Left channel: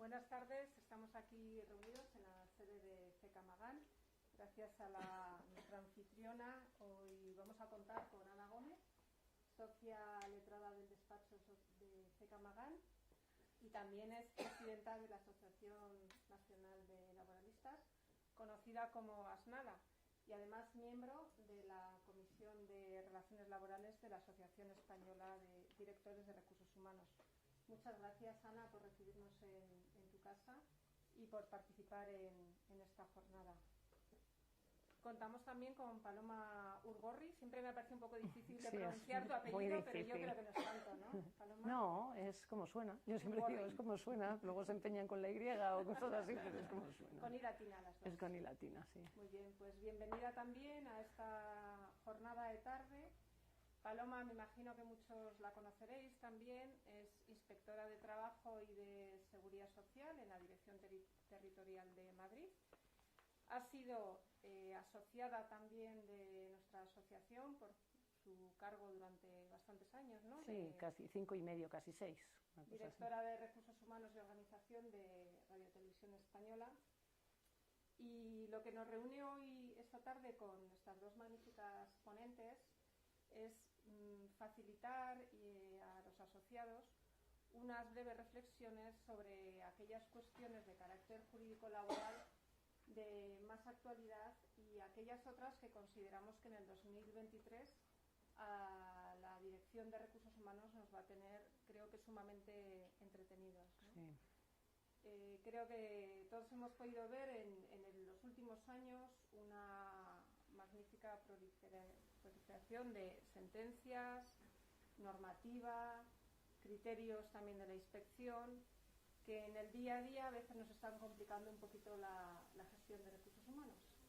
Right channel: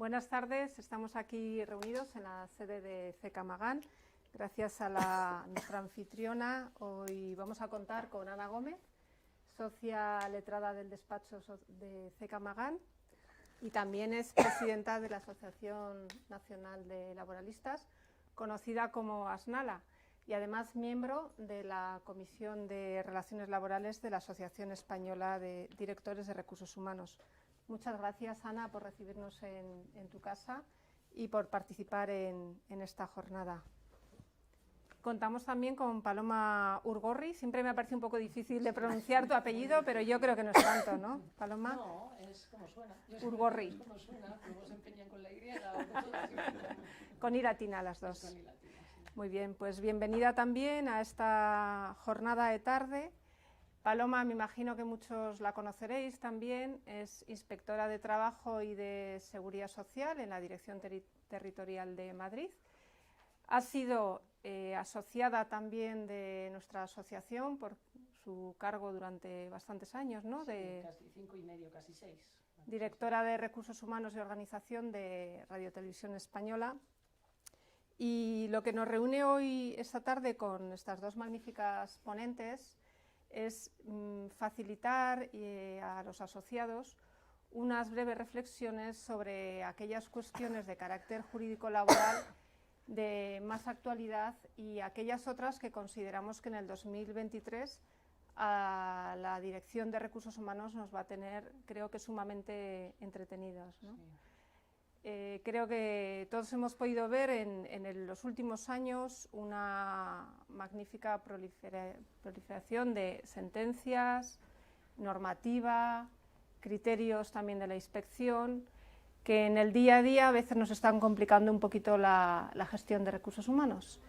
Buenas tardes, estamos aquí reunidos en la sede de CECA Magán. Gracias a nuestra anfitriona, hoy vamos a contar con Ana Gómez, socia letrada del despacho de CECA Magán, y también es presidenta de la Asociación Nacional de Laboralistas, conocida como ASNALA, y además miembro de la Comisión de Relaciones Laborales de la Asociación Española de Directores de Recursos Humanos. Muchas gracias, Ana, por recibirnos en tu casa y por participar en esta jornada. Contamos también con Paloma Urgorri. Siempre me ha parecido un poco difícil de pronunciar tu apellido, pero yo creo que no es tanto, ¿no, Paloma? No, es como suena. Urgorri. Es como suena, luego se empeñan con la Y o con todo así. Con I latina las dos. Con I latina, sí. Muy bien, pues bienvenida también a esta jornada de tarde. Paloma, me imagino que muchos la conoceréis también, es inspectora de Trabajo y de Seguridad Social en la Dirección Territorial de Madrid. Ha sido asociada también de nuestra asociación por su cargo durante bastantes años, ¿no? Sí, casi 5 y medio, casi 6. Directora de Recursos Humanos y Organización de Radio Televisión Española. Y lo que nos reúne hoy, esta tarde, con estas dos magníficas ponentes, es facilitar a los asociados unas breves reflexiones sobre aquellas cuestiones de carácter jurídico laboral de más actualidad y aquellas otras que consideramos que en el 2023 a la Dirección de Recursos Humanos nos va a tener, creo que sumamente entretenidos, ¿no? Sí. Creo que todos hemos podido ver en los últimos años una magnífica proliferación de sentencias, normativa, criterios también de la inspección, que en el día a día a veces nos están complicando un poquito la gestión de recursos humanos.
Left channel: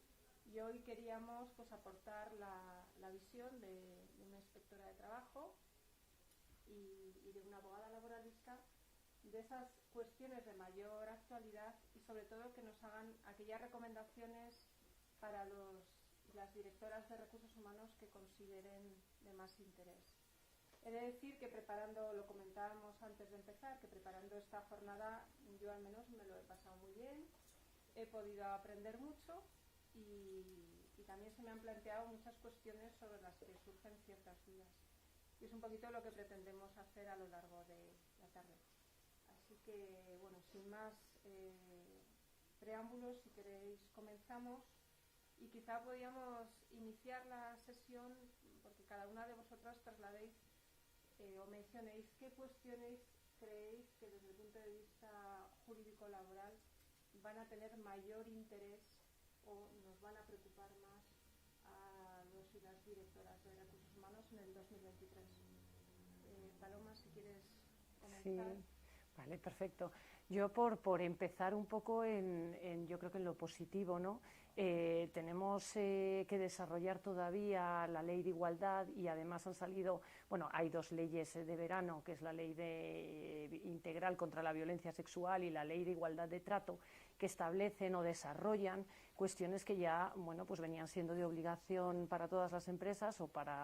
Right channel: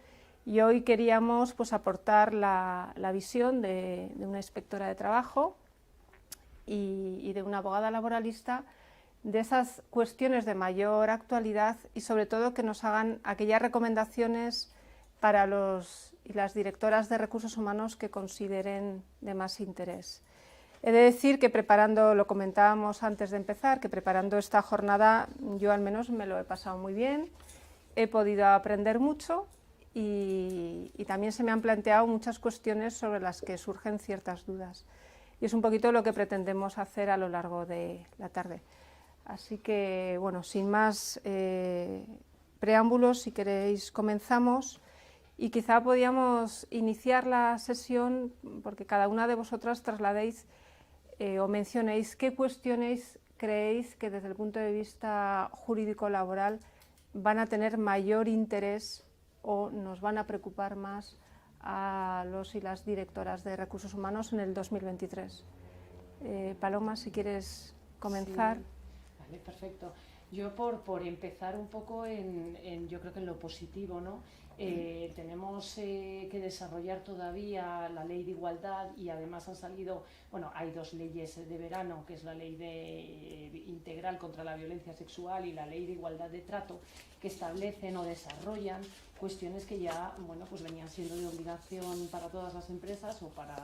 Y hoy queríamos pues, aportar la visión de una inspectora de trabajo y de una abogada laboralista de esas cuestiones de mayor actualidad y sobre todo que nos hagan aquellas recomendaciones para los y las directoras de recursos humanos que consideren de más interés. He de decir que preparando, lo comentábamos antes de empezar, que preparando esta jornada yo al menos me lo he pasado muy bien, he podido aprender mucho y también se me han planteado muchas cuestiones sobre las que surgen ciertas dudas. Y es un poquito lo que pretendemos hacer a lo largo de la tarde. Así que, bueno, sin más preámbulos, si queréis comenzamos y quizá podíamos iniciar la sesión porque cada una de vosotras trasladéis o mencionéis qué cuestiones creéis que desde el punto de vista jurídico-laboral van a tener mayor interés o nos van a preocupar más a los y las directoras de recursos humanos en el 2023. Paloma, si quieres comenzar. Sí. Vale, perfecto. Yo por empezar un poco yo creo que en lo positivo, ¿no? Tenemos que desarrollar todavía la ley de igualdad y además han salido, bueno, hay dos leyes de verano, que es la ley integral contra la violencia sexual y la ley de igualdad de trato, que establecen o desarrollan cuestiones que ya, bueno, pues venían siendo de obligación para todas las empresas o para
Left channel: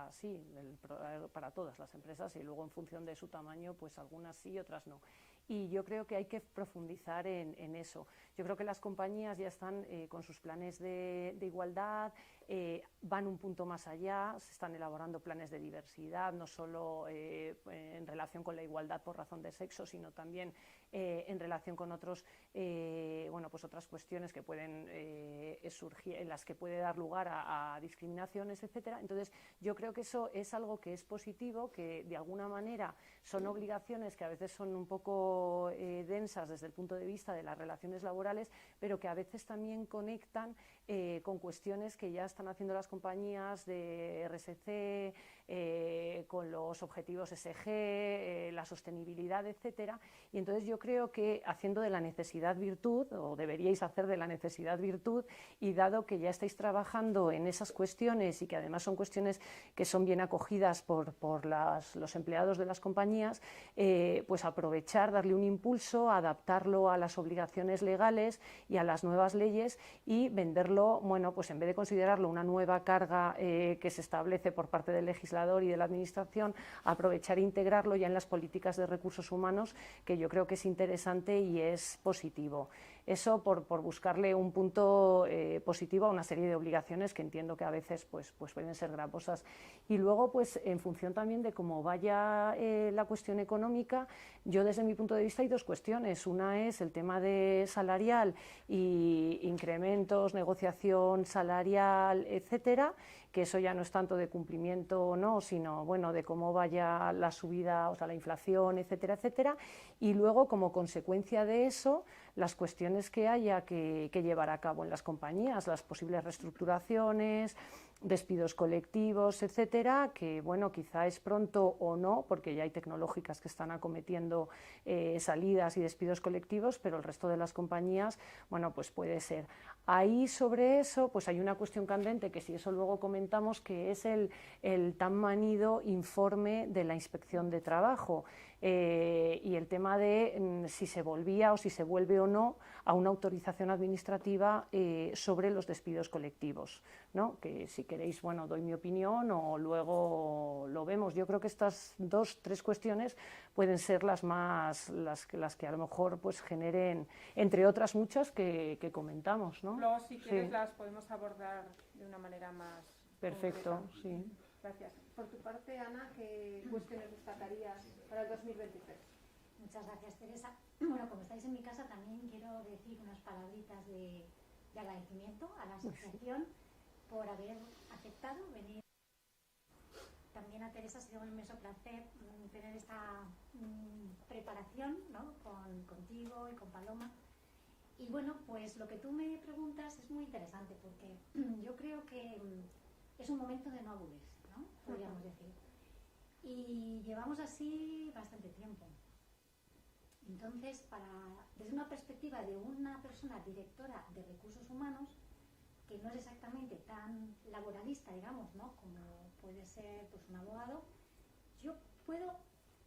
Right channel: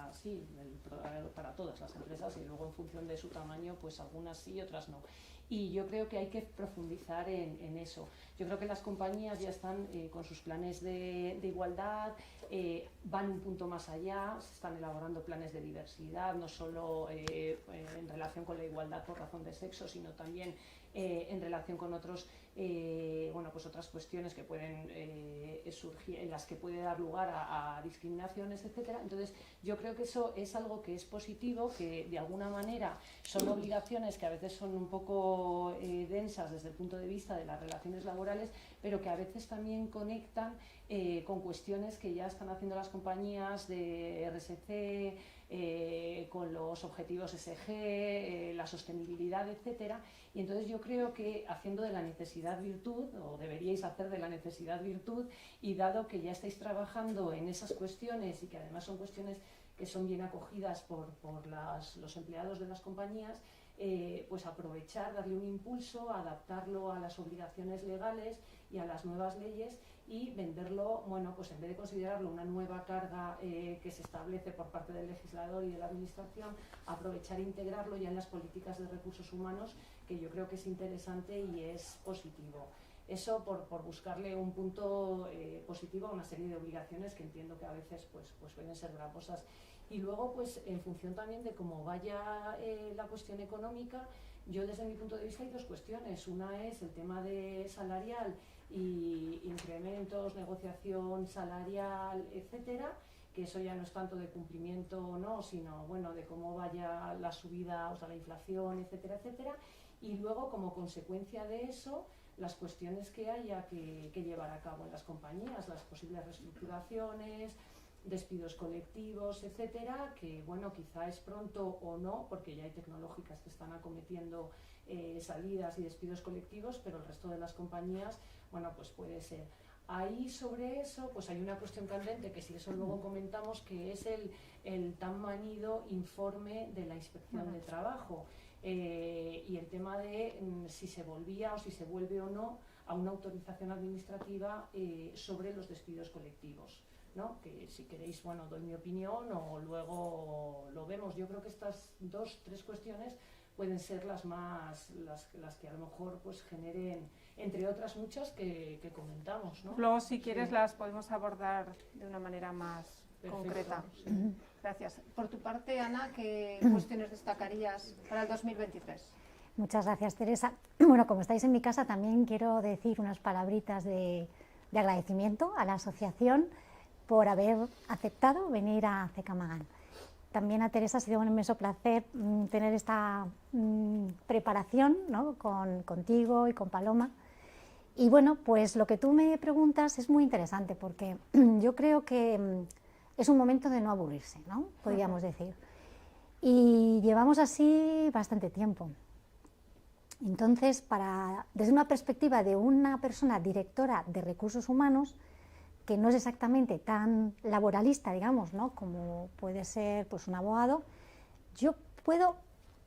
todas las empresas y luego en función de su tamaño, pues algunas sí y otras no. Y yo creo que hay que profundizar en eso. Yo creo que las compañías ya están con sus planes de igualdad, van un punto más allá, se están elaborando planes de diversidad, no solo en relación con la igualdad por razón de sexo, sino también en relación con otras cuestiones que pueden surgir, en las que puede dar lugar a discriminaciones, etcétera. Entonces, yo creo que eso es algo que es positivo, que de alguna manera son obligaciones que a veces son un poco densas desde el punto de vista de las relaciones laborales, pero que a veces también conectan con cuestiones que ya están haciendo las compañías de RSC, con los objetivos SG, la sostenibilidad, etcétera. Y entonces yo creo que haciendo de la necesidad virtud, o deberíais hacer de la necesidad virtud, y dado que ya estáis trabajando en esas cuestiones y que además son cuestiones que son bien acogidas por los empleados de las compañías, pues aprovechar, darle un impulso, adaptarlo a las obligaciones legales y a las nuevas leyes y venderlo, bueno, pues en vez de considerarlo una nueva carga que se establece por parte del legislador y de la administración, aprovechar e integrarlo ya en las políticas de recursos humanos, que yo creo que es interesante y es positivo. Eso por buscarle un punto positivo a una serie de obligaciones que entiendo que a veces pues pueden ser gravosas. Y luego, pues en función también de cómo vaya la cuestión económica, yo desde mi punto de vista hay dos cuestiones. Una es el tema de salarial y incrementos, negociación salarial, etcétera, que eso ya no es tanto de cumplimiento o no, sino bueno, de cómo vaya la subida, o sea, la inflación, etcétera, etcétera. Y luego, como consecuencia de eso, las cuestiones que haya que llevar a cabo en las compañías, las posibles reestructuraciones, despidos colectivos, etcétera, que bueno, quizá es pronto o no, porque ya hay tecnológicas que están acometiendo salidas y despidos colectivos, pero el resto de las compañías, bueno, pues puede ser. Ahí sobre eso, pues hay una cuestión candente, que si eso luego comentamos, que es el tan manido informe de la Inspección de Trabajo. Y el tema de si se volvía o si se vuelve o no a una autorización administrativa sobre los despidos colectivos, ¿no? Que si queréis, bueno, doy mi opinión o luego lo vemos. Yo creo que estas tres cuestiones pueden ser las que a lo mejor pues generen, entre otras muchas que comentamos, ¿no? Luego, si quieres, las podemos abordar de una manera más concreta. Sí. Gracias. Por tu parte, Ana, ¿qué cuestiones destacarías para el 2023? Muchas gracias, Teresa. Bueno, como estáis en mi casa, también quiero decir unas palabritas de agradecimiento a la asociación por haber aceptado venir a CECAMAGAN. También a Teresa ha sido un inmenso placer tener esta preparación, ¿no? Contigo y con Paloma. Y bueno, pues lo que tú me preguntas es muy interesante, porque yo creo que es un momento de no aburrirse, ¿no? Podríamos decir. Y llevamos así bastante tiempo. Entonces, desde una perspectiva de una persona directora de recursos humanos, que no es exactamente tan laboralista, digamos, ¿no? Como puede ser pues, un abogado, yo puedo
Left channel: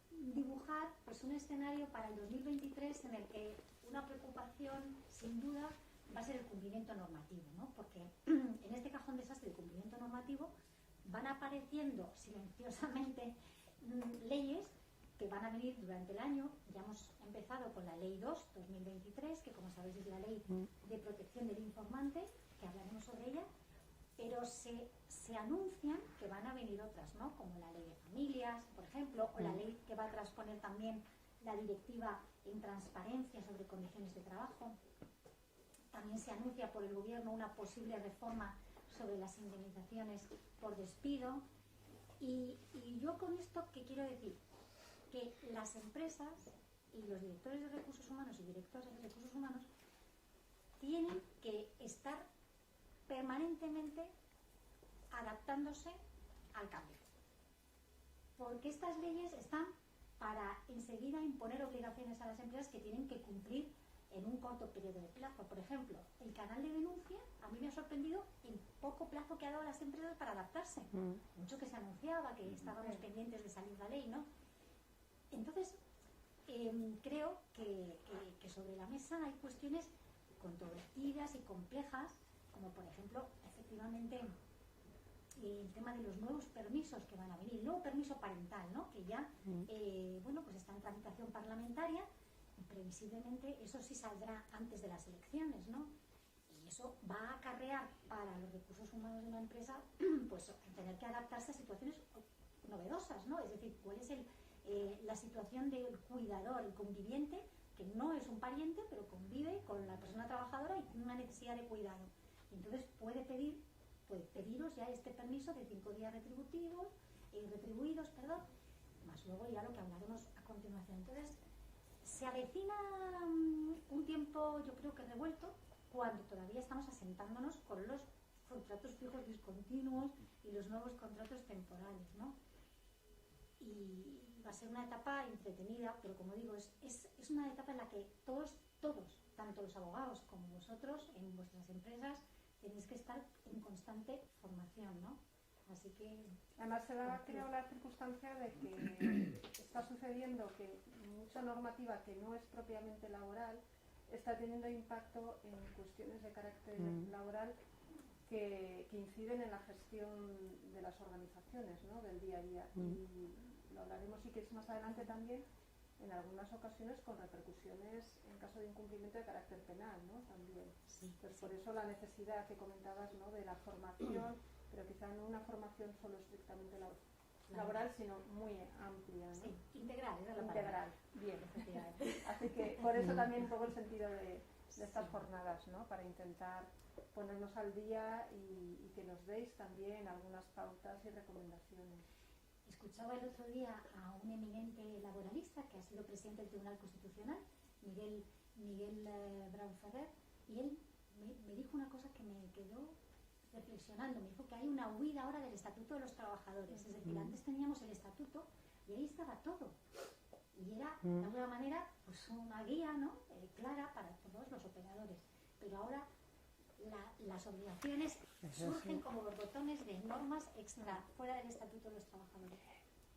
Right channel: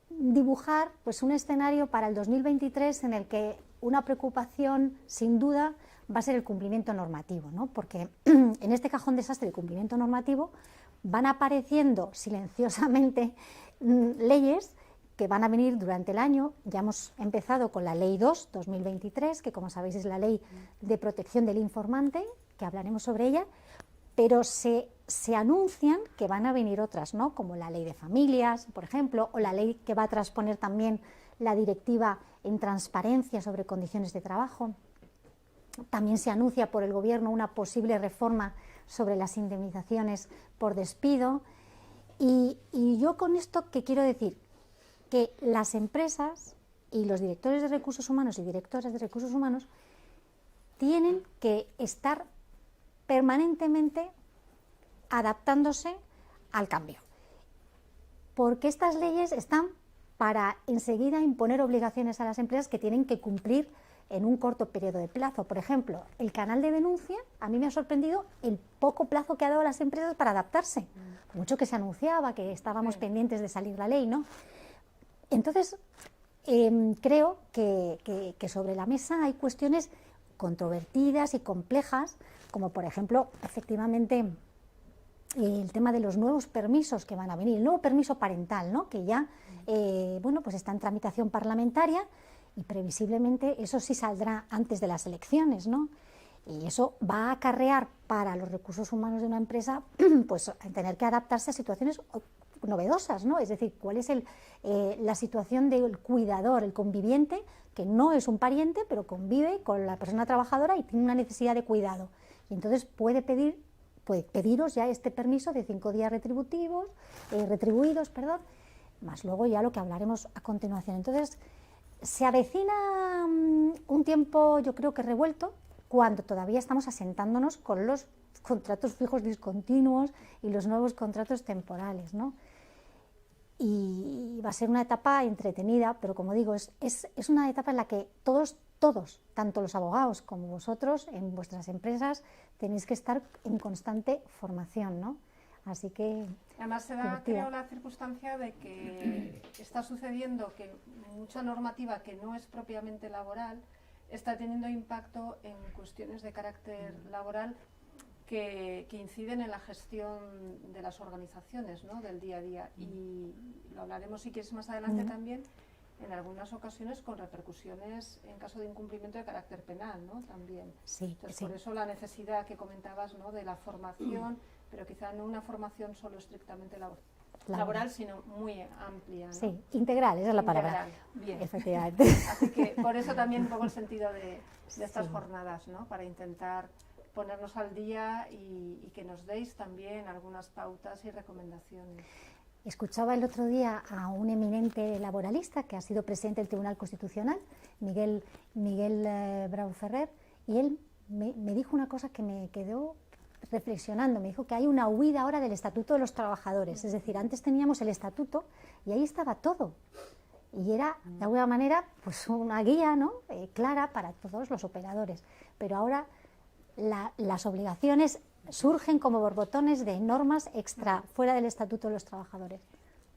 dibujar pues, un escenario para el 2023 en el que una preocupación, sin duda, va a ser el cumplimiento normativo, ¿no? Porque en este cajón desastre del cumplimiento normativo van apareciendo silenciosamente leyes que van a venir durante el año. Ya hemos empezado con la Ley 2/2023, que como sabéis es la Ley de Protección del Informante, que hablaremos sobre ella, pero se anuncian que van a venir otras, ¿no? Como la Ley de Familias, por ejemplo, o la ley que va a transponer también la Directiva en Transparencia sobre Condiciones de Trabajo. También se anuncia por el Gobierno una posible reforma sobre las indemnizaciones por despido. Y yo con esto, ¿qué quiero decir? Que las empresas y los directores de recursos humanos y directoras de recursos humanos tienen que estar permanentemente adaptándose al cambio. Porque estas leyes están para enseguida imponer obligaciones a las empresas que tienen que cumplir en un corto periodo de plazo. Por ejemplo, el canal de denuncia, a mí me ha sorprendido el poco plazo que ha dado a las empresas para adaptarse. Mucho que se anunciaba, que estábamos pendientes de salir la ley, ¿no? Entonces, creo que sobre la mesa hay cuestiones controvertidas y complejas, como por ejemplo, efectivamente, el tema de los nuevos permisos que van a venir, el nuevo permiso parental, ¿no? Que ya bueno, pues está en tramitación parlamentaria y previsiblemente eso sí saldrá antes de las elecciones, ¿no? Y eso va a acarrear para los recursos humanos de una empresa pues tener que adaptarse a situaciones novedosas, ¿no? Es decir, cuál es la situación del cuidador, el conviviente, que no es un pariente, pero convive con la persona trabajadora y tiene una necesidad de cuidado. Y entonces puede pediros ya este permiso de 5 días retribuidos, más luego ya lo que hablaremos a continuación. Entonces, se avecina un tiempo, yo creo que revuelto, cuando todavía estamos asentándonos con los contratos fijos discontinuos y los nuevos contratos temporales, ¿no? Y va a ser una etapa entretenida, pero como digo, es una etapa en la que todos, tanto los abogados como vosotros, en vuestras empresas, tenéis que estar en constante formación, ¿no? Así que... Además se da, creo, la circunstancia de que está sucediendo que mucha normativa que no es propiamente laboral está teniendo impacto en cuestiones de carácter laboral que inciden en la gestión de las organizaciones, ¿no?, del día a día. Y lo hablaremos, si quieres, más adelante también, en algunas ocasiones con repercusiones en caso de incumplimiento de carácter penal, ¿no?, también. Sí, entonces, sí. por eso la necesidad que comentabas, ¿no?, de la formación, pero quizá no una formación solo estrictamente laboral, sino muy amplia, ¿no? Sí, integral, esa es la palabra. Bien. Efectivamente. Así que por eso también un poco el sentido de estas jornadas, ¿no?, para intentar ponernos al día y que nos deis también algunas pautas y recomendaciones. Escuchaba el otro día a un eminente laboralista que ha sido presidente del Tribunal Constitucional, Miguel Bravo Ferrer, y él me dijo una cosa que me quedó reflexionando. Me dijo que hay una huida ahora del Estatuto de los Trabajadores, es decir, antes teníamos el Estatuto y ahí estaba todo, y era de alguna manera pues una guía, ¿no?, clara para todos los operadores, pero ahora las obligaciones surgen como borbotones de normas extra, fuera del Estatuto de los Trabajadores.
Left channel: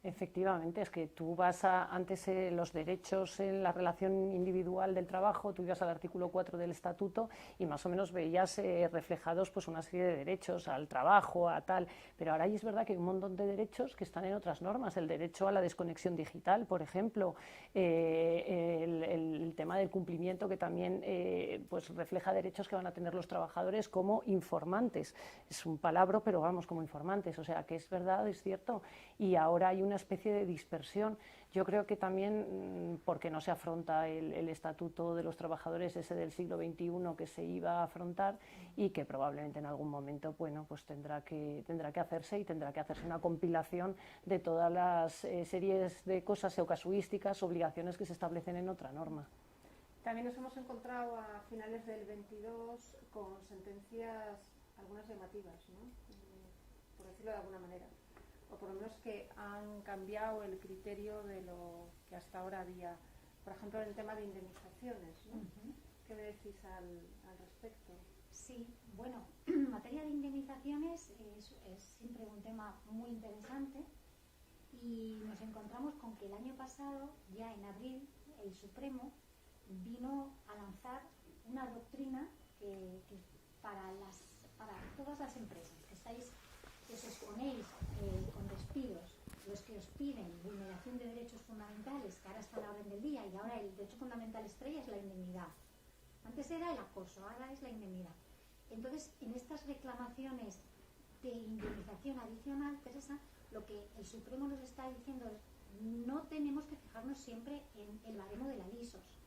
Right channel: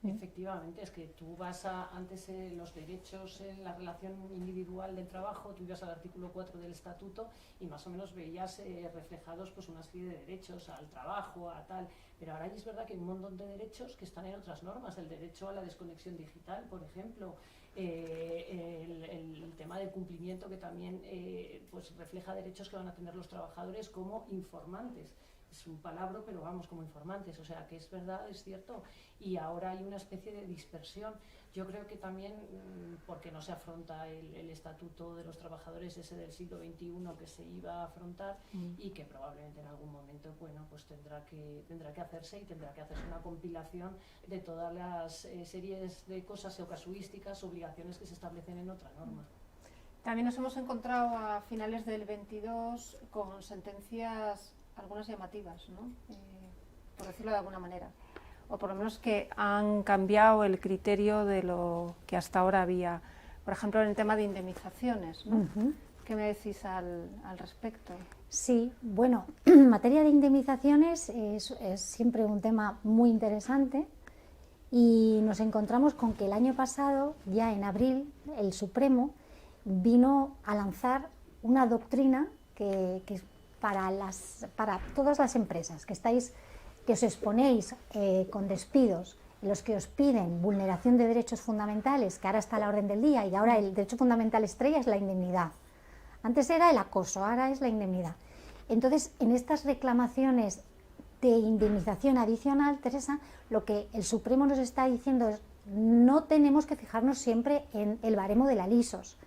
Efectivamente, es que tú vas antes los derechos en la relación individual del trabajo, tú ibas al artículo 4 del Estatuto y más o menos veías reflejados pues una serie de derechos al trabajo, a tal, pero ahora es verdad que hay un montón de derechos que están en otras normas, el derecho a la desconexión digital, por ejemplo, el tema del cumplimiento que también pues refleja derechos que van a tener los trabajadores como informantes, es un palabra, pero vamos, como informantes, o sea que es verdad, es cierto, y ahora hay una especie de dispersión. Yo creo que también porque no se afronta el Estatuto de los Trabajadores, ese del siglo XXI que se iba a afrontar y que probablemente en algún momento, bueno, pues tendrá que hacerse, y tendrá que hacerse una compilación de todas las series de cosas o casuísticas, obligaciones que se establecen en otra norma. También nos hemos encontrado a finales del 22 con sentencias, algunas llamativas, ¿no?, por decirlo de alguna manera, o por lo menos que han cambiado el criterio de lo que hasta ahora había. Por ejemplo, en el tema de indemnizaciones, ¿no? ¿Qué me decís al respecto? Sí, bueno, en materia de indemnizaciones es siempre un tema muy interesante, y nos encontramos con que el año pasado, ya en abril, el Supremo vino a lanzar una doctrina que para todas las empresas que os exponéis con despidos, los que os piden vulneración de derechos fundamentales, que ahora está a la orden del día, y ahora el derecho fundamental estrella es la indemnidad. Antes era el acoso, ahora es la indemnidad. Entonces, en estas reclamaciones de indemnización adicional, Teresa, lo que el Supremo nos está diciendo es: no tenemos que fijarnos siempre en el baremo de la LISOS,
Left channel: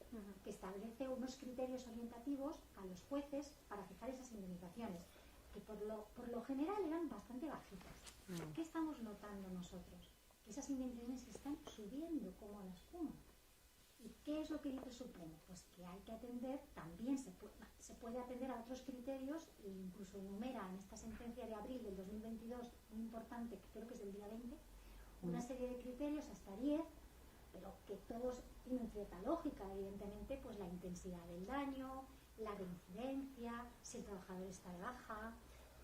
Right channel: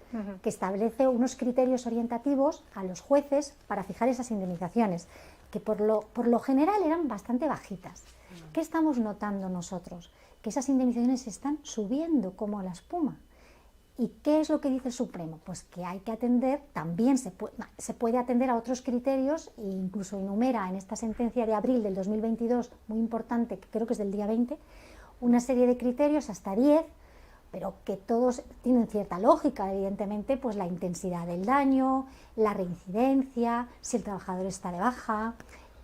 que establece unos criterios orientativos a los jueces para fijar esas indemnizaciones, que por lo general eran bastante bajitas. ¿Qué estamos notando nosotros? Que esas indemnizaciones están subiendo como la espuma. ¿Y qué es lo que dice el Supremo? Pues que hay que atender, también se puede atender a otros criterios, e incluso enumera en esta sentencia de abril del 2022, muy importante, que creo que es del día 20, una serie de criterios, hasta 10, pero que todos tienen cierta lógica, evidentemente, pues la intensidad del daño, la reincidencia, si el trabajador está de baja.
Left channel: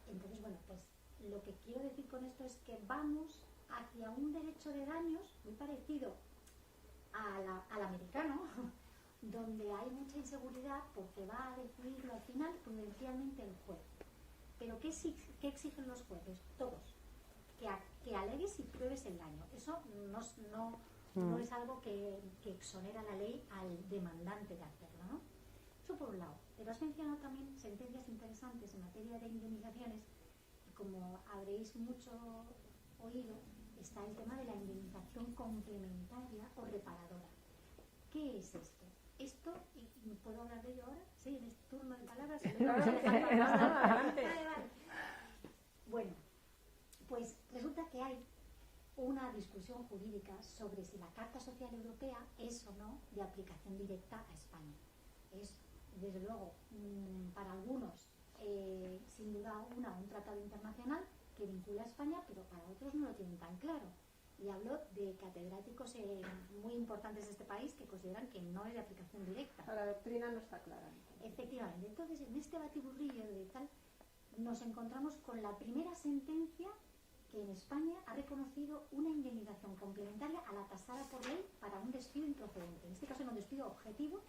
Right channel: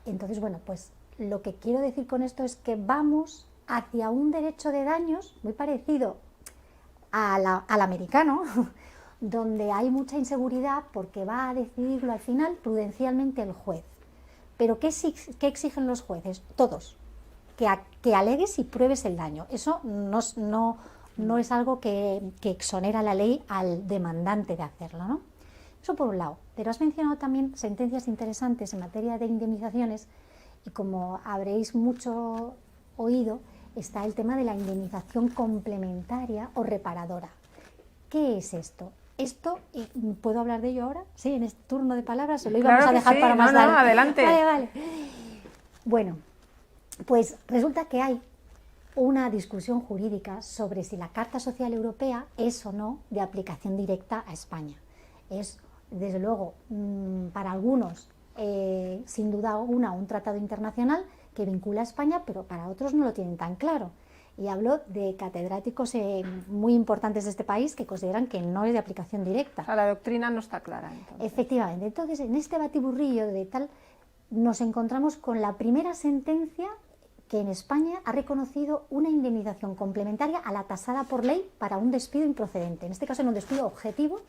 Entonces, bueno, pues lo que quiero decir con esto es que vamos hacia un derecho de daños muy parecido al americano, donde hay mucha inseguridad porque va a decidirlo al final prudencialmente el juez. Pero ¿qué exigen los jueces? Todos, que alegues y pruebes el daño. Eso no es algo que exonera la ley al demandante de hacerlo, ¿no? Eso por un lado. Pero has mencionado también sentencias interesantes en materia de indemnizaciones, y como habréis mucho oído, está el tema de la indemnización complementaria o reparadora. ¿Qué es esto? Esto, ¿puedo hablar de ello ahora? Sí, en este turno de palabras, se lo íbamos a dejar para más tarde. No, adelante. Vale. Bueno, pues resulta que hay una discusión jurídica sobre si la Carta Social Europea es o no de aplicación directa a España. Es, desde luego, para algunos, sin duda alguna, un tratado internacional que vincula a España, pero para otros no lo tienen tan claro. Y hablo de catedráticos muy importantes de este país que consideran que no es de aplicación directa. O sea, la doctrina no está clara, entonces. Efectivamente. Entonces, en este batiburrillo de tal, nos encontramos con la primera sentencia que en España ha reconocido una indemnización complementaria a la tasada por ley para un despido improcedente. En este caso era un despido objetivo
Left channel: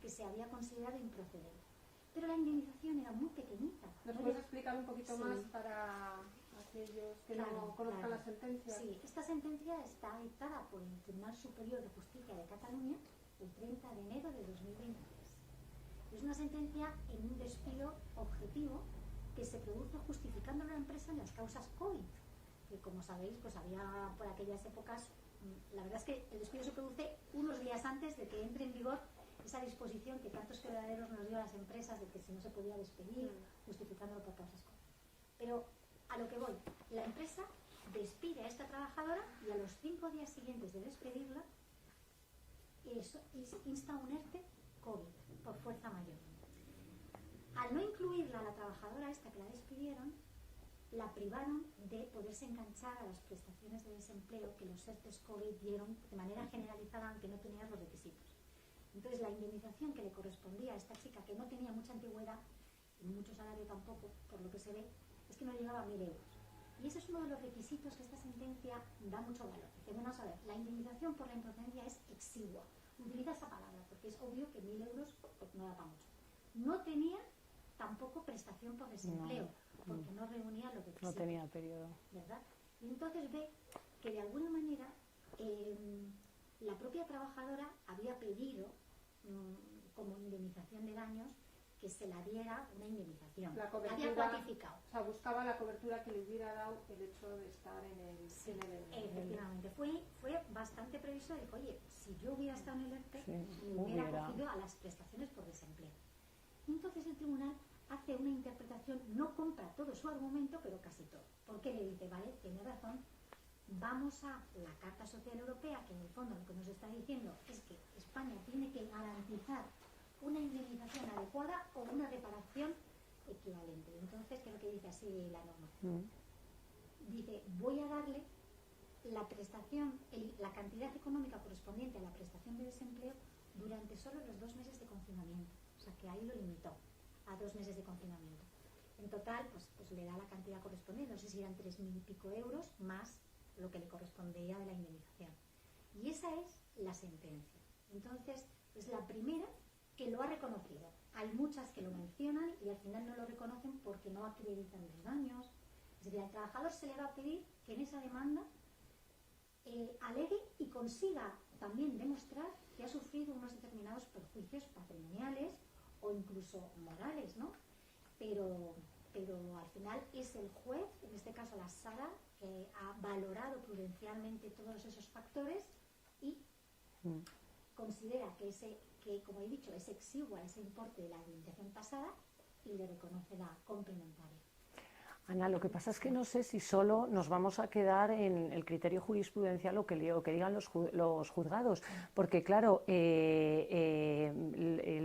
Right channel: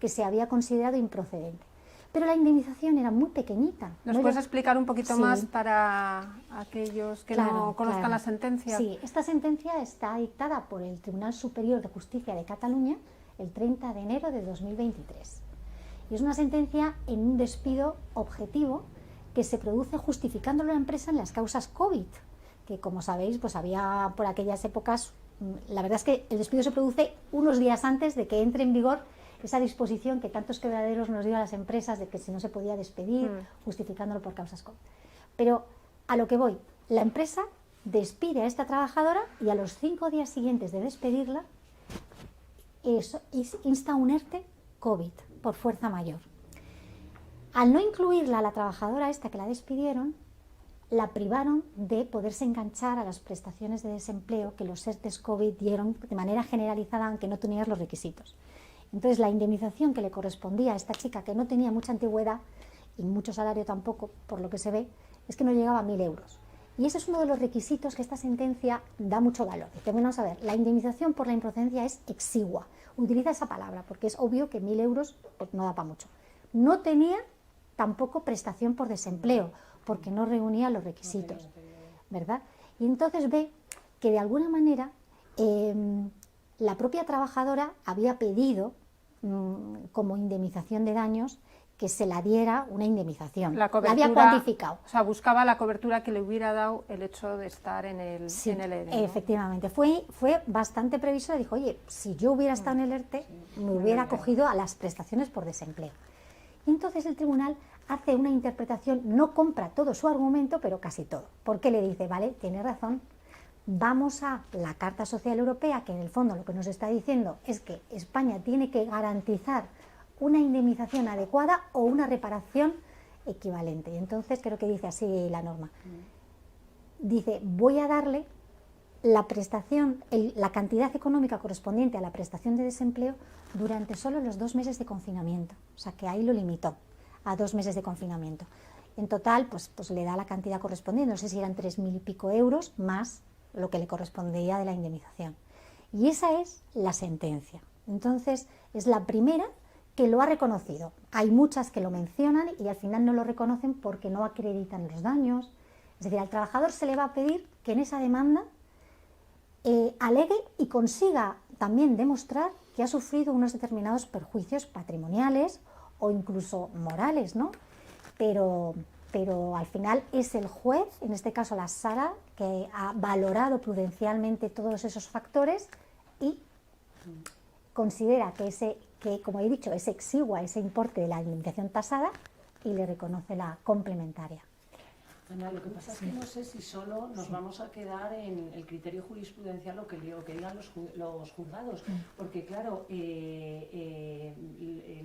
que se había considerado improcedente. Pero la indemnización era muy pequeñita. ¿Nos puedes explicar un poquito más para aquellos que no conozcan la sentencia? Sí, esta sentencia está dictada por el Tribunal Superior de Justicia de Cataluña el 30 de enero de 2023. Y es una sentencia en un despido objetivo que se produce justificándolo la empresa en las causas COVID, que como sabéis, pues había por aquellas épocas, la verdad es que el despido se produce unos días antes de que entre en vigor esa disposición que tantos quebraderos nos dio a las empresas de que si no se podía despedir, justificándolo por causas COVID. Pero a lo que voy, la empresa despide a esta trabajadora y a los 5 días siguientes de despedirla insta un ERTE COVID por fuerza mayor. Al no incluirla a la trabajadora esta que la despidieron, la privaron de poderse enganchar a las prestaciones de desempleo que los ERTEs COVID dieron de manera generalizada, aunque no tenían los requisitos. Entonces, la indemnización que le correspondía a esta chica, que no tenía mucha antigüedad y mucho salario tampoco, por lo que se ve, es que no llegaba a 1.000 euros. Y ese es uno de los requisitos que esta sentencia da mucho valor. Dice, bueno, vamos a ver, la indemnización por la improcedencia es exigua. Utiliza esa palabra, porque es obvio que 1.000 euros pues, no da para mucho. No tenía tampoco prestación por desempleo, porque no reunía los requisitos, ¿verdad? Y entonces ve que de alguna manera la propia trabajadora había pedido como indemnización de daños que se la diera una indemnización. La había cuantificado. O sea, buscaba la cobertura que le hubiera dado el hecho de estar en el, sí, en el ERE, ¿no? Efectivamente. Fue bastante previsora. Dijo, oye, si yo hubiera estado en el ERTE, me hubiera acogido a las prestaciones por desempleo. Y entonces el tribunal hace una interpretación, no compra todo su argumento, pero casi todo. Porque le dice, vale, tiene razón, vamos a la Carta Social Europea, que en el fondo lo que nos está diciendo es que España tiene que garantizar una indemnización adecuada o una reparación equivalente. Y entonces creo que dice así la norma. Dice, voy a darle la prestación, la cantidad económica correspondiente a la prestación de desempleo durante solo los 2 meses de confinamiento. O sea que ahí lo limitó a 2 meses de confinamiento. En total, pues le da la cantidad correspondiente, no sé si eran 3.000 y pico euros más lo que le correspondía de la indemnización. Y esa es la sentencia. Entonces, es la primera que lo ha reconocido. Hay muchas que lo mencionan y al final no lo reconocen porque no acreditan los daños. Es decir, al trabajador se le va a pedir que en esa demanda alegue y consiga también demostrar que ha sufrido unos determinados perjuicios patrimoniales o incluso morales, ¿no? Pero al final es el juez, en este caso la Sala, que ha valorado prudencialmente todos esos factores y considera que, como he dicho, es exigua ese importe de la indemnización tasada y le reconoce la complementaria. Ana, lo que pasa es que no sé si solo nos vamos a quedar en el criterio jurisprudencial o que digan los juzgados, porque claro, el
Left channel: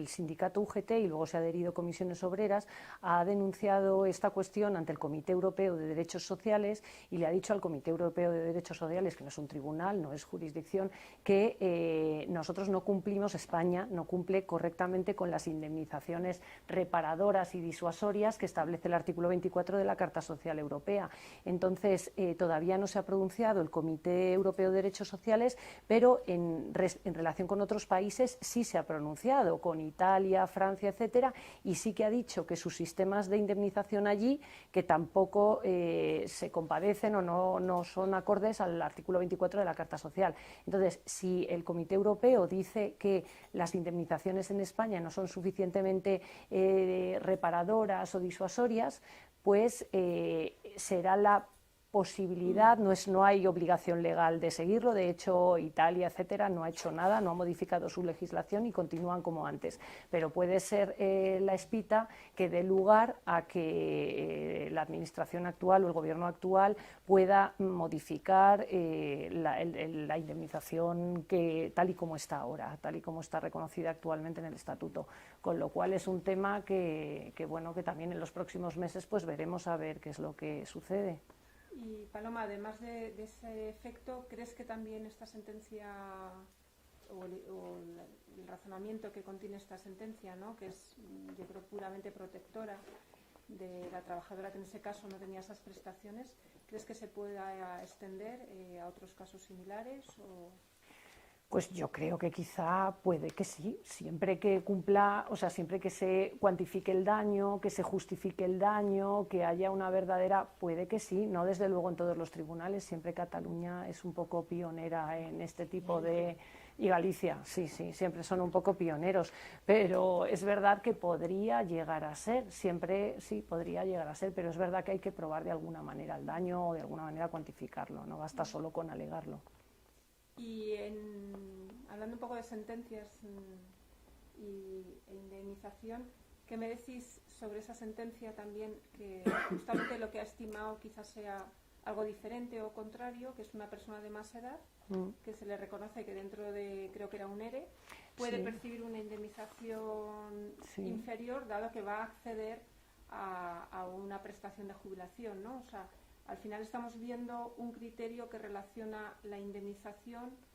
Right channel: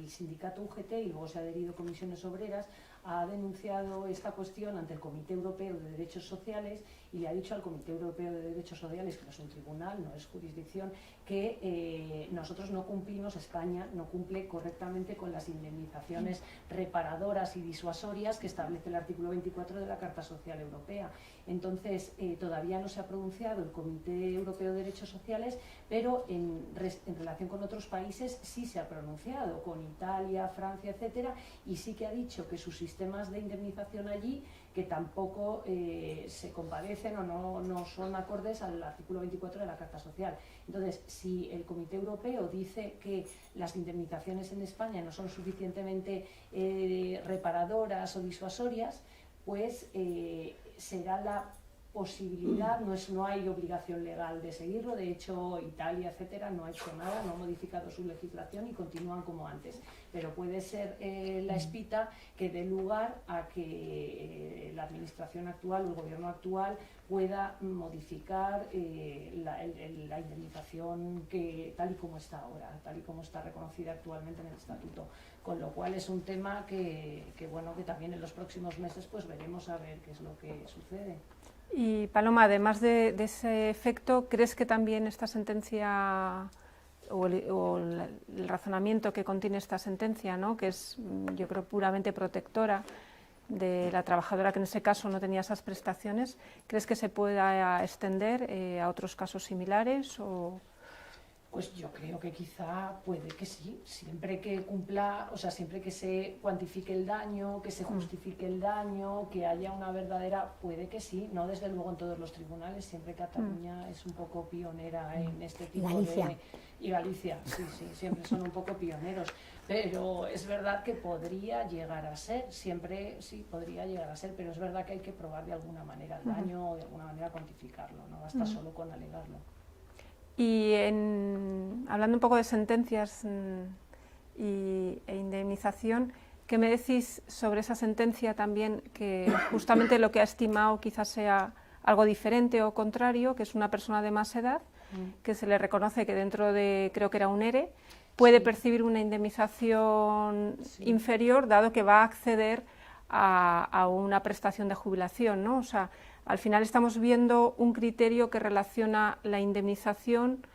sindicato UGT y luego se ha adherido Comisiones Obreras ha denunciado esta cuestión ante el Comité Europeo de Derechos Sociales y le ha dicho al Comité Europeo de Derechos Sociales, que no es un tribunal, no es jurisdicción, que nosotros no cumplimos, España no cumple correctamente con las indemnizaciones reparadoras y disuasorias que establece el artículo 24 de la Carta Social Europea. Entonces, todavía no se ha pronunciado el Comité Europeo de Derechos Sociales, pero en relación con otros países sí se ha pronunciado, con Italia, Francia, etcétera, y sí que ha dicho que sus sistemas de indemnización allí, que tampoco se compadecen o no son acordes al artículo 24 de la Carta Social. Entonces, si el Comité Europeo dice que las indemnizaciones en España no son suficientemente reparadoras o disuasorias, pues será la posibilidad, no hay obligación legal de seguirlo, de hecho Italia, etcétera, no ha hecho nada, no ha modificado su legislación y continúan como antes, pero puede ser la espita que dé lugar a que la administración actual o el gobierno actual pueda modificar la indemnización tal y como está ahora, tal y como está reconocida actualmente en el estatuto, con lo cual es un tema que también en los próximos meses pues veremos a ver qué es lo que sucede. Y Paloma, además de ese efecto, ¿crees que también esta sentencia o el razonamiento que contiene esta sentencia, ¿no? Que es, yo creo, puramente protectora, de la trabajadora que en ese caso no tenía esas prestaciones, ¿crees que se pueda extender a otros casos similares? Pues yo creo que quizá puede que sí, siempre que cumpla, o sea, siempre que se cuantifique el daño, que se justifique el daño, que haya una verdadera, puede que sí, no desde luego en todos los tribunales, siempre Cataluña es un poco pionera en este tipo de... Y Galicia, sí, siempre son un poco pioneros, pero es verdad que podría llegar a ser, siempre sí, podría llegar a ser, pero es verdad que hay que probar de alguna manera el daño o de alguna manera cuantificarlo, no basta solo con alegarlo. Y hablando un poco de sentencias e indemnización, ¿qué me decís sobre esa sentencia también, que justamente lo que ha estimado quizás sea algo diferente o contrario, que es una persona de más edad, que se le reconoce que dentro de, creo que era un ERE, puede percibir una indemnización inferior, dado que va a acceder a una prestación de jubilación, ¿no? O sea, al final estamos viendo un criterio que relaciona la indemnización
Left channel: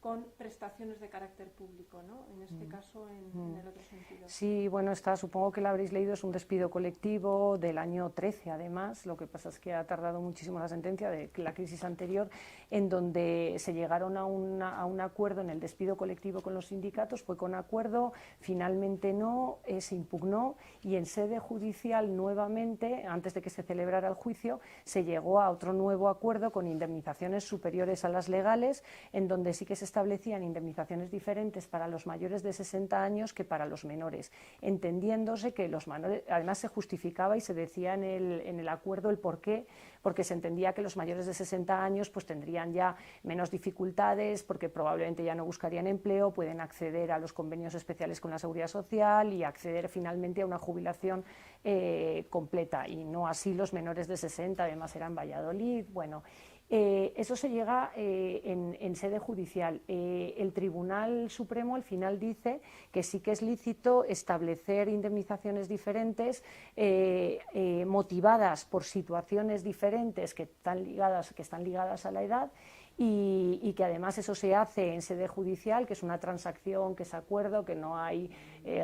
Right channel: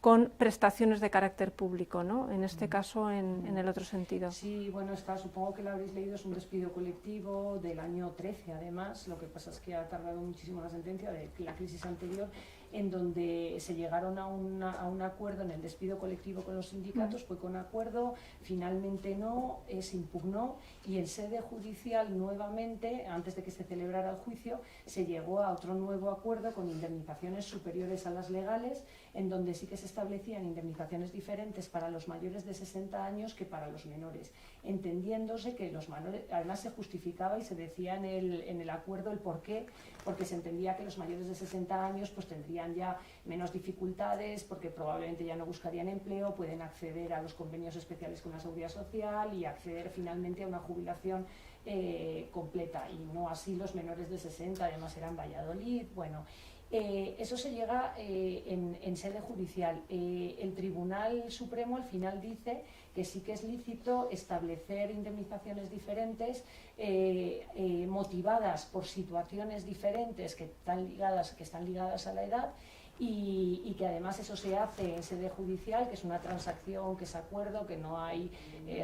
con prestaciones de carácter público, ¿no? En este caso, en el otro sentido. Sí, bueno, supongo que lo habréis leído, es un despido colectivo del año 13, además. Lo que pasa es que ha tardado muchísimo la sentencia de la crisis anterior, en donde se llegaron a un acuerdo en el despido colectivo con los sindicatos, fue con acuerdo, finalmente no, se impugnó, y en sede judicial nuevamente, antes de que se celebrara el juicio, se llegó a otro nuevo acuerdo con indemnizaciones superiores a las legales, en donde sí que se establecían indemnizaciones diferentes para los mayores de 60 años que para los menores, entendiéndose que los menores, además se justificaba y se decía en el acuerdo el porqué, porque se entendía que los mayores de 60 años pues tendrían ya menos dificultades, porque probablemente ya no buscarían empleo, pueden acceder a los convenios especiales con la Seguridad Social y acceder finalmente a una jubilación completa, y no así los menores de 60, además eran Valladolid, bueno. Eso se llega en sede judicial. El Tribunal Supremo al final dice que sí que es lícito establecer indemnizaciones diferentes motivadas por situaciones diferentes que están ligadas a la edad, y que además eso se hace en sede judicial, que es una transacción, que es acuerdo, que no hay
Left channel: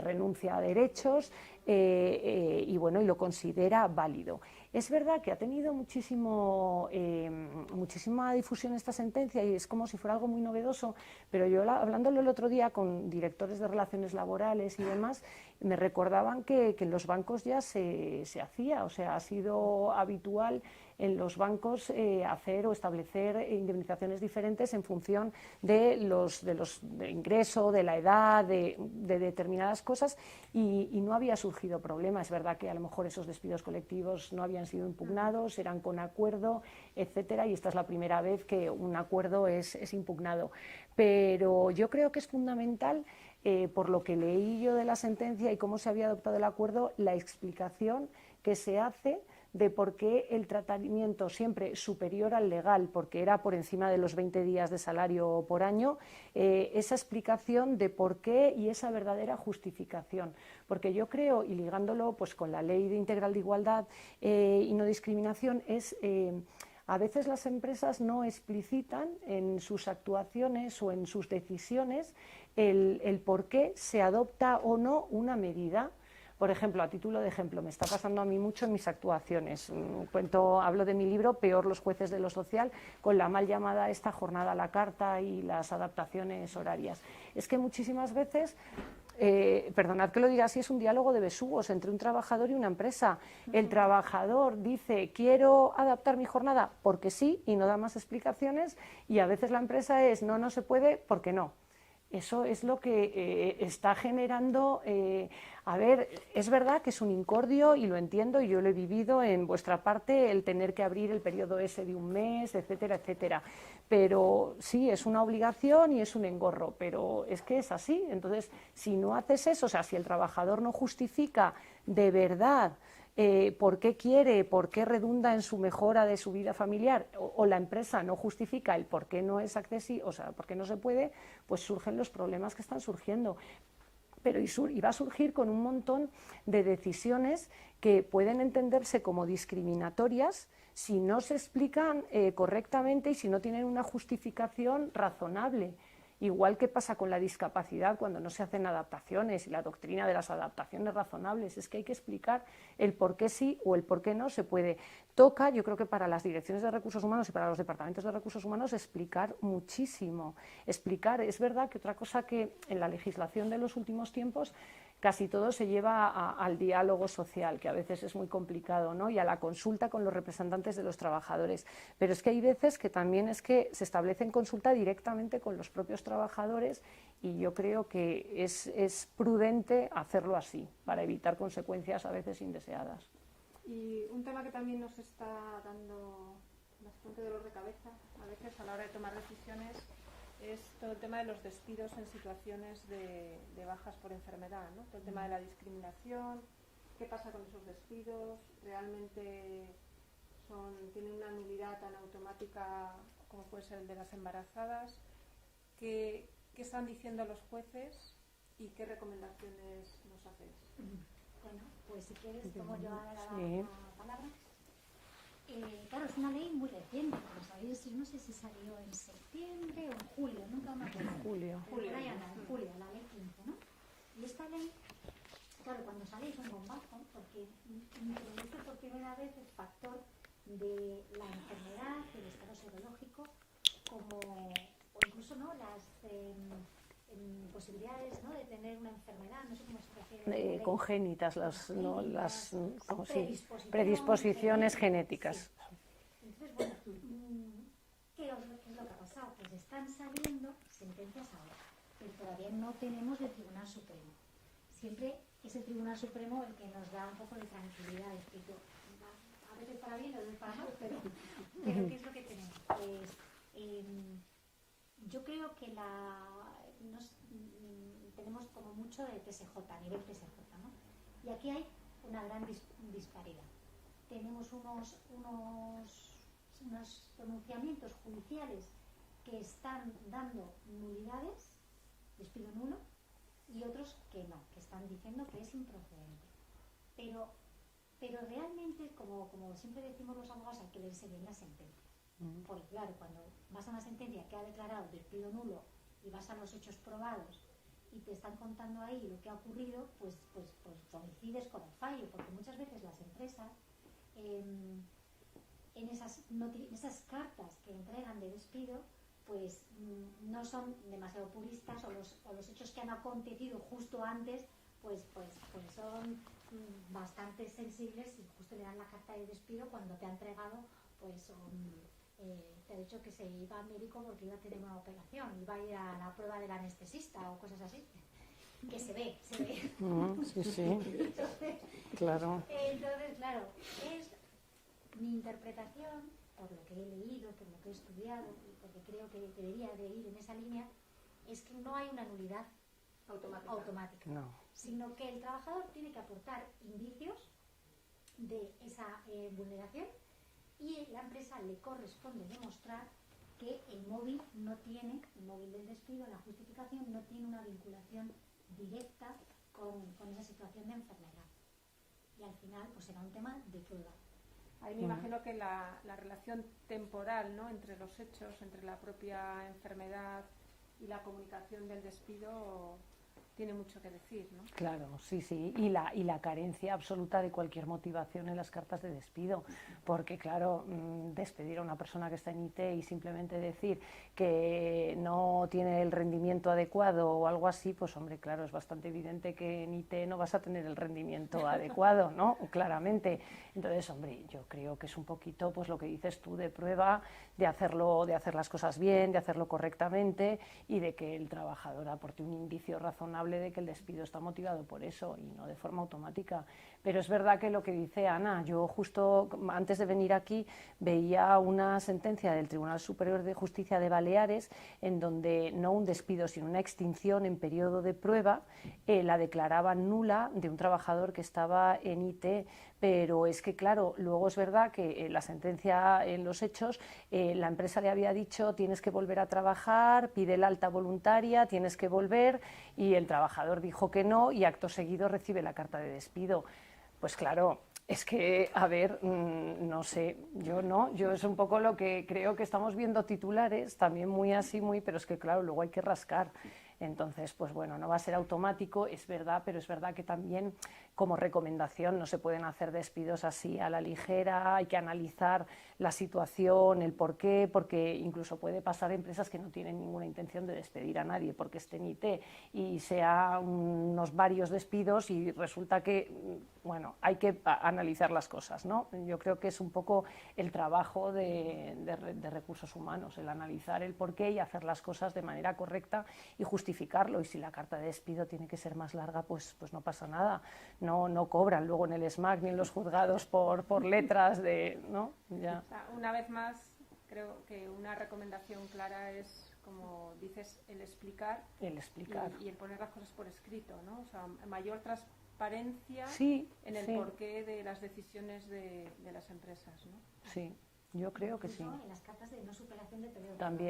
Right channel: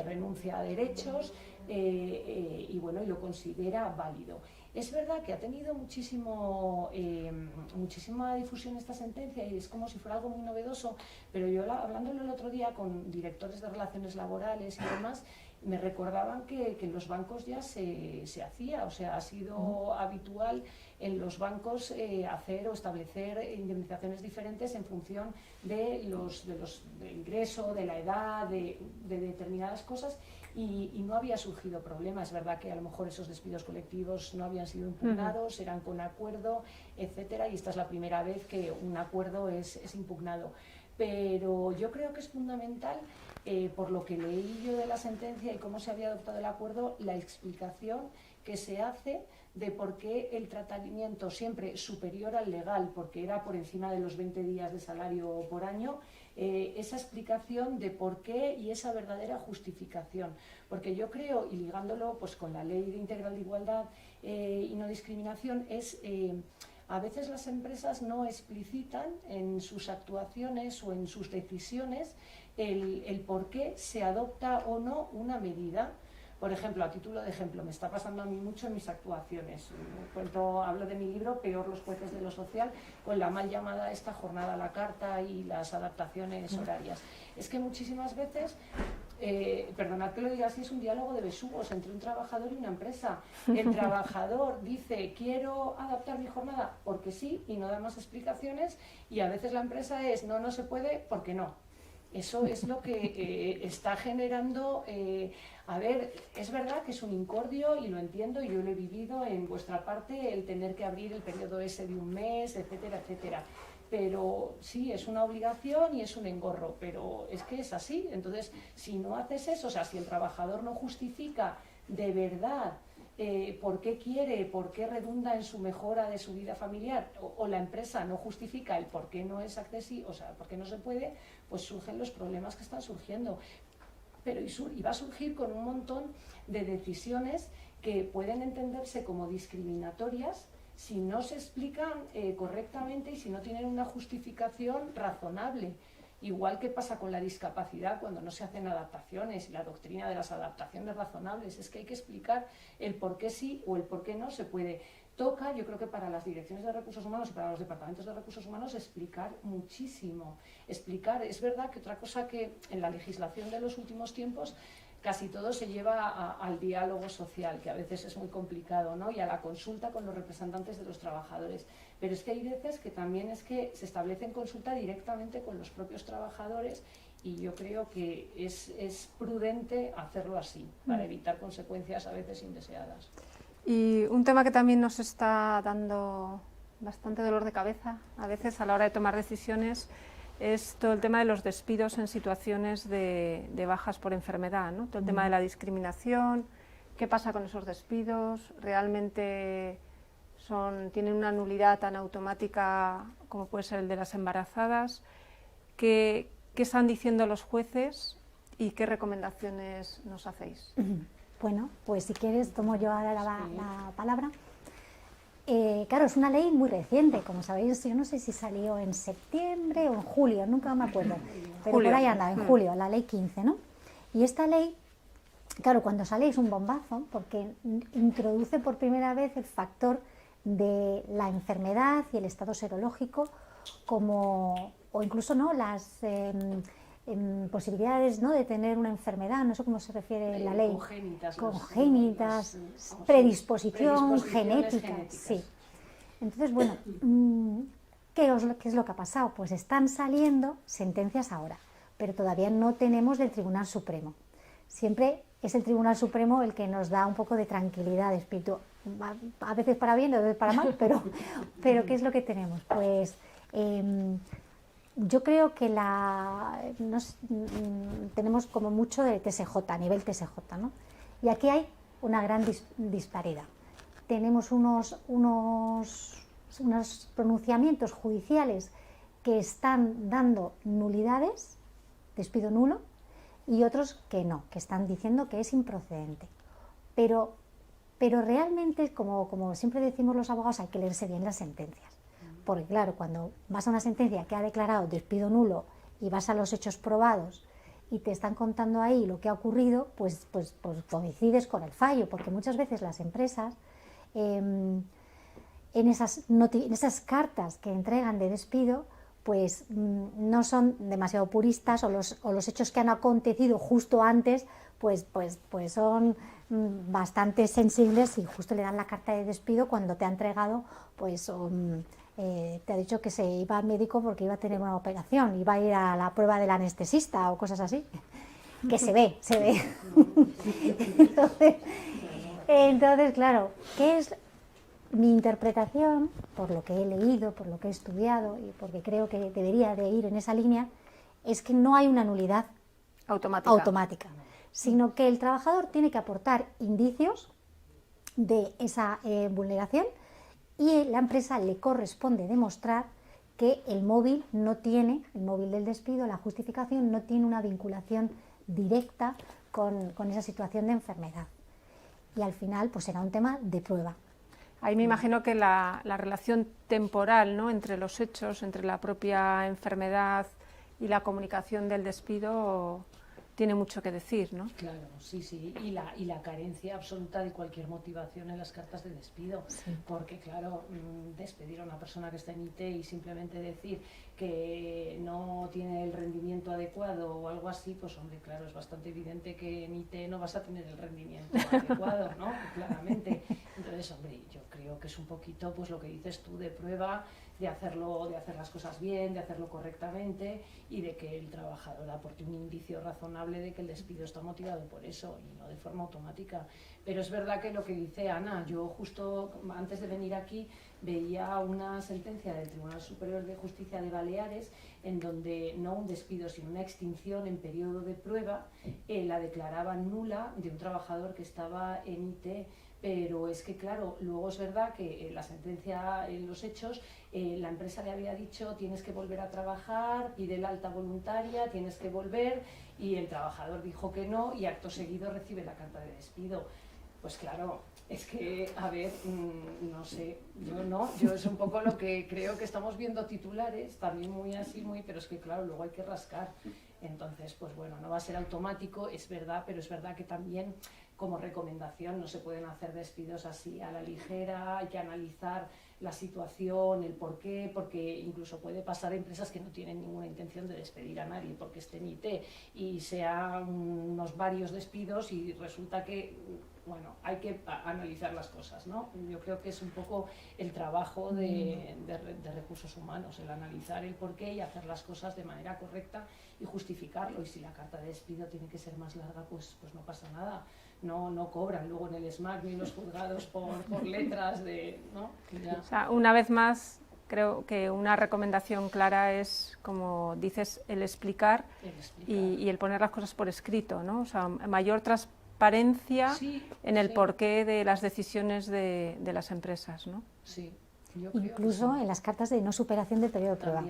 renuncia a derechos, y bueno, y lo considera válido. Es verdad que ha tenido muchísima difusión esta sentencia y es como si fuera algo muy novedoso, pero yo hablándolo el otro día con directores de relaciones laborales y demás, me recordaban que en los bancos ya se hacía, o sea, ha sido habitual en los bancos hacer o establecer indemnizaciones diferentes en función del ingreso, de la edad, de determinadas cosas, y no había surgido problema. Es verdad que a lo mejor esos despidos colectivos no habían sido impugnados, eran con acuerdo, etcétera, y esta es la primera vez que un acuerdo es impugnado. Pero yo creo que es fundamental, por lo que leí yo de la sentencia y cómo se había adoptado el acuerdo, la explicación que se hace de por qué el tratamiento siempre superior al legal, porque era por encima de los 20 días de salario por año, esa explicación de por qué y esa verdadera justificación. Porque yo creo, y ligándolo pues con la Ley Integral de Igualdad y No Discriminación, a veces las empresas no explicitan en sus actuaciones o en sus decisiones el por qué se adopta o no una medida. Por ejemplo, a título de ejemplo, me está pasando a mí mucho en mis actuaciones. Hablo de mi libro, Peor los jueces de lo social, con la mal llamada esta jornada a la carta y las adaptaciones horarias. Es que muchísimas veces, perdonad que lo diga así, es un diálogo de besugos entre un trabajador y una empresa. El trabajador dice, quiero adaptar mi jornada porque sí, y no da más explicaciones, y a veces la empresa es, no se puede porque no. Eso es lo que está generando, a ver, es verdad que es un incordio y lo entiendo y yo lo he vivido en vuestra parte, el tener que abrir el periodo ese de un mes, etcétera, etcétera. Pero sí, es una obligación y es un engorro, pero es que es así. Entonces, si no haces eso, o sea, si el trabajador no justifica de verdad por qué quiere, por qué redunda en su mejora de su vida familiar, o la empresa no justifica el por qué no es accesible, o sea, por qué no se puede, pues surgen los problemas que están surgiendo. Pero y va a surgir con un montón de decisiones que pueden entenderse como discriminatorias si no se explican correctamente y si no tienen una justificación razonable. Igual que pasa con la discapacidad cuando no se hacen adaptaciones y la doctrina de las adaptaciones razonables, es que hay que explicar el por qué sí o el por qué no se puede. Toca, yo creo que para las direcciones de recursos humanos y para los departamentos de recursos humanos, explicar muchísimo. Explicar, es verdad que otra cosa que en la legislación de los últimos tiempos casi todo se lleva al diálogo social, que a veces es muy complicado, ¿no? Y a la consulta con los representantes de los trabajadores. Pero es que hay veces que también es que se establece en consulta directamente con los propios trabajadores y yo creo que es prudente hacerlo así, para evitar consecuencias a veces indeseadas. Y un tema que también nos está dando bastante dolor de cabeza, a veces a la hora de tomar decisiones, es todo el tema de los despidos en situaciones de bajas por enfermedad, ¿no? Todo el tema de la discriminación, qué pasa con esos despidos, realmente tienen una nulidad tan automática como puede ser el de las embarazadas, qué están diciendo los jueces y qué recomendaciones nos hacéis. Bueno, pues si quieres tomo yo ahora la palabra. Claro, es una ley muy reciente, como sabéis, yo no sé si salió en septiembre o en julio, nunca me acuerdo, pero por ahí anda, en julio, la ley 15, ¿no? Y esta ley, claro, cuando sale es un bombazo, porque introduce por primera vez el factor de la enfermedad y el estado serológico, o incluso no las posibilidades, ¿no?, de tener una enfermedad, no sé cómo se refiere la ley. Congénitas, predisposiciones genéticas. Sí. Entonces, bueno, ¿qué es lo que ha pasado? Pues están saliendo sentencias ahora, pero todavía no tenemos del Tribunal Supremo. Siempre es el Tribunal Supremo el que nos da un poco de tranquilidad de espíritu, a veces para bien, a veces para mal, pero ¿qué es lo que tenemos? Pues yo creo que tenemos como mucho de TSJ, a nivel TSJ, ¿no? Y aquí hay una gran disparidad. Tenemos unos pronunciamientos judiciales que están dando nulidades, despido nulo, y otros que no, que están diciendo que es improcedente. Pero realmente, como siempre decimos los abogados, hay que leerse bien las sentencias. Porque claro, cuando vas a una sentencia que ha declarado despido nulo y vas a los hechos probados y te están contando ahí lo que ha ocurrido, pues coincides con el fallo, porque muchas veces las empresas en esas cartas que entregan de despido pues no son demasiado puristas, o los hechos que han acontecido justo antes pues son bastante sensibles, y justo le dan la carta de despido cuando te ha entregado pues te ha dicho que se iba al médico porque iba a tener una operación, iba a ir a la prueba del anestesista o cosas así, que se ve. Entonces, claro, ¿qué es mi interpretación? Por lo que he leído, por lo que he estudiado y porque creo que debería de ir en esa línea, es que no hay una nulidad automática, no, sino que el trabajador tiene que aportar indicios de esa vulneración, y la empresa le corresponde demostrar que el móvil del despido, la justificación, no tiene una vinculación directa con esa situación de enfermedad. Y al final pues será un tema de prueba. Ahí me imagino que la relación temporal, ¿no?, entre los hechos, entre la propia enfermedad y la comunicación del despido tiene mucho que decir, ¿no? Claro, sí, y la carencia absoluta de cualquier motivación en las cartas de despido, sí. Porque claro, despedir a una persona que está en IT y simplemente decir que no tiene el rendimiento adecuado o algo así, pues hombre, claro, es bastante evidente que en IT no vas a tener el rendimiento adecuado, ¿no? Claramente. Entonces, hombre, yo creo que es un poquito pues lo que dices tú, de prueba, de hacer las cosas bien, de hacerlo correctamente, y de que el trabajador aporte un indicio razonable de que el despido está motivado por eso y no de forma automática. Pero es verdad que lo que dice Ana, yo justo antes de venir aquí veía una sentencia del Tribunal Superior de Justicia de Baleares en donde no un despido sino una extinción en periodo de prueba la declaraban nula de un trabajador que estaba en IT. Pero es que, claro, luego es verdad que la sentencia, en los hechos, la empresa le había dicho tienes que volver a trabajar, pide la alta voluntaria, tienes que volver, y el trabajador dijo que no y acto seguido recibe la carta de despido. Pues claro, es que, a ver, no sé, yo es un poco lo que creo que estamos viendo titulares, también muy así, pero es que claro, luego hay que rascar. Entonces, pues bueno, no va a ser automático, es verdad, pero es verdad que también como recomendación no se pueden hacer despidos así a la ligera, hay que analizar la situación, el por qué, porque incluso puede pasar a empresas que no tienen ninguna intención de despedir a nadie porque estén IT y sean unos varios despidos y resulta que, bueno, hay que analizar las cosas, ¿no? Yo creo que es un poco el trabajo de recursos humanos, el analizar el por qué y hacer las cosas de manera correcta y justificarlo. Y si la carta de despido tiene que ser más larga, pues no pasa nada. No cobran luego en el SMAC ni en los juzgados por letras de, ¿no? Ya. O sea, una vez más, creo que una recomendación clara es, como dices, el explicar. Y el poner las cosas por escrito, ¿no? O sea, mayor transparencia en el porqué de las decisiones de las empresas, ¿no? Sí. Yo creo incluso que sí. en las cartas de no superación del periodo de prueba,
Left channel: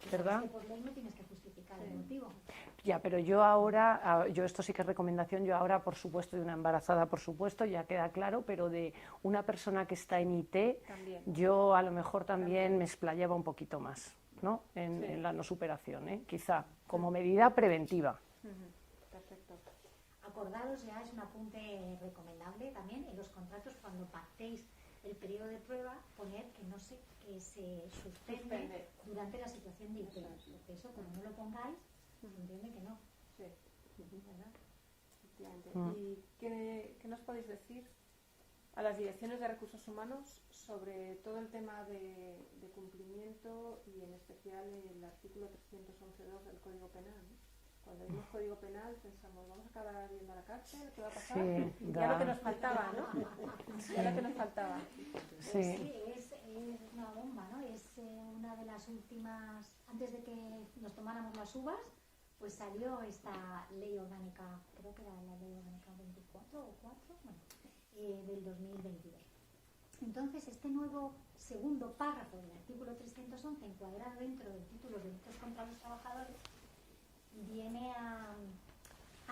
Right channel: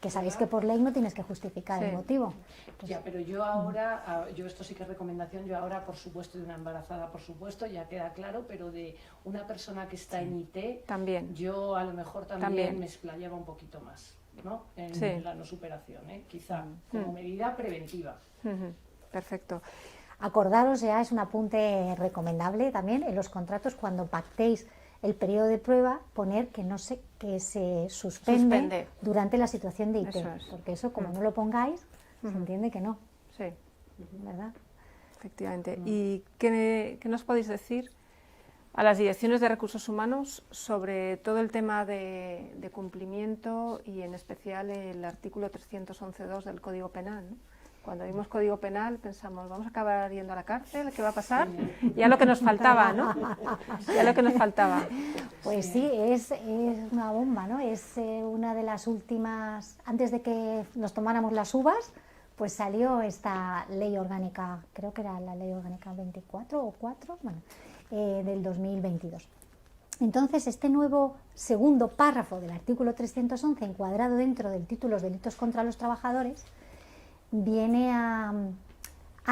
que sabéis que por ley no tienes que justificar el motivo. Ya, pero yo ahora, esto sí que es recomendación, yo ahora, por supuesto, de una embarazada, por supuesto, ya queda claro, pero de una persona que está en IT, también. Yo a lo mejor también me explayaba un poquito más, ¿no? En la no superación, quizá, como medida preventiva. Perfecto. Acordaros, ya es un apunte recomendable también, en los contratos cuando pactéis el periodo de prueba, poner que se suspende durante la situación de IT, porque eso, como no lo pongáis, se entiende que no. Sí. ¿Verdad? Efectivamente. ¿Y qué nos podéis decir a las direcciones de recursos humanos sobre todo el tema de cumplimiento y en especial el artículo 311.2 del Código Penal, ¿no? Cuando vimos Código Penal pensamos, vamos a acabar yendo a la cárcel, ¿qué va a pasar? Ya lo que nos faltaba, ¿no? Ya lo que nos faltaba. Pues sí, es una bomba, ¿no? Es una de las últimas, antes de que nos tomáramos las uvas, pues salió esta ley orgánica, creo que era la ley orgánica 24 o 4, bueno, del 2022. Entonces, este nuevo segundo párrafo del artículo 311, encuadrado dentro del título Delitos contra los Trabajadores, viene a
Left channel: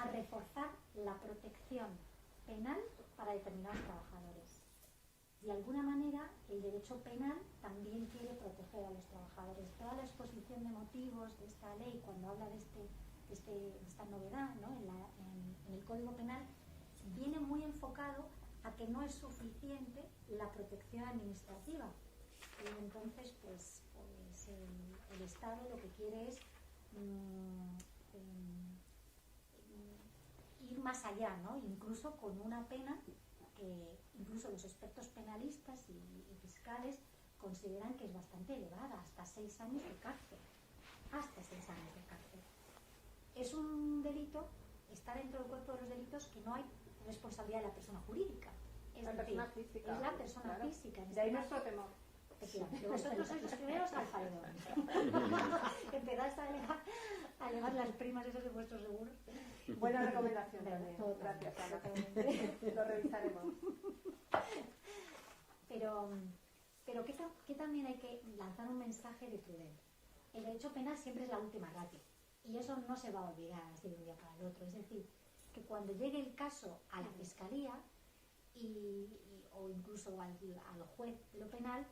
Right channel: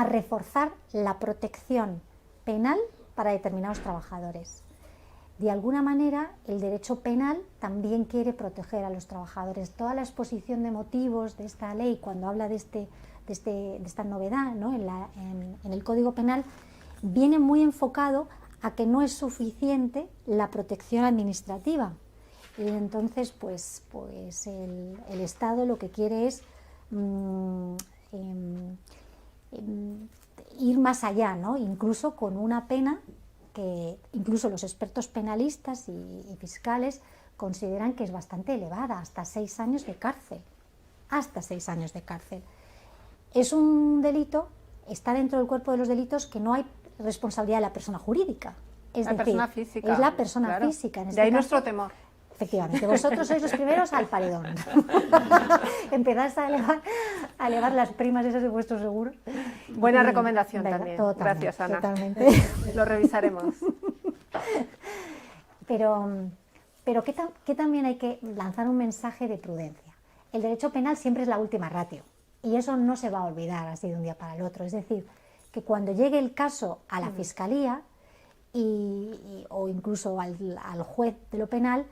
reforzar la protección penal para determinados trabajadores. De alguna manera, el derecho penal también quiere proteger a los trabajadores. Toda la exposición de motivos de esta ley, cuando habla de esta novedad, ¿no? en el Código Penal, viene muy enfocado a que no es suficiente la protección administrativa. Y entonces, pues el Estado lo que quiere es ir más allá, ¿no? Incluso con una pena que incluso los expertos penalistas y fiscales consideran que es bastante elevada, hasta 6 años de cárcel. Hasta 6 años de cárcel. Es un delito, está dentro del cuerpo de los delitos que no hay responsabilidad de la persona jurídica. Es la decir, persona física. Es la persona física. En de ahí nuestro temor. Efectivamente, vosotros sois los primeros al paredón. Empezáis a elevar las primas esas de vuestro seguro. Buena recomendación también. Gracias, Ana. Totalmente. Lo revisaremos. Pero que también hay que lanzar un mensaje de prudencia. El derecho penal siempre es la última ratio y eso no se va a olvidar así de un día para el otro. Es decir, que cuando llegue el caso a la Fiscalía o incluso al juez de lo penal,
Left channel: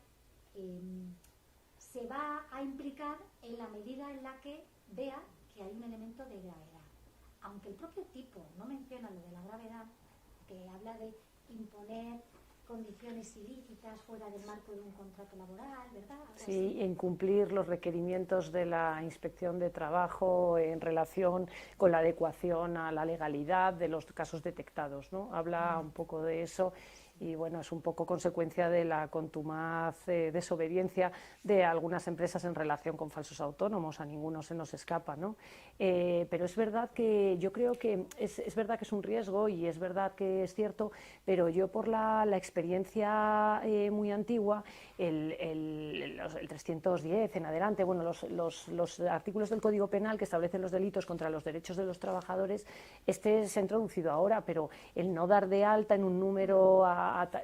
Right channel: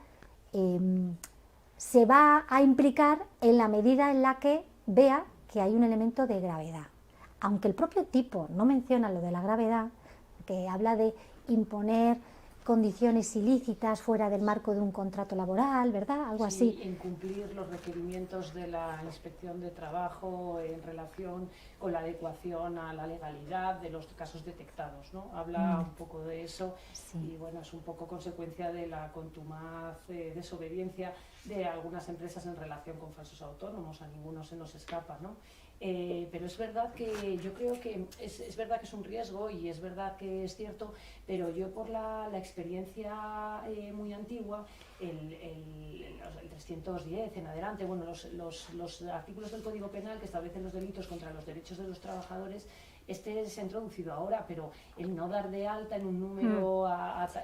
se va a implicar en la medida en la que vea que hay un elemento de gravedad. Aunque el propio tipo no menciona lo de la gravedad, que habla de imponer condiciones ilícitas fuera del marco de un contrato laboral, ¿verdad? Algo así. Sí, incumplir los requerimientos de la Inspección de Trabajo en relación con la adecuación a la legalidad de los casos detectados, ¿no? Habla un poco de eso y bueno, es un poco consecuencia de la contumaz desobediencia de algunas empresas en relación con falsos autónomos, a ninguno se nos escapa, ¿no? Pero es verdad que yo creo que es verdad que es un riesgo y es verdad que es cierto, pero yo por la experiencia muy antigua, el 310 en adelante, bueno, los artículos del Código Penal que establecen los delitos contra los derechos de los trabajadores, Este se ha introducido ahora, pero el no dar de alta en un número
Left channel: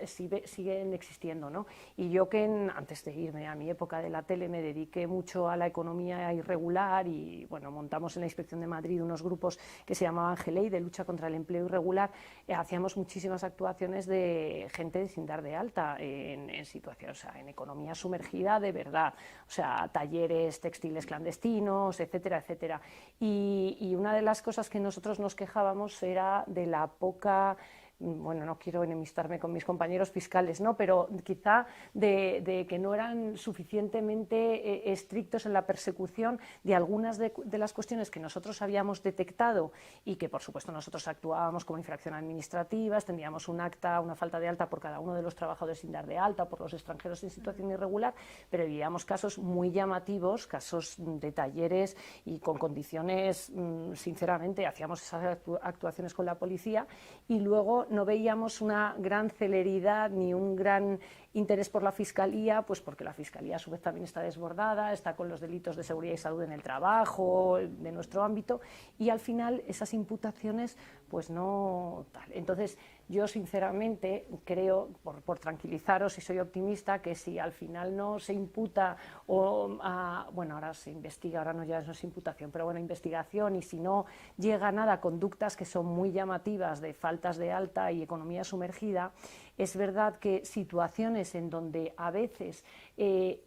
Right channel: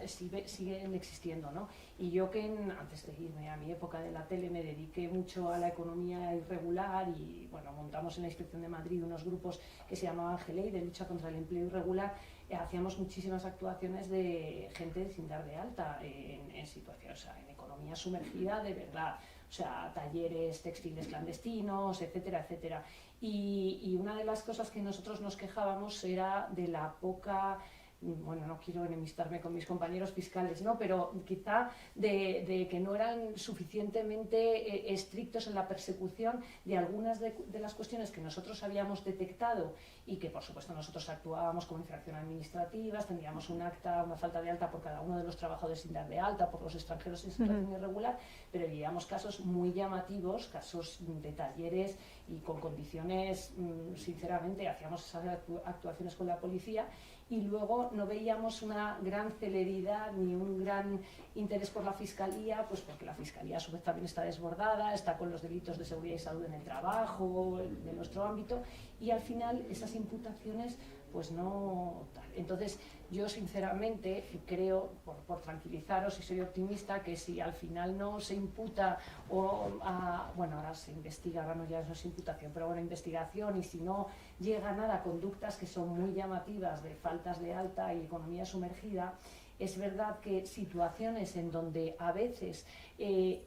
siguen existiendo, ¿no? Y yo que antes de irme a mi época de la tele me dediqué mucho a la economía irregular y bueno, montamos en la Inspección de Madrid unos grupos que se llamaban GELEI, de lucha contra el empleo irregular. Hacíamos muchísimas actuaciones de gente sin dar de alta en situaciones, o sea, en economía sumergida de verdad, o sea, talleres textiles clandestinos, etcétera, etcétera. Y una de las cosas que nosotros nos quejábamos era de la poca, bueno, no quiero enemistarme con mis compañeros fiscales, ¿no? Pero quizá de que no eran suficientemente estrictos en la persecución de algunas de las cuestiones que nosotros habíamos detectado y que por supuesto nosotros actuábamos como infracción administrativa, tendríamos un acta, una falta de alta por cada uno de los trabajadores sin dar de alta, por los extranjeros en situación irregular, pero veíamos casos muy llamativos, casos de talleres y con condiciones, sinceramente, hacíamos esas actuaciones con la policía y luego no veíamos una gran celeridad ni un gran interés por la Fiscalía, pues porque la Fiscalía a su vez también está desbordada, está con los delitos de seguridad y salud en el trabajo, de nuestro ámbito, y al final esas imputaciones pues no tal. Entonces yo sinceramente creo, por tranquilizaros y soy optimista, que si al final no se imputa bueno, ahora se investiga, ahora no ya no es imputación, pero bueno, investigación, y si no llega nada a conductas que son muy llamativas de faltas de alta y economía sumergida, es verdad que situaciones en donde a veces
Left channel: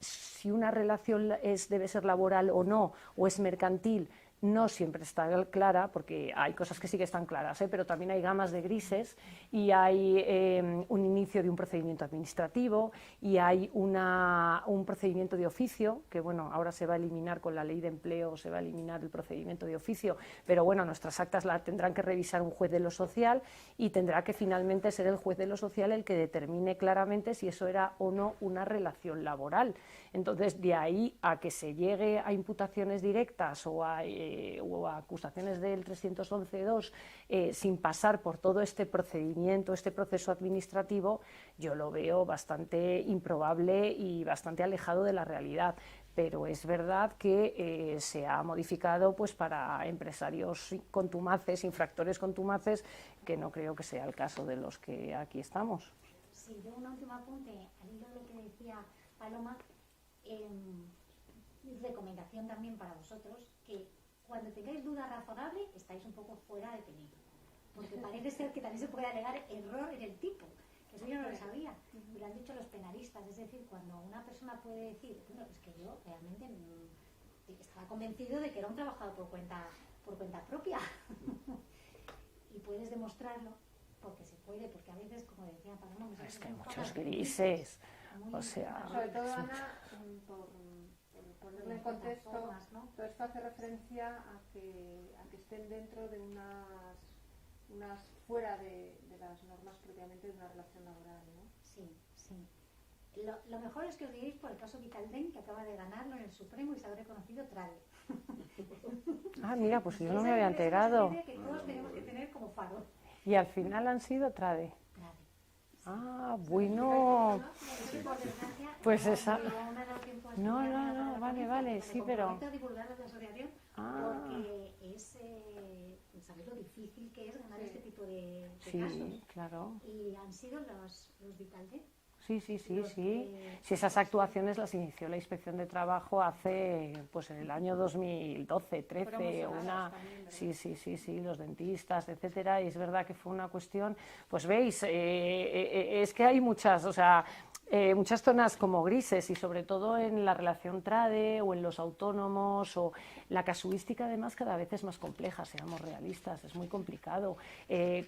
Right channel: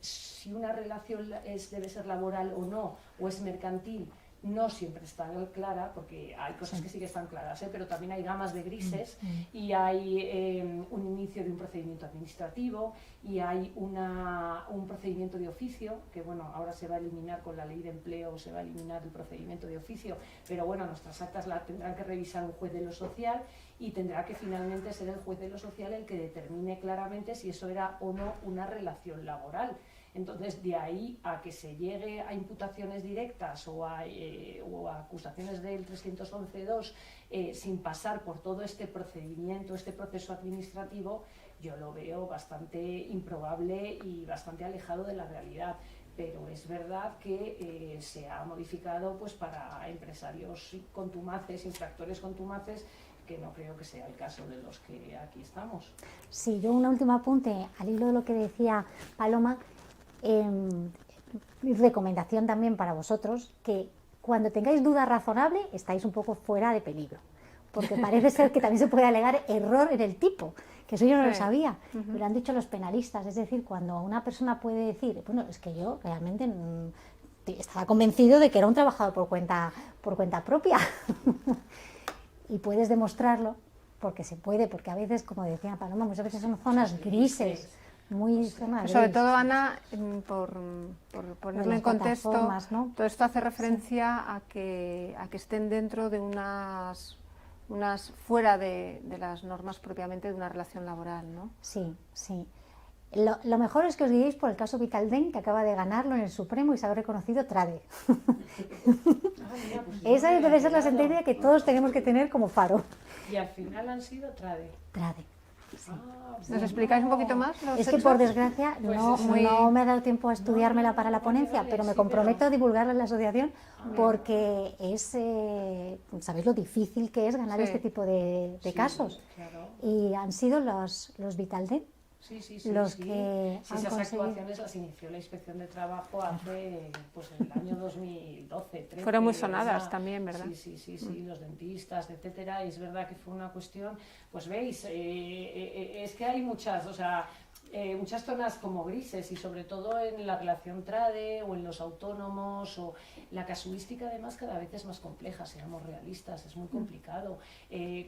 si una relación debe ser laboral o no, o es mercantil, no siempre está clara, porque hay cosas que sí que están claras, pero también hay gamas de grises y hay un inicio de un procedimiento administrativo y hay un procedimiento de oficio, que bueno, ahora se va a eliminar con la ley de empleo, se va a eliminar el procedimiento de oficio, pero bueno, nuestras actas la tendrán que revisar un juez de lo social y tendrá que finalmente ser el juez de lo social el que determine claramente si eso era o no una relación laboral. Entonces, de ahí a que se llegue a imputaciones directas o a acusaciones del 311.2 sin pasar por todo este procedimiento, este proceso administrativo, yo lo veo bastante improbable y bastante alejado de la realidad. Pero es verdad que se ha modificado pues para empresarios contumaces, infractores contumaces, que no creo que sea el caso de los que aquí estamos. Sí, yo un último apunte al hilo de lo que decía Paloma. Mi recomendación también para vosotros, que cuando tengáis duda razonable estáis un poco fuera de peligro, porque parece ser que también se puede alegar error en el tipo, que eso yo no lo sabía, me lo han dicho los penalistas, es decir, cuando una persona puede decir, bueno, es que yo realmente estaba convencido de que era un trabajador por cuenta propia y puedes demostrarlo, porque se puede, porque a veces, como decía Paloma, muchas veces son zonas grises. Muy sobre todo, Ana, por ponerlo en contexto, ¿no? Todo esto hace referencia a que estén dentro de unas fuera de las normas propiamente de una relación laboral, ¿no? Sí, sí. Lo mejor es que os guiéis por el caso Vitalden, que acaba de ganarlo en el Supremo y se ha reconocido TRADE. Mira, pues esa debe ser la sentencia que todos tenemos que tener como faro. Y al final han sido TRADE. TRADE. ¿Nos explicáis un poquito más? Es que por desgracia pues no me ha dado tiempo a estudiármela para la ponencia, pero me comprometo a divulgarla en la asociación porque es, sabéis lo difícil que es ganar este tipo de casos. Claro. Y han sido los Vitalden. Esas actuaciones las inició la Inspección de Trabajo hace, pues en el año 2012, 13. Fueron muy sonadas también, ¿verdad? Sí, los dentistas, etcétera, y es verdad que fue una cuestión, pues veis, es que hay muchas, o sea, muchas zonas como grises y sobre todo en la relación TRADE o en los autónomos o la casuística además cada vez es más compleja, seamos realistas, es muy complicado,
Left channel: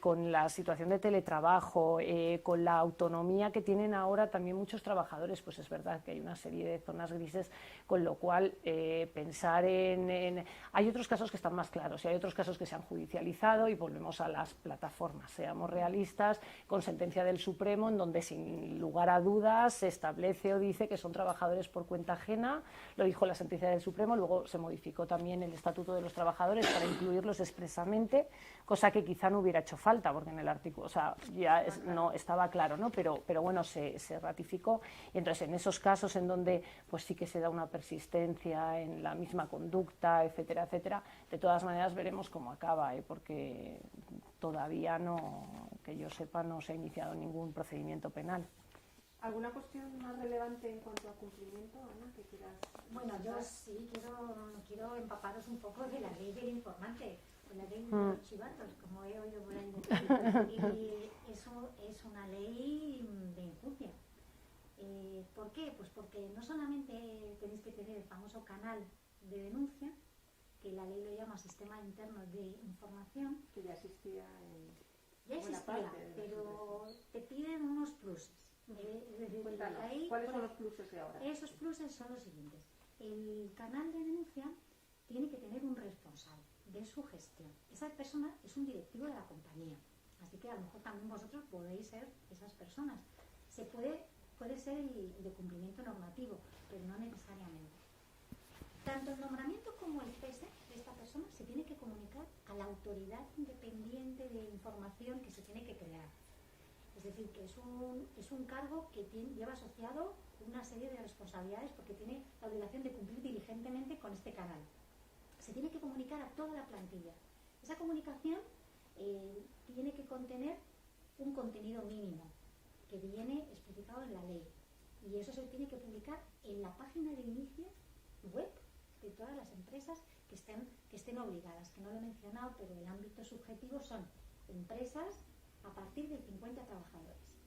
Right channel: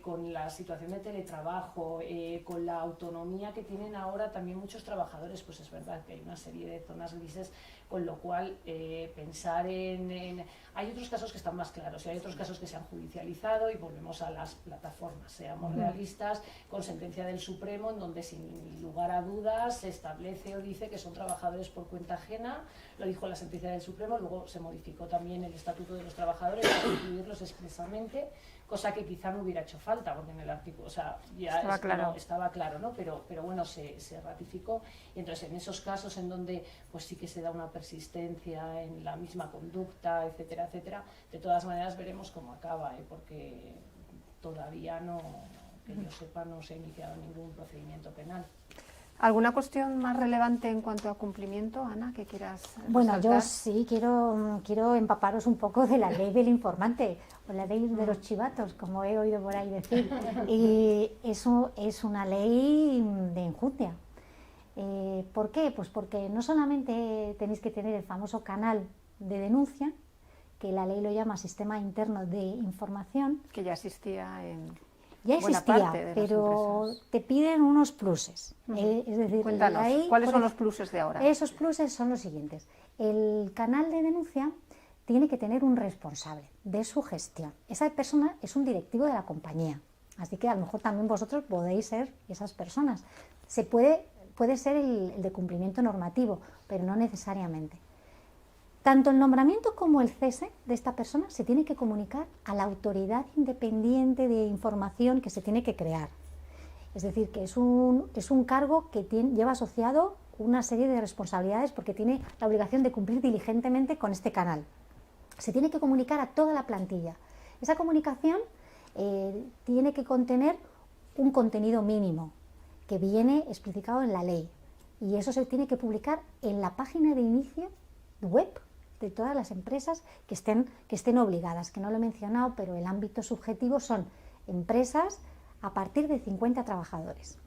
con la situación de teletrabajo, con la autonomía que tienen ahora también muchos trabajadores, pues es verdad que hay una serie de zonas grises, con lo cual pensar hay otros casos que están más claros y hay otros casos que se han judicializado y volvemos a las plataformas, seamos realistas, con sentencia del Supremo en donde sin lugar a dudas se establece o dice que son trabajadores por cuenta ajena, lo dijo la sentencia del Supremo, luego se modificó también el Estatuto de los Trabajadores para incluirlos expresamente, cosa que quizá no hubiera hecho falta, porque en el artículo, o sea, ya estaba claro, ¿no? Pero bueno, se ratificó, y entonces en esos casos en donde pues sí que se da una persistencia en la misma conducta, etcétera, etcétera, de todas maneras veremos cómo acaba, porque todavía no, que yo sepa, no se ha iniciado ningún procedimiento penal. ¿Alguna cuestión más relevante en cuanto a cumplimiento, Ana, que quieras Bueno, resaltar? yo sí quiero empaparos un poco de la ley del informante, o la ley de los chivatos, como he oído por ahí decir. Y eso es una ley de enjundia. ¿Por qué? Pues porque no solamente tenéis que tener el famoso canal de denuncia, que la ley lo llama Sistema Interno de Información. Que ya existía en Ya buena existía, parte de las pero empresas. te piden unos pluses. Es decir, Cuéntanos, ahí, ¿cuáles son los pluses de ahora? Esos pluses son los siguientes. El canal de denuncia tiene que tener un responsable de su gestión. Esa persona es un directivo de la compañía, así que a lo mejor también vosotros podéis ser esas personas. Puede ser el de cumplimiento normativo, pero no necesariamente. Tanto el nombramiento como el cese de esta persona se tiene que comunicar a la autoridad independiente de información que se tiene que crear. Es decir, que es un cargo que lleva asociado una serie de responsabilidades porque tiene la obligación de cumplir diligentemente con este canal. Se tiene que comunicar a toda la plantilla. Esa comunicación tiene que contener un contenido mínimo que viene especificado en la ley, y eso se tiene que publicar en la página de inicio web de todas las empresas que estén obligadas, que no lo he mencionado, pero el ámbito subjetivo son empresas a partir de 50 trabajadores.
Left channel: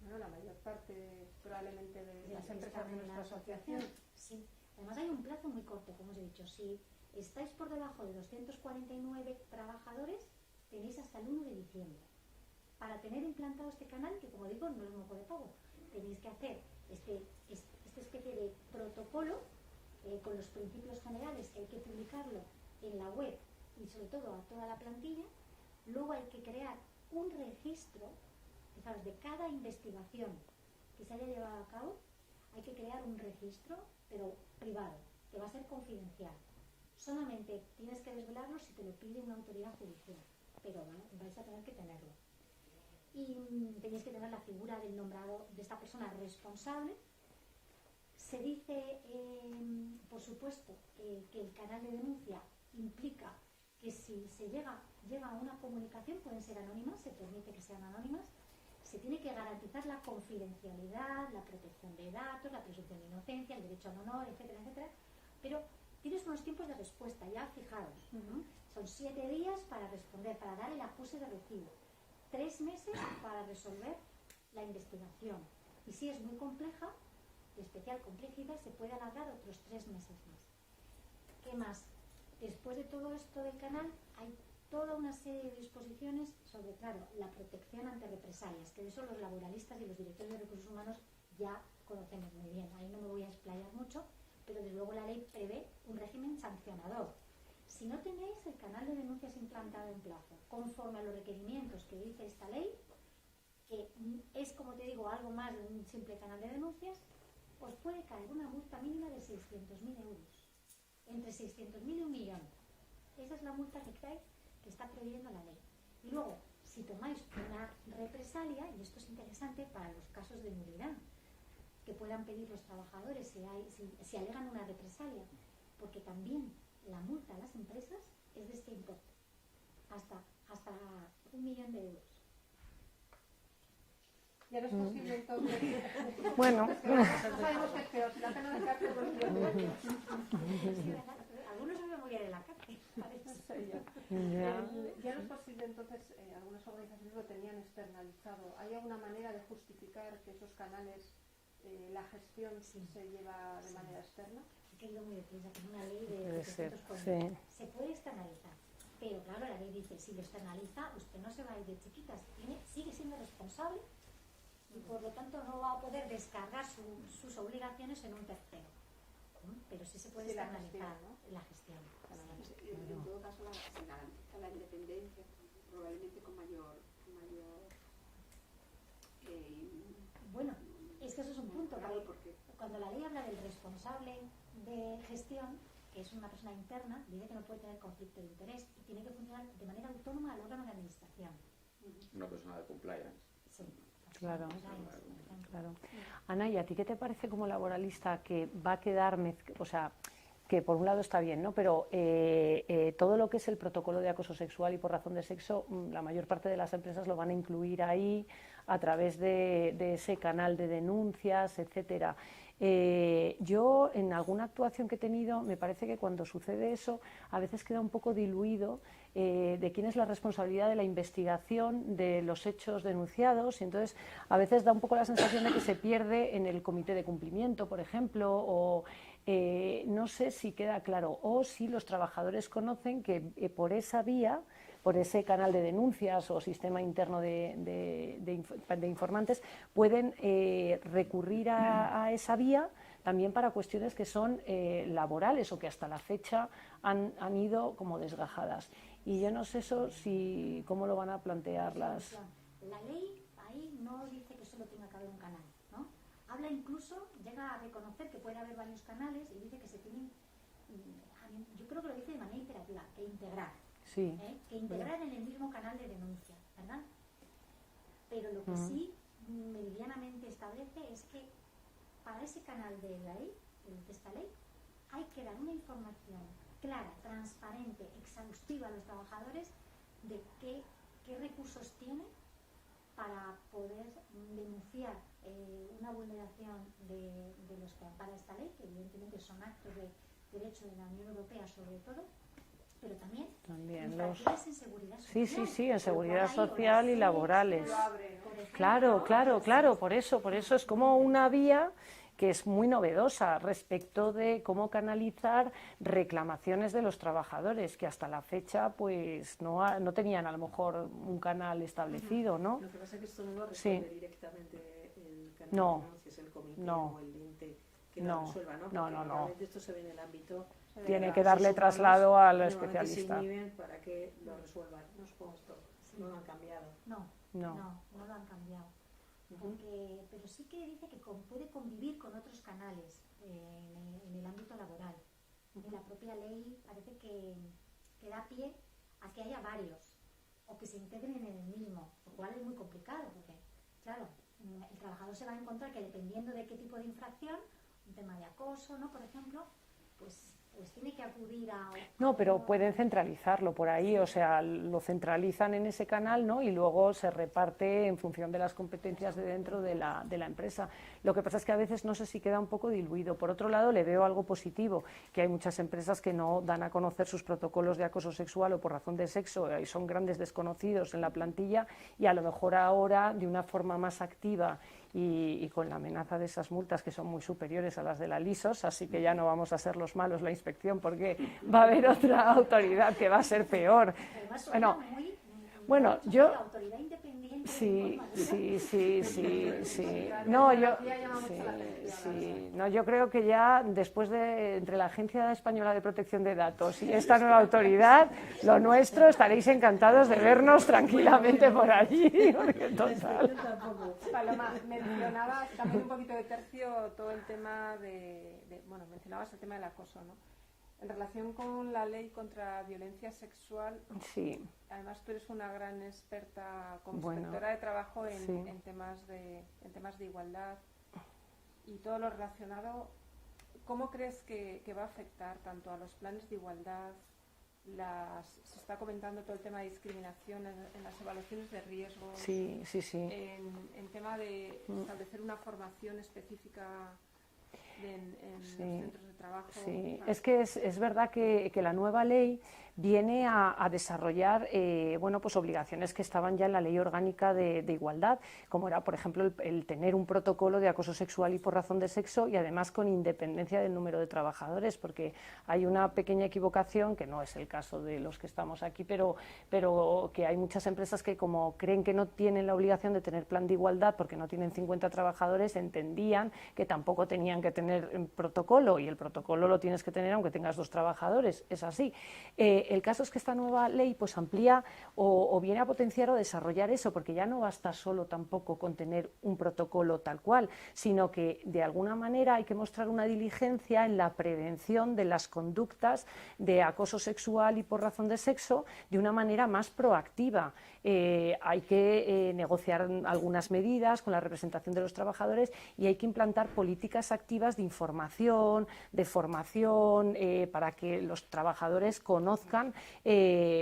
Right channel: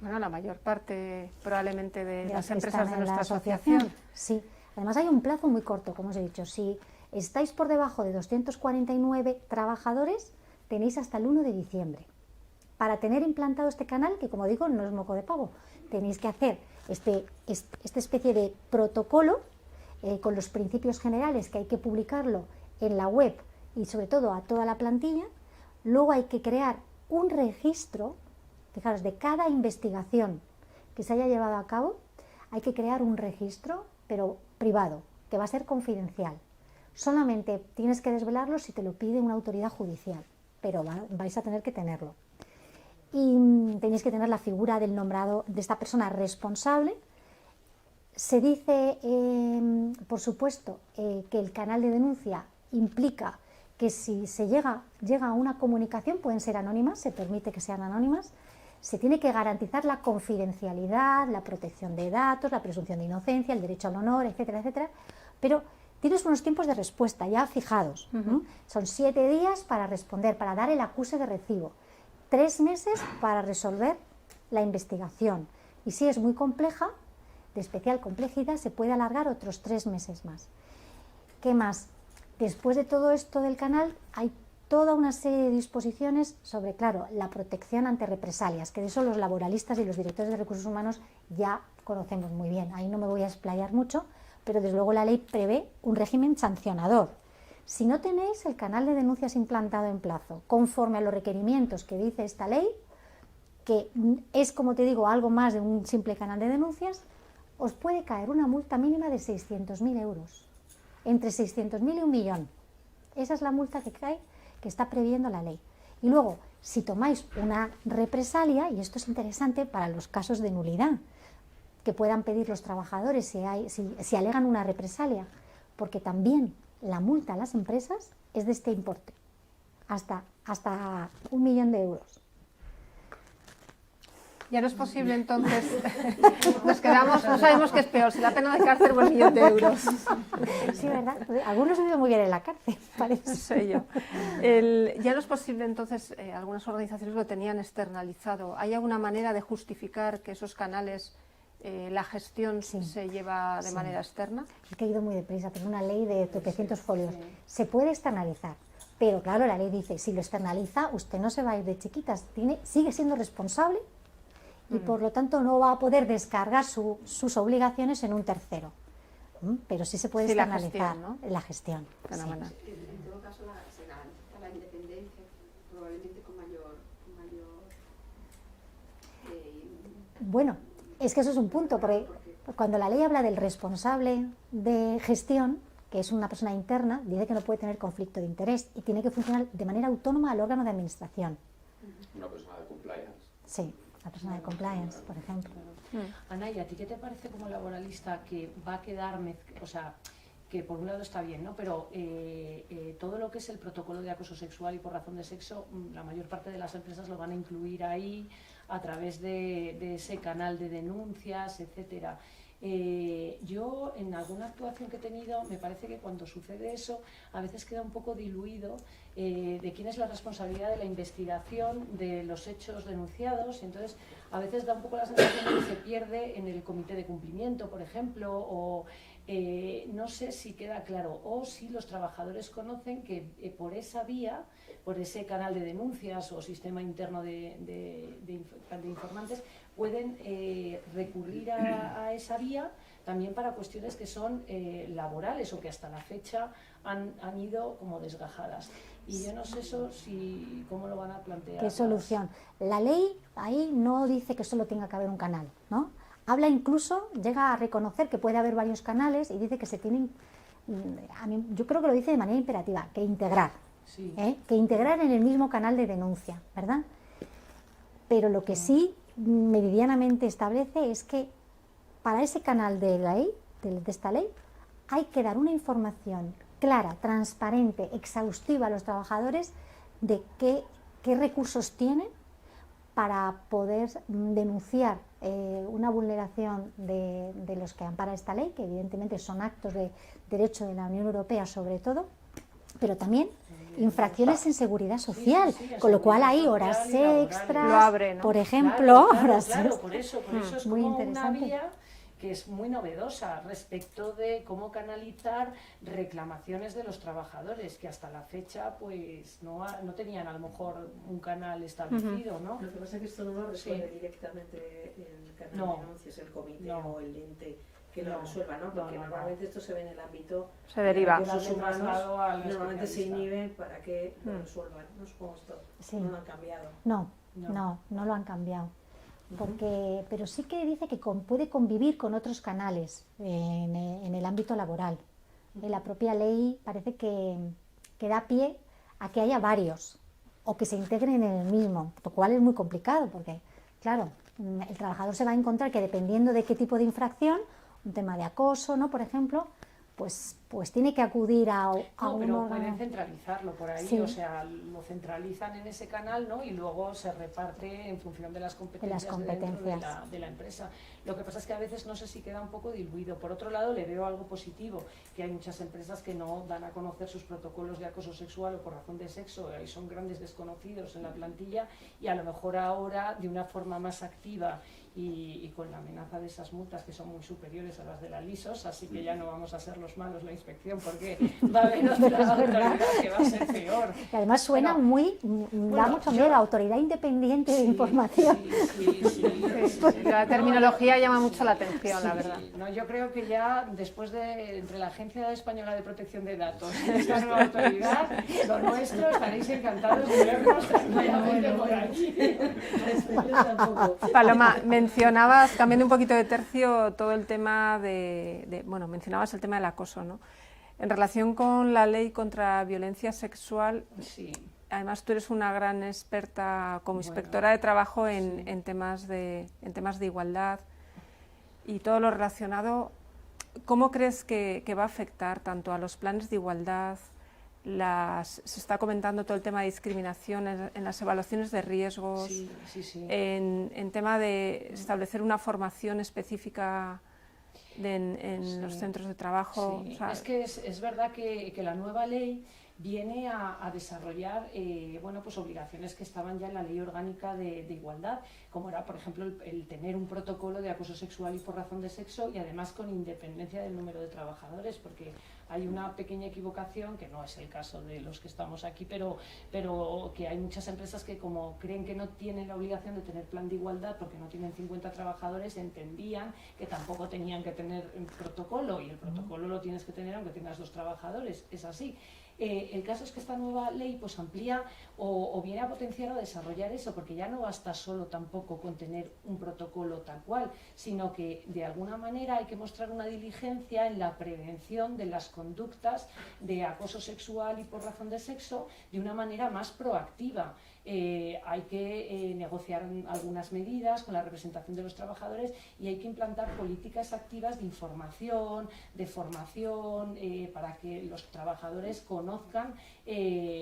Bueno, la mayor parte probablemente de las que empresas están de en la nuestra asociación. Sí, además hay un plazo muy corto, como os he dicho. Si estáis por debajo de 249 trabajadores, tenéis hasta el 1 de diciembre. Para tener implantado este canal, que como digo, no es moco de pavo, tenéis que hacer esta especie de protocolo con los principios generales, que hay que publicarlo en la web y sobre todo a toda la plantilla. Luego hay que crear un registro, fijaros, de cada investigación que se haya llevado a cabo. Hay que crear un registro, pero privado, que va a ser confidencial. Solamente tienes que desvelarlo si te lo pide una autoridad judicial, pero vais a tener que tenerlo. Y tenéis que tener la figura del nombrado, de esta persona responsable. Se dice, por supuesto, que el canal de denuncia implica que si se llega a una comunicación, pueden ser anónimas, se permite que sean anónimas, se tiene que garantizar la confidencialidad, la protección de datos, la presunción de inocencia, el derecho al honor, etcétera, etcétera, pero tienes unos tiempos de respuesta ya fijados, ¿no? Son 7 días para responder, para dar el acuse de recibo, 3 meses para resolver la investigación, y si es muy compleja, de especial complejidad, se puede alargar otros 3 meses más. ¿Qué más? Después de todo esto del canal, hay toda una serie de disposiciones sobre, claro, la protección ante represalias, que de eso los laboralistas y los directores de recursos humanos ya conocemos muy bien. Ahí no me voy a explayar mucho, pero desde luego la ley prevé un régimen sancionador. Si no tenéis el canal de denuncias implantado en plazo, conforme a los requerimientos que dice esta ley, que es, como te digo, algo más de un simple canal de denuncias, os puede caer una multa mínima de 600.000 euros, entre 600.000 y 1 millón. Esa es la multa que cae, que está previendo la ley. Y luego, si tomáis una represalia, y esto es interesante para los casos de nulidad, que puedan pedir los trabajadores si alegan una represalia, porque también la multa a las empresas es de este importe, hasta 1 millón de euros. Ya no es posible entonces, nos quedamos, no sabemos qué es peor, si la pena de cárcel o el 1 millón de euros. Sí, ¿verdad? Algunos viven muy bien en la cárcel, parece. No sé yo. Ya no es posible entonces, algunas organizaciones lo tenían externalizado. ¿Hay alguna manera de justificar que esos canales, la gestión se lleva de manera externa? Es que he ido muy deprisa, tengo una ley de 700 folios. Se puede externalizar, pero claro, la ley dice, si lo externaliza, usted no se va a ir de chiquitas, sigue siendo responsable y por lo tanto no va a poder descargar sus obligaciones en un tercero. Pero sí se puede externalizar la gestión. Fenomenal. En todo caso, se garantiza la independencia, probablemente con mayor bueno, es que eso es un punto, porque cuando la ley habla del responsable de gestión, que es una persona interna, dice que no puede tener conflicto de interés y tiene que funcionar de manera autónoma al órgano de administración. Una persona de compliance. Sí, la persona de compliance, por ejemplo. Ana, ¿y a ti qué te parece como laboralista que va a quedar, o sea, que por un lado está bien, ¿no? Pero todo lo que es el protocolo de acoso sexual y por razón de sexo, la mayor parte de las empresas lo van a incluir ahí a través de ese canal de denuncias, etcétera. Yo en alguna actuación que he tenido me parece que cuando sucede eso a veces queda un poco diluido de quién es la responsabilidad de la investigación de los hechos denunciados, y entonces a veces da un poco la sensación de que se pierde en el comité de cumplimiento, por ejemplo, o no sé si queda claro, o si los trabajadores conocen que por esa vía, por ese canal de denuncias o sistema interno de informantes, pueden recurrir a esa vía también para cuestiones que son laborales o que hasta la fecha han ido como desgajadas. Y yo no sé eso cómo lo van a plantear. ¿Qué solución? La ley ahí no dice que solo tenga que haber un canal, ¿no? Habla incluso, llega a reconocer que puede haber varios canales y dice que se tienen, yo creo que lo dice de manera imperativa, que integrar. Sí. Que integrar en el mismo canal de denuncia, ¿verdad? Pero lo que sí meridianamente establece es que para ese canal de la ley, de esta ley, hay que dar una información clara, transparente, exhaustiva a los trabajadores de qué recursos tienen para poder denunciar una vulneración de los que ampara esta ley, que evidentemente son actos de derecho de la Unión Europea sobre todo, pero también infracciones en seguridad social, con lo cual hay horas extras, lo abre, ¿no? por ejemplo. Claro, por eso es como una vía que es muy novedosa respecto de cómo canalizar reclamaciones de los trabajadores, que hasta la fecha pues no tenían a lo mejor un canal establecido, ¿no? Lo que pasa es que esto no lo responde directamente el canal de denuncias, el comité o el ente que lo resuelva, ¿no? Porque normalmente esto se ve en el ámbito, se deriva, darle traslado al especialista. Normalmente se inhibe para que lo resuelvan, ¿no? Supongo esto no lo han cambiado. No lo han cambiado. Pero sí que dice que puede convivir con otros canales en el ámbito laboral. La propia ley parece que da pie a que haya varios o que se integren en el mismo, lo cual es muy complicado porque, claro, el trabajador se va a encontrar que dependiendo de qué tipo de infracción, un tema de acoso, ¿no? Por ejemplo, pues tiene que acudir a pero pueden centralizarlo por ahí, sí. O sea, lo centralizan en ese canal, ¿no? Y luego se reparte en función de las competencias dentro de la empresa. Lo que pasa es que a veces no sé si queda un poco diluido. Por otro lado, le veo algo positivo, que hay muchas empresas que no dan a conocer sus protocolos de acoso sexual o por razón de sexo, y son grandes desconocidos en la plantilla, y a lo mejor ahora, de una forma más activa y con la amenaza de esas multas que son muy superiores a las de la LISOS, así que ya no vamos a ser los malos la inspección porque va a haber otra autoridad que va a ser peor. Y además suena da mucho miedo, autoridad independiente de información. Sí. La terminología llama mucho la atención, la verdad. No, yo creo que ya después entre la Agencia Española de Protección de Datos y esta nueva autoridad, lo nuestro, estaréis encantados de vernos tranquilamente por allí. Paloma, mencionabas, cambiando un poquito de tercio, todo el tema mencionabas el tema del acoso, ¿no? En relación con la ley contra violencia sexual, sí. Además tú eres una gran experta como inspectora de trabajo en temas de igualdad y todo lo relacionado. ¿Cómo crees que va a afectar tanto a los planes de igualdad? Se está comentando todo el tema de discriminación en las evaluaciones de riesgos, sí. En tema de establecer una formación específica en los centros de trabajo. Sí. O sea, es que es verdad que la nueva ley viene a desarrollar pues obligaciones que estaban ya en la Ley Orgánica de Igualdad, como era, por ejemplo, el tener un protocolo de acoso sexual y por razón de sexo, y además con independencia del número de trabajadores, porque hay una pequeña equivocación, que no es el caso de los que estamos aquí, pero que hay muchas empresas que, como creen que no tienen la obligación de tener plan de igualdad porque no tienen 50 trabajadores, entendían que tampoco tenían que tener un protocolo, y el protocolo lo tienes que tener aunque tengas 2 trabajadores, es así. El caso es que esta nueva ley pues amplía o viene a potenciar o desarrollar eso, porque ya no basta solo tampoco con tener un protocolo tal cual, sino que de alguna manera hay que mostrar una diligencia en la prevención de las conductas de acoso sexual y por razón de sexo de una manera más proactiva. hay que negociar algunas medidas con la representación de los trabajadores y hay que implantar políticas activas de información, de formación, para que los trabajadores conozcan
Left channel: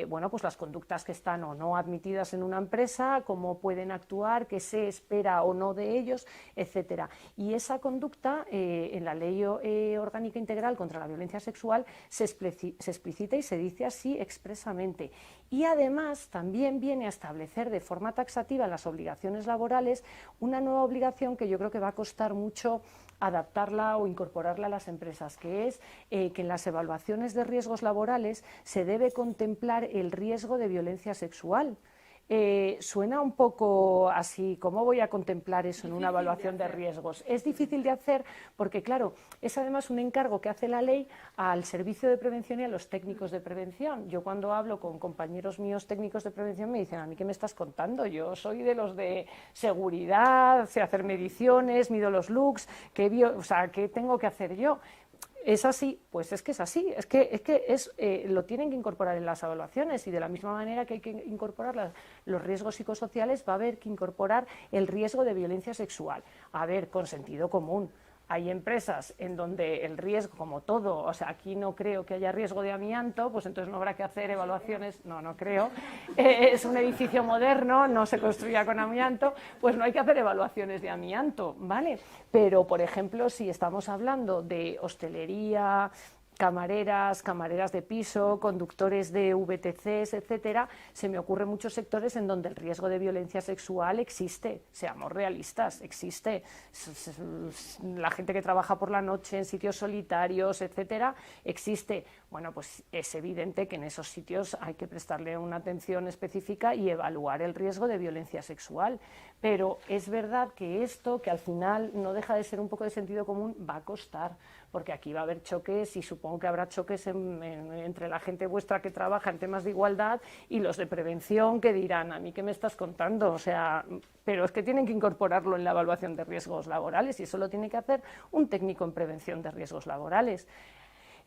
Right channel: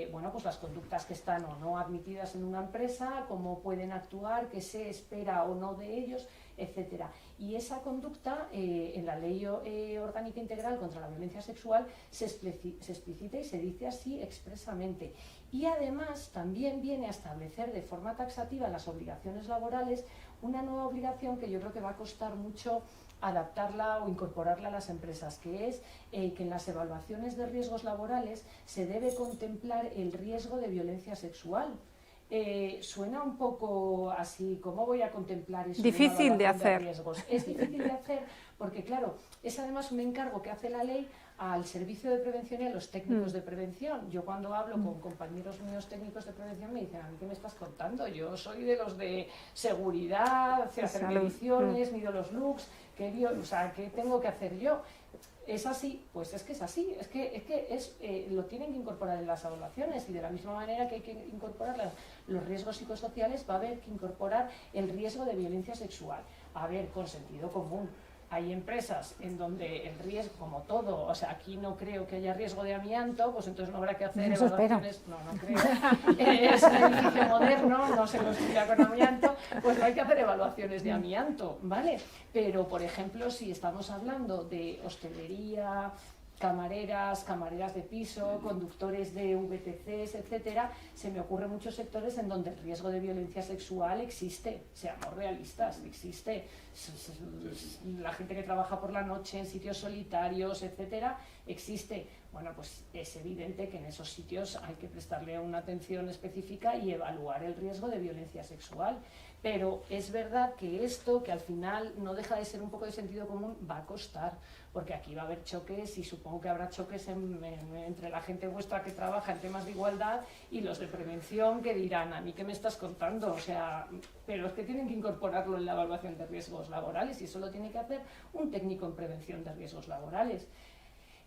bueno, pues las conductas que están o no admitidas en una empresa, cómo pueden actuar, qué se espera o no de ellos, etcétera. Y esa conducta en la Ley Orgánica Integral contra la Violencia Sexual se explicita y se dice así expresamente. Y además también viene a establecer de forma taxativa las obligaciones laborales, una nueva obligación que yo creo que va a costar mucho adaptarla o incorporarla a las empresas, que es que en las evaluaciones de riesgos laborales se debe contemplar el riesgo de violencia sexual. Suena un poco así, ¿cómo voy a contemplar eso? Difícil de hacer. Riesgos? Es difícil de hacer porque, claro, es además un encargo que hace la ley al servicio de prevención y a los técnicos de prevención. Yo cuando hablo con compañeros míos técnicos de prevención me dicen, ¿a mí qué me estás contando? Yo soy de los de seguridad, sé hacer mediciones, mido los looks, ¿qué tengo que hacer yo? ¿Es así? Pues es que es así, lo tienen que incorporar en las evaluaciones y de la misma manera que hay que incorporar los riesgos psicosociales va a haber que incorporar el riesgo de violencia sexual. A ver, con sentido común. Hay empresas en donde el riesgo, como todo, o sea, aquí no creo que haya riesgo de amianto, pues entonces no habrá que hacer evaluaciones, no creo, es un edificio moderno, no se construía con amianto, pues no hay que hacer evaluaciones de amianto, ¿vale? Pero, por ejemplo, si estamos hablando de hostelería, camareras de piso, conductores de VTCs, etcétera, se me ocurren muchos sectores en donde el riesgo de violencia sexual existe, seamos realistas, existe. La gente que trabaja por la noche en sitios solitarios, etcétera, existe. Bueno, pues es evidente que en esos sitios hay que prestarle una atención específica y evaluar el riesgo de violencia sexual. Pero es verdad que esto, que al final no deja de ser un poco de sentido común, va a costar, porque aquí va a haber choques y supongo que habrá choques entre la gente vuestra que trabaja en temas de igualdad y los de prevención que dirán, ¿a mí qué me estás contando? O sea, pero es que tienen que incorporarlo en la evaluación de riesgos laborales y eso lo tiene que hacer un técnico en prevención de riesgos laborales.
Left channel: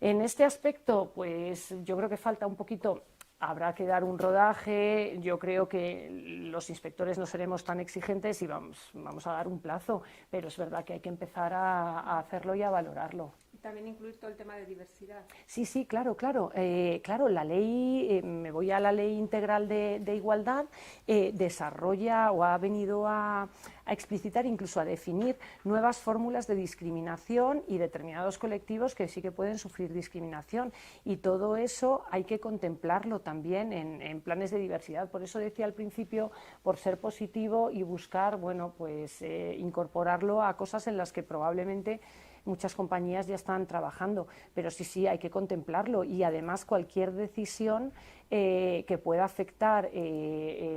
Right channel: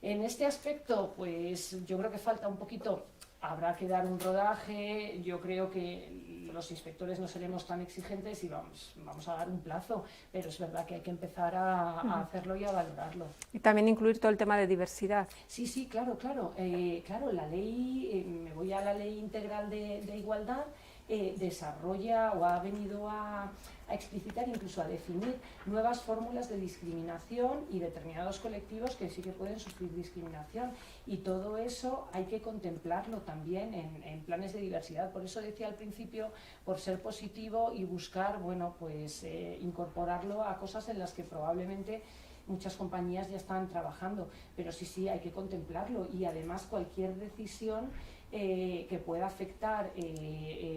En este aspecto, pues yo creo que falta un poquito. Habrá que dar un rodaje, yo creo que los inspectores no seremos tan exigentes y vamos a dar un plazo, pero es verdad que hay que empezar a hacerlo y a valorarlo. Y también incluir todo el tema de diversidad. Sí, claro, la ley, me voy a la Ley Integral de Igualdad, desarrolla o ha venido a explicitar, incluso a definir nuevas fórmulas de discriminación y determinados colectivos que sí que pueden sufrir discriminación y todo eso hay que contemplarlo también en planes de diversidad. Por eso decía al principio, por ser positivo y buscar, bueno, pues incorporarlo a cosas en las que probablemente muchas compañías ya están trabajando, pero sí hay que contemplarlo y además cualquier decisión que pueda afectar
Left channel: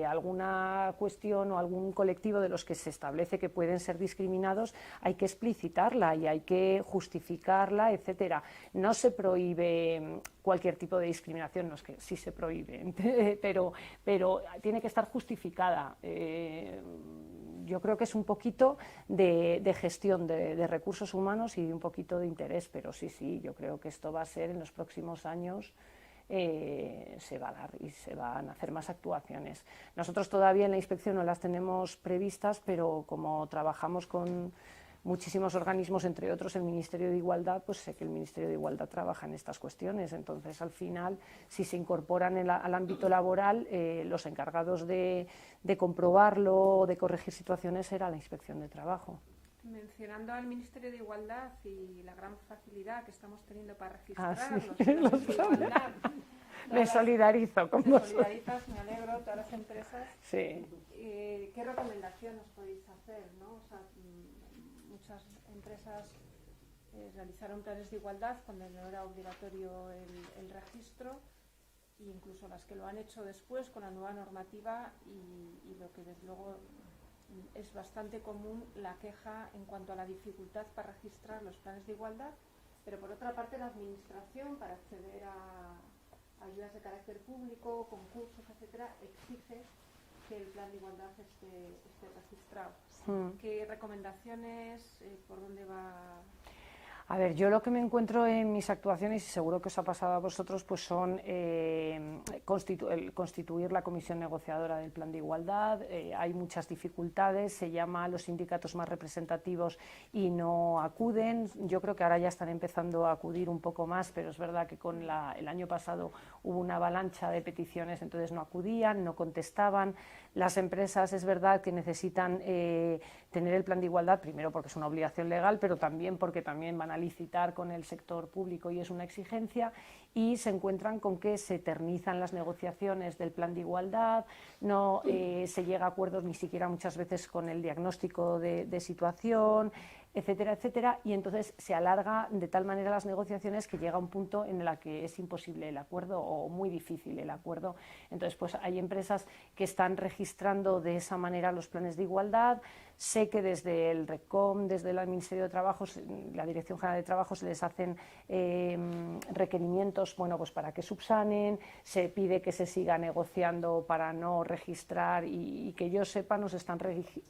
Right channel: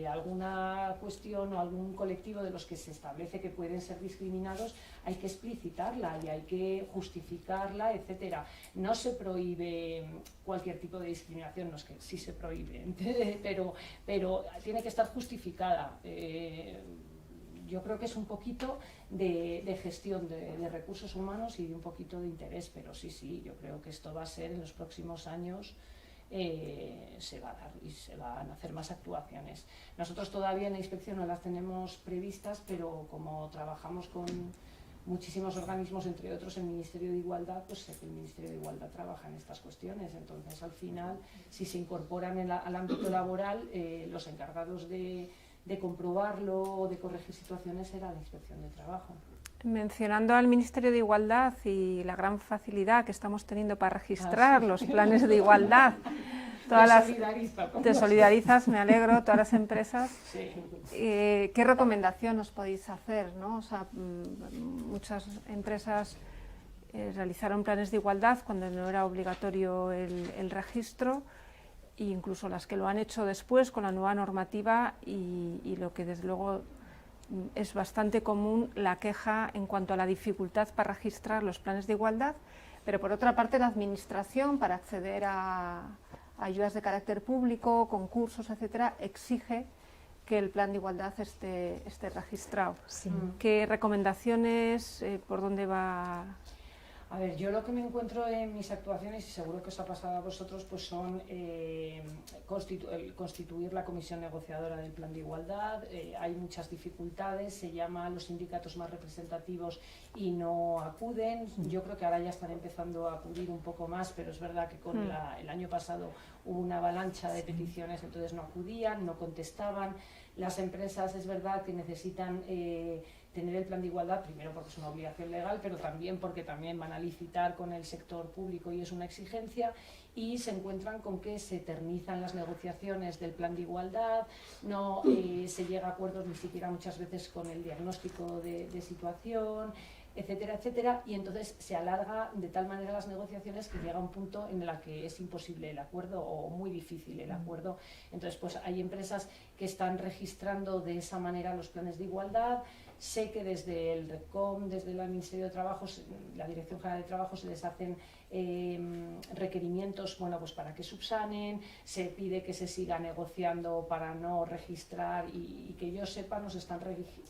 alguna cuestión o algún colectivo de los que se establece que pueden ser discriminados, hay que explicitarla y hay que justificarla, etcétera. No se prohíbe cualquier tipo de discriminación, no es que sí se prohíbe, pero tiene que estar justificada. Yo creo que es un poquito de gestión de recursos humanos y un poquito de interés, pero sí, yo creo que esto va a ser en los próximos años. Se va a dar y se van a hacer más actuaciones. Nosotros todavía en la inspección no las tenemos previstas, pero como trabajamos con muchísimos organismos, entre otros el Ministerio de Igualdad, pues sé que el Ministerio de Igualdad trabaja en estas cuestiones. Entonces, al final, si se incorporan al ámbito laboral, los encargados de comprobarlo o de corregir situaciones será la Inspección de Trabajo. Mencionando al Ministerio de Igualdad y la gran facilidad que estamos teniendo para registrar los planes de igualdad. Te solidarizas, me alegro, todas las empresas. Sí. ¿Qué recomendación os podéis hacer, ¿no? O sea, muchas empresas realizaron planes de igualdad cuando no era obligatorio el registro, e incluso las que lo han hecho después con la nueva normativa y lo que desde luego es bastante común, la queja en cuanto a la dificultad para registrar los planes de igualdad, pero por otra parte la administración para acceder a ayudas de carácter público, concursos, etcétera, exige que el plan de igualdad esté registrado. Sí. ¿Qué recomendaciones, por dónde va? A ver, yo lo que me encuentro en mis actuaciones, y seguro que os ha pasado a vosotros, pues son constituir la comisión negociadora del plan de igualdad. Hay muchas dificultades, se llama a los sindicatos más representativos y no acuden. Yo creo que ahora ya están empezando a acudir un poco más, pero es verdad que con el año pasado hubo una avalancha de peticiones, entonces no acudían, no contestaban. Las empresas es verdad que necesitan tener el plan de igualdad, primero porque es una obligación legal, pero también porque también van a licitar con el sector público y es una exigencia, y se encuentran con que se eternizan las negociaciones del plan de igualdad, no se llega a acuerdos ni siquiera muchas veces con el diagnóstico de situación, etcétera, etcétera, y entonces se alarga de tal manera las negociaciones que llega un punto en el que es imposible el acuerdo o muy difícil el acuerdo. Entonces, pues hay empresas que están registrando de esa manera los planes de igualdad. Sé que desde el RECOM, desde el Ministerio de Trabajo, la Dirección General de Trabajo, se les hacen requerimientos, bueno, pues para que subsanen, se pide que se siga negociando para no registrar y que yo sepa no se están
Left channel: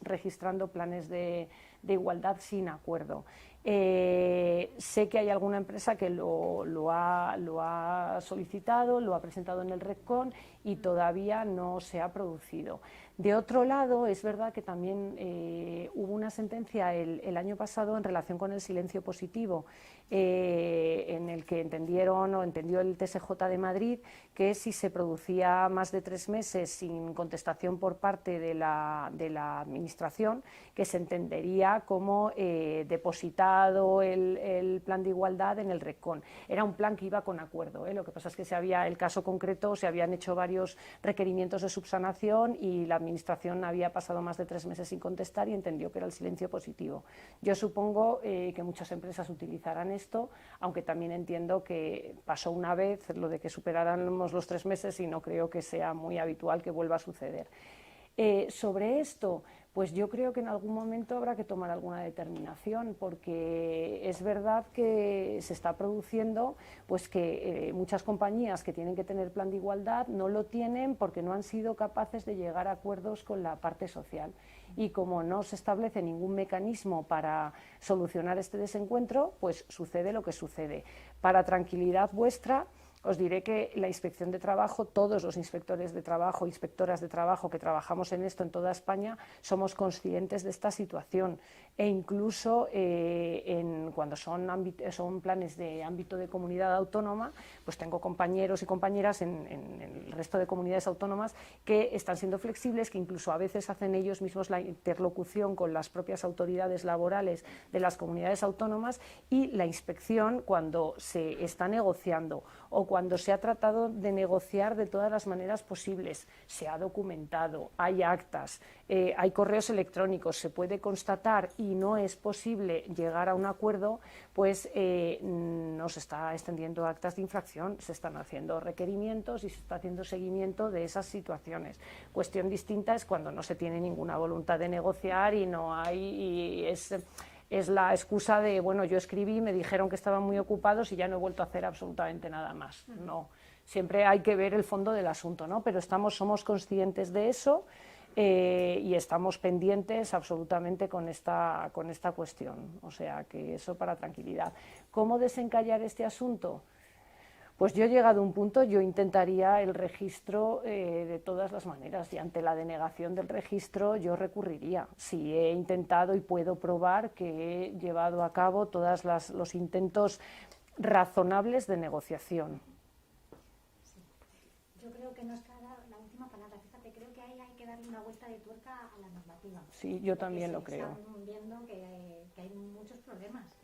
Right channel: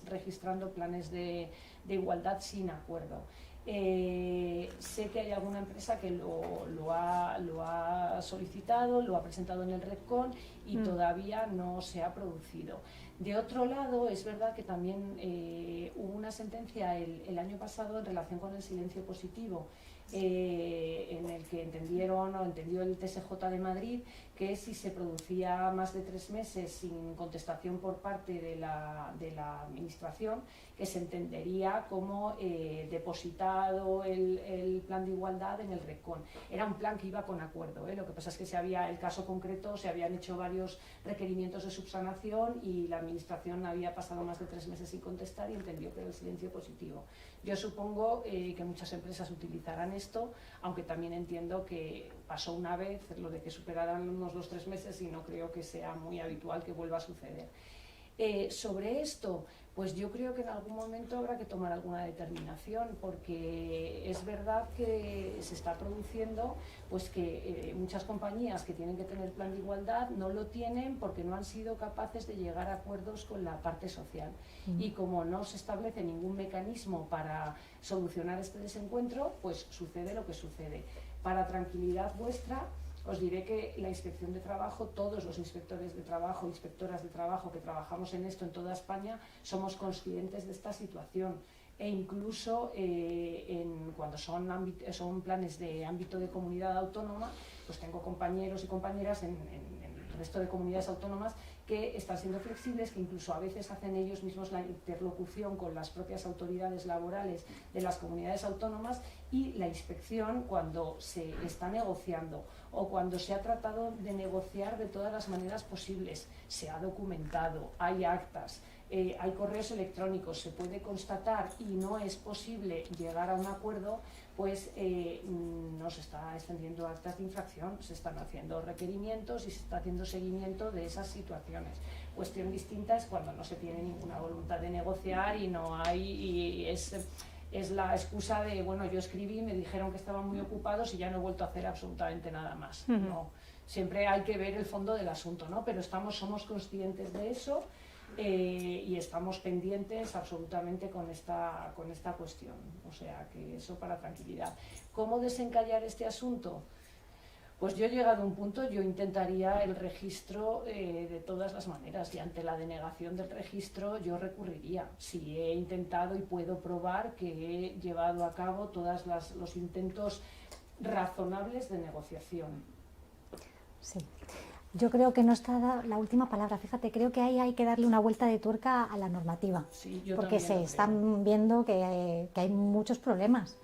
registrando planes de igualdad sin acuerdo. Sé que hay alguna empresa que lo ha solicitado, lo ha presentado en el RECOM y todavía no se ha producido. De otro lado, es verdad que también hubo una sentencia el año pasado en relación con el silencio positivo, en el que entendió el TSJ de Madrid que si se producía más de 3 meses sin contestación por parte de la Administración, que se entendería como depositado el plan de igualdad en el RECOM. Era un plan que iba con acuerdo, lo que pasa es que el caso concreto, se habían hecho varios requerimientos de subsanación y la Administración había pasado más de 3 meses sin contestar y entendió que era el silencio positivo. Yo supongo que muchas empresas utilizarán esto, aunque también entiendo que pasó una vez lo de que superáramos los 3 meses y no creo que sea muy habitual que vuelva a suceder. Sobre esto, pues yo creo que en algún momento habrá que tomar alguna determinación, porque es verdad que se está produciendo pues que muchas compañías que tienen que tener plan de igualdad no lo tienen porque no han sido capaces de llegar a acuerdos con la parte social. Y como no se establece ningún mecanismo para solucionar este desencuentro, pues sucede lo que sucede. Para tranquilidad vuestra, os diré que la Inspección de Trabajo, todos los inspectores de trabajo, inspectoras de trabajo que trabajamos en esto en toda España, somos conscientes de esta situación. E incluso cuando son planes de ámbito de comunidad autónoma, pues tengo compañeros y compañeras en el resto de comunidades autónomas que están siendo flexibles, que incluso a veces hacen ellos mismos la interlocución con las propias autoridades laborales de las comunidades autónomas, y la inspección, cuando se está negociando o cuando se ha tratado de negociar de todas las maneras posibles, se ha documentado, hay actas, hay correos electrónicos, se puede constatar y no es posible llegar a un acuerdo, pues no se está extendiendo actas de infracción, se están haciendo requerimientos y se está haciendo seguimiento de esas situaciones. Cuestión distinta es cuando no se tiene ninguna voluntad de negociar y no hay, y es la excusa de, bueno, yo escribí, me dijeron que estaban muy ocupados y ya no he vuelto a hacer absolutamente nada más. No, siempre hay que ver el fondo del asunto, ¿no? Pero somos conscientes de eso y estamos pendientes absolutamente con esta cuestión. O sea, que eso para tranquilidad. ¿Cómo desencallar este asunto? Pues yo he llegado a un punto, yo intentaría el registro de todas las maneras, y ante la denegación del registro yo recurriría. Si he intentado y puedo probar que he llevado a cabo todos los intentos razonables de negociación. Sí. Yo creo que no está la última palabra. Fíjate, creo que ahí hay que darle una vuelta de tuerca a la normativa. Sí, yo porque también se están viendo que hay muchos problemas,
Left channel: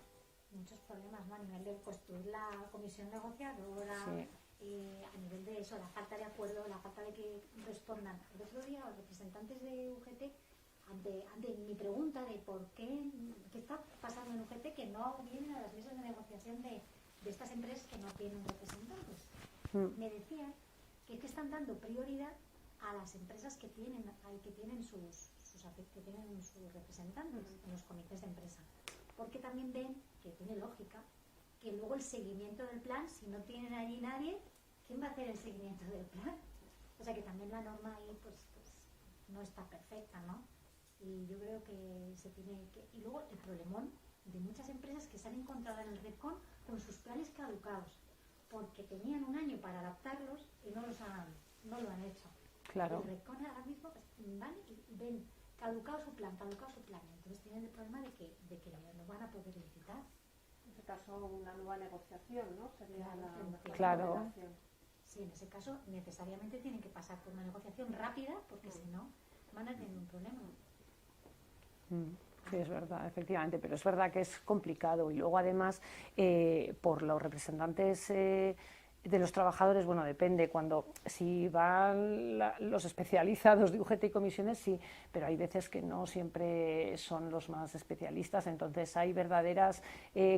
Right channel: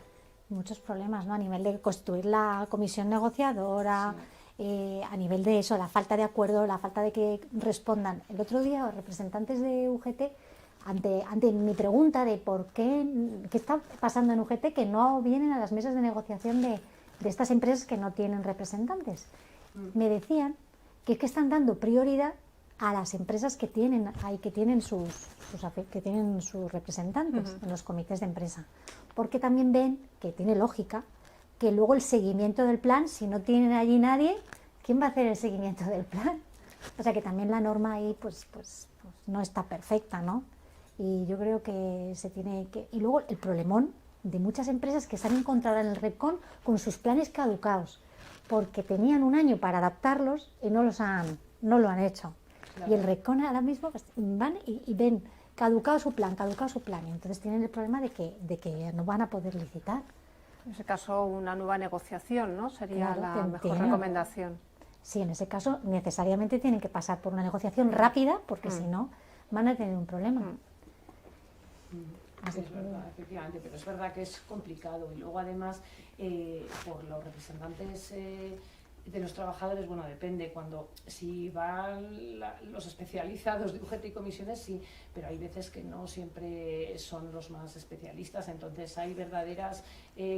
¿no? A nivel de constituir la comisión negociadora, sí. A nivel de eso, la falta de acuerdo, la falta de que respondan. El otro día los representantes de UGT, ante mi pregunta de por qué está pasando en UGT, que no vienen a las mesas de negociación de estas empresas que no tienen representantes, me decían que es que están dando prioridad a las empresas que tienen sus representantes en los comités de empresa, porque también ven que tiene lógica que luego el seguimiento del plan, si no tienen allí nadie, ¿quién va a hacer el seguimiento del plan? O sea que también la norma ahí pues no está perfecta, ¿no? Y yo creo que se tiene que... Y luego el problemón de muchas empresas que se han encontrado en el REPCON con sus planes caducados, porque tenían un año para adaptarlos y no lo han hecho. Claro. Y el REPCON ahora mismo pues, van y ven caducado su plan, y entonces tienen el problema de que no van a poder licitar. En ese caso, una nueva negociación, ¿no? Sería claro, la mejor recomendación. Sí, en ese caso necesariamente tienen que pasar por una negociación rápida, porque si no van a tener un problema. Sí, es verdad, efectivamente, pero es verdad que es complicado y luego además por los representantes de los trabajadores, bueno, depende, si van los especializados de UGT y comisiones, sí, pero hay veces que no siempre son los más especialistas, entonces hay verdaderos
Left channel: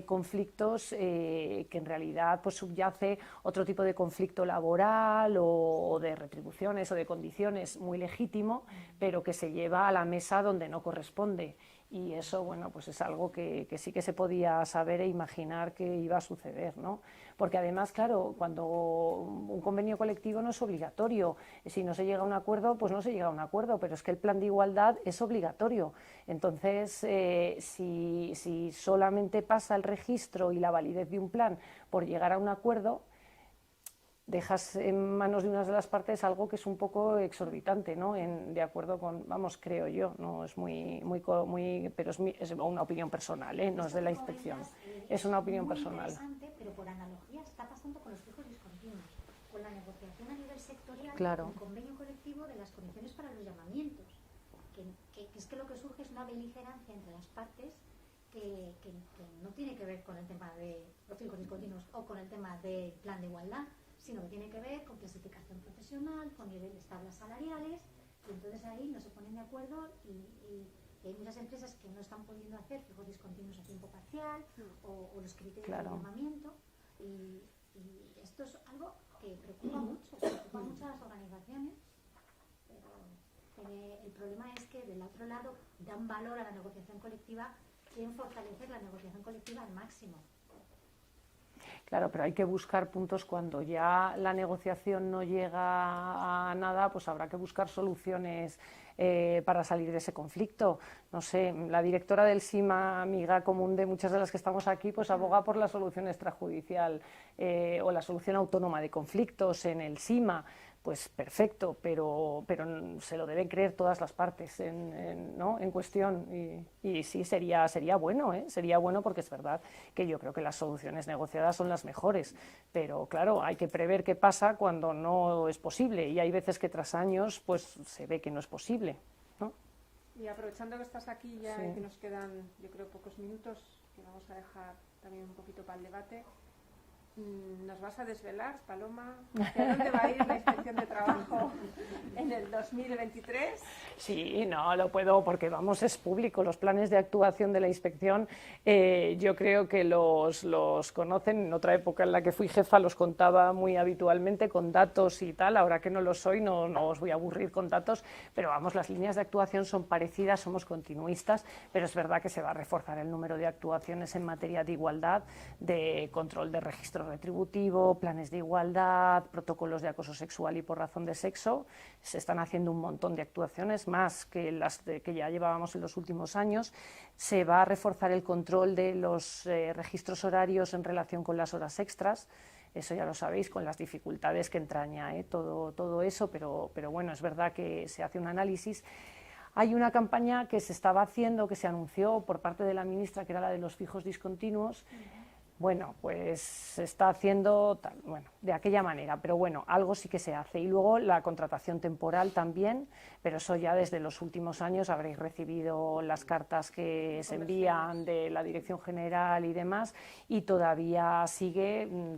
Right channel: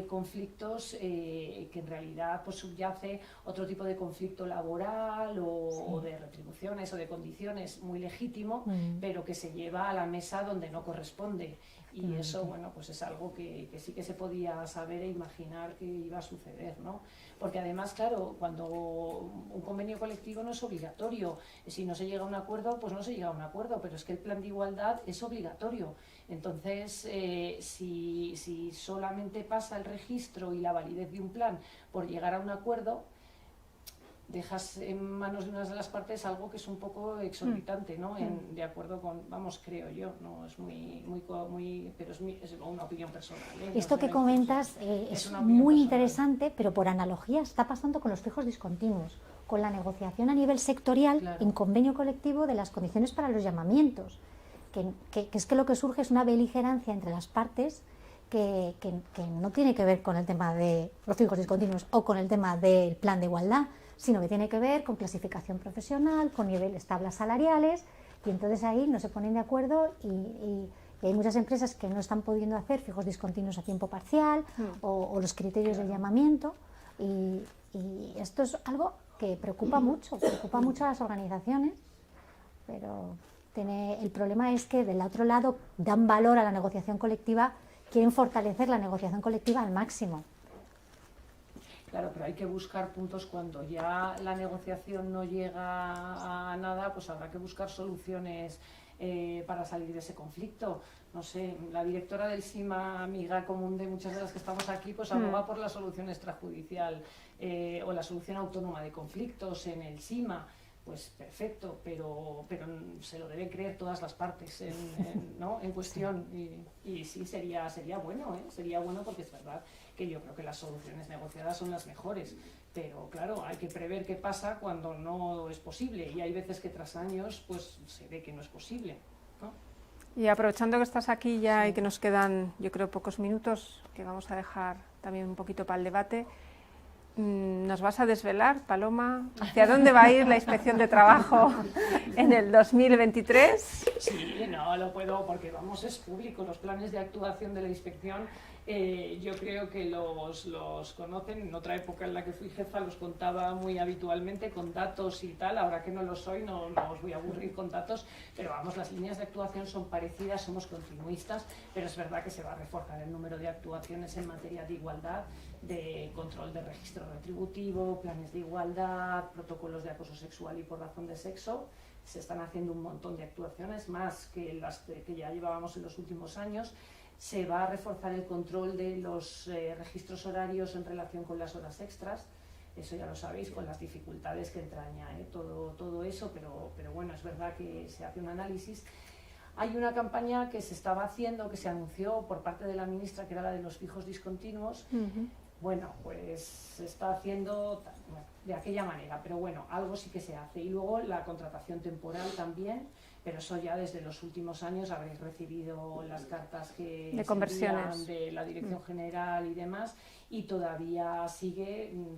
conflictos que en realidad pues subyace otro tipo de conflicto laboral o de retribuciones o de condiciones muy legítimo, pero que se lleva a la mesa donde no corresponde. Y eso, bueno, pues es algo que sí que se podía saber e imaginar que iba a suceder, ¿no? Porque además, claro, cuando un convenio colectivo no es obligatorio, si no se llega a un acuerdo, pues no se llega a un acuerdo, pero es que el plan de igualdad es obligatorio. Entonces, si solamente pasa el registro y la validez de un plan por llegar a un acuerdo, dejas en manos de una de las partes algo que es un poco exorbitante, ¿no? De acuerdo con, vamos, creo yo, no es pero es una opinión personal, ¿eh? No esto que comentas es muy interesante, pero por analogía está pasando con los fijos discontinuos, con la negociación a nivel sectorial en convenio colectivo de las condiciones para los llamamientos, que es que lo que surge es una beligerancia entre las partes que no tiene que ver con el tema de los fijos discontinuos o con el tema del plan de igualdad, sino que tiene que ver con clasificación profesional, con niveles, tablas salariales, y entonces ahí no se ponen de acuerdo y hay muchas empresas que no están pudiendo hacer fijos discontinuos a tiempo parcial o los criterios de llamamiento, y esto es algo que preocupa mucho a las organizaciones, pero el problema es que del otro lado dan valor a la negociación colectiva, quieren fortalecer la negociación colectiva al máximo. Claro, pero hay que buscar puntos cuando ya la negociación no llega a nada, pues habrá que buscar soluciones para salir de ese conflicto. No sé, la directora del SIMA, amiga común de muchas de las que estamos aquí, pues aboga por la solución extrajudicial o la solución autónoma de conflictos en el SIMA. Pues perfecto, pero se lo deben creer todas las partes en cuestión y sí, sería bueno, sería bueno, porque es verdad que yo creo que las soluciones negociadas son las mejores, pero claro, hay que prever qué pasa cuando no es posible y hay veces que tras años pues se ve que no es posible, ¿no? Y aprovechando que estás aquí ya y que nos quedan, yo creo, pocos minutos, que vamos a dejar también un poquito para el debate, ¿nos vas a desvelar, Paloma, hacia dónde va a ir la Inspección de Trabajo en el 2023? Sí, no lo puedo porque, vamos, es público. Los planes de actuación de la Inspección yo creo que los conocen. En otra época en la que fui jefa los contaba muy habitualmente con datos y tal. Ahora que no lo soy no os voy a aburrir con datos, pero vamos, las líneas de actuación son parecidas, somos continuistas, pero es verdad que se va a reforzar el número de actuaciones en materia de igualdad, de control de registro retributivo, planes de igualdad, protocolos de acoso sexual y por razón de sexo. Se están haciendo un montón de actuaciones, más que las que ya llevábamos en los últimos años. Se va a reforzar el control de los registros horarios en relación con las horas extras. Eso ya lo sabéis, con las dificultades que entraña todo eso, pero bueno, es verdad que se hace un análisis. Hay una campaña que se estaba haciendo, que se anunció por parte de la ministra, que era la de los fijos discontinuos. Bueno, pues se está haciendo de aquella manera, pero bueno, algo sí que se hace. Y luego la contratación temporal también, pero eso ya desde los últimos años habréis recibido las cartas que se envían de la Dirección General y demás, y todavía se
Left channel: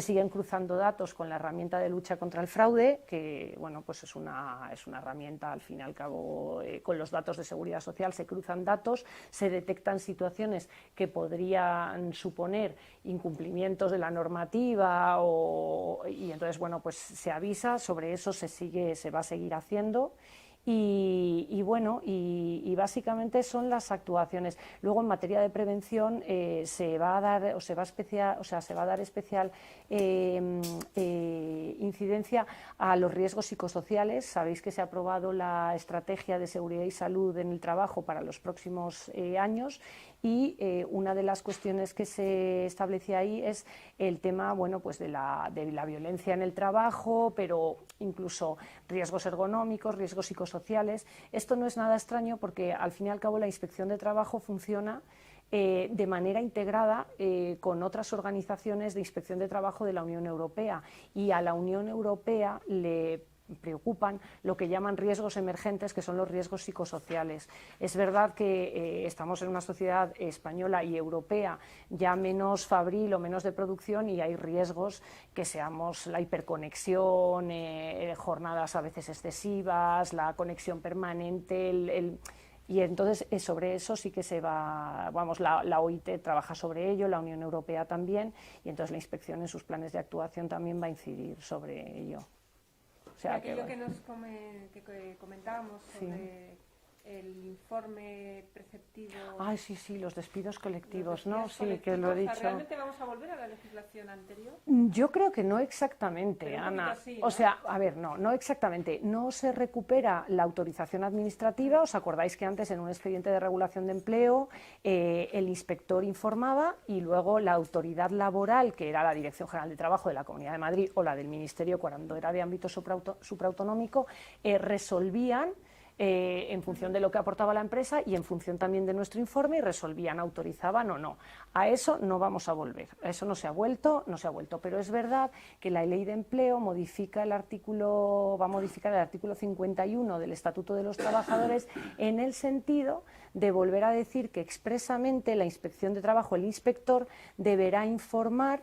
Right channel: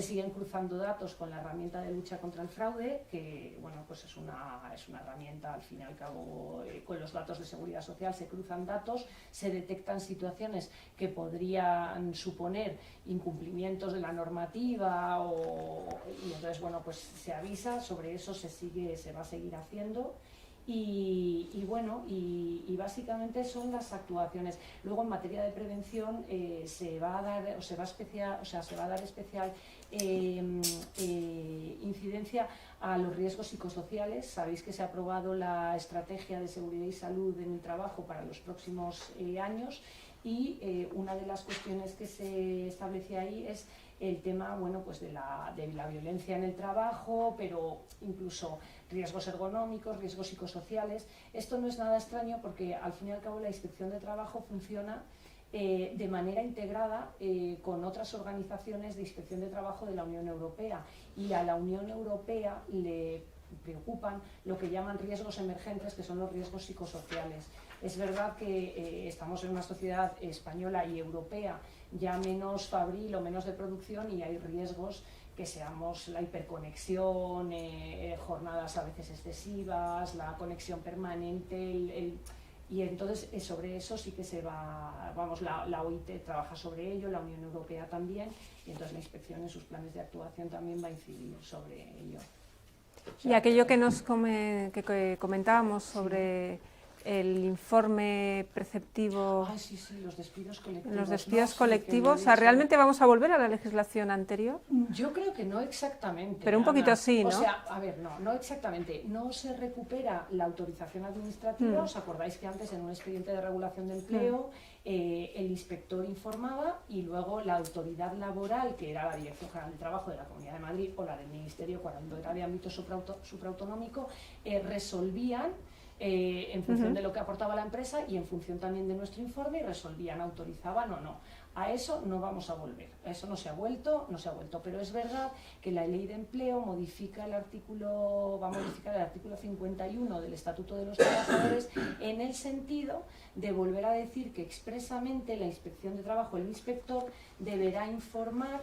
siguen cruzando datos con la herramienta de lucha contra el fraude, que bueno, pues es una herramienta, al fin y al cabo, con los datos de seguridad social se cruzan datos, se detectan situaciones que podrían suponer incumplimientos de la normativa y entonces bueno, pues se avisa, sobre eso se va a seguir haciendo. Y bueno, y básicamente son las actuaciones. Luego, en materia de prevención, se va a dar especial incidencia a los riesgos psicosociales. Sabéis que se ha aprobado la estrategia de seguridad y salud en el trabajo para los próximos años y una de las cuestiones que se establece ahí es el tema, bueno, pues de la violencia en el trabajo, pero incluso riesgos ergonómicos, riesgos psicosociales. Esto no es nada extraño porque al fin y al cabo la Inspección de Trabajo funciona de manera integrada con otras organizaciones de inspección de trabajo de la Unión Europea, y a la Unión Europea le preocupan lo que llaman riesgos emergentes, que son los riesgos psicosociales. Es verdad que estamos en una sociedad española y europea ya menos fabril o menos de producción, y hay riesgos que seamos la hiperconexión, jornadas a veces excesivas, la conexión permanente, y entonces sobre eso sí que se va, vamos, la OIT trabaja sobre ello, la Unión Europea también, y entonces la inspección en sus planes de actuación también va a incidir sobre ello. O sea, y aquello que comentábamos sobre el informe preceptivo. Ay, sí, sí, los despidos colectivos. Los despidos ¿no? colectivos, Sí, o sea, ¿realmente vamos a volver a la legislación anterior? Yo creo que no exactamente. Pero un poquito Ana. sí, ¿no? O sea, a ver, no exactamente. No se recupera la autorización administrativa. ¿Os acordáis que antes en un expediente de regulación de empleo el inspector informaba y luego la autoridad laboral, que era la Dirección General de Trabajo de la Comunidad de Madrid o la del Ministerio cuando era de ámbito supraautonómico, resolvían en función de lo que aportaba la empresa y en función también de nuestro informe, y resolvían, autorizaban o no. A eso no vamos a volver, a eso no se ha vuelto, pero es verdad que la Ley de Empleo va a modificar el artículo 51 del Estatuto de los Trabajadores en el sentido de volver a decir que expresamente la Inspección de Trabajo, el inspector, deberá informar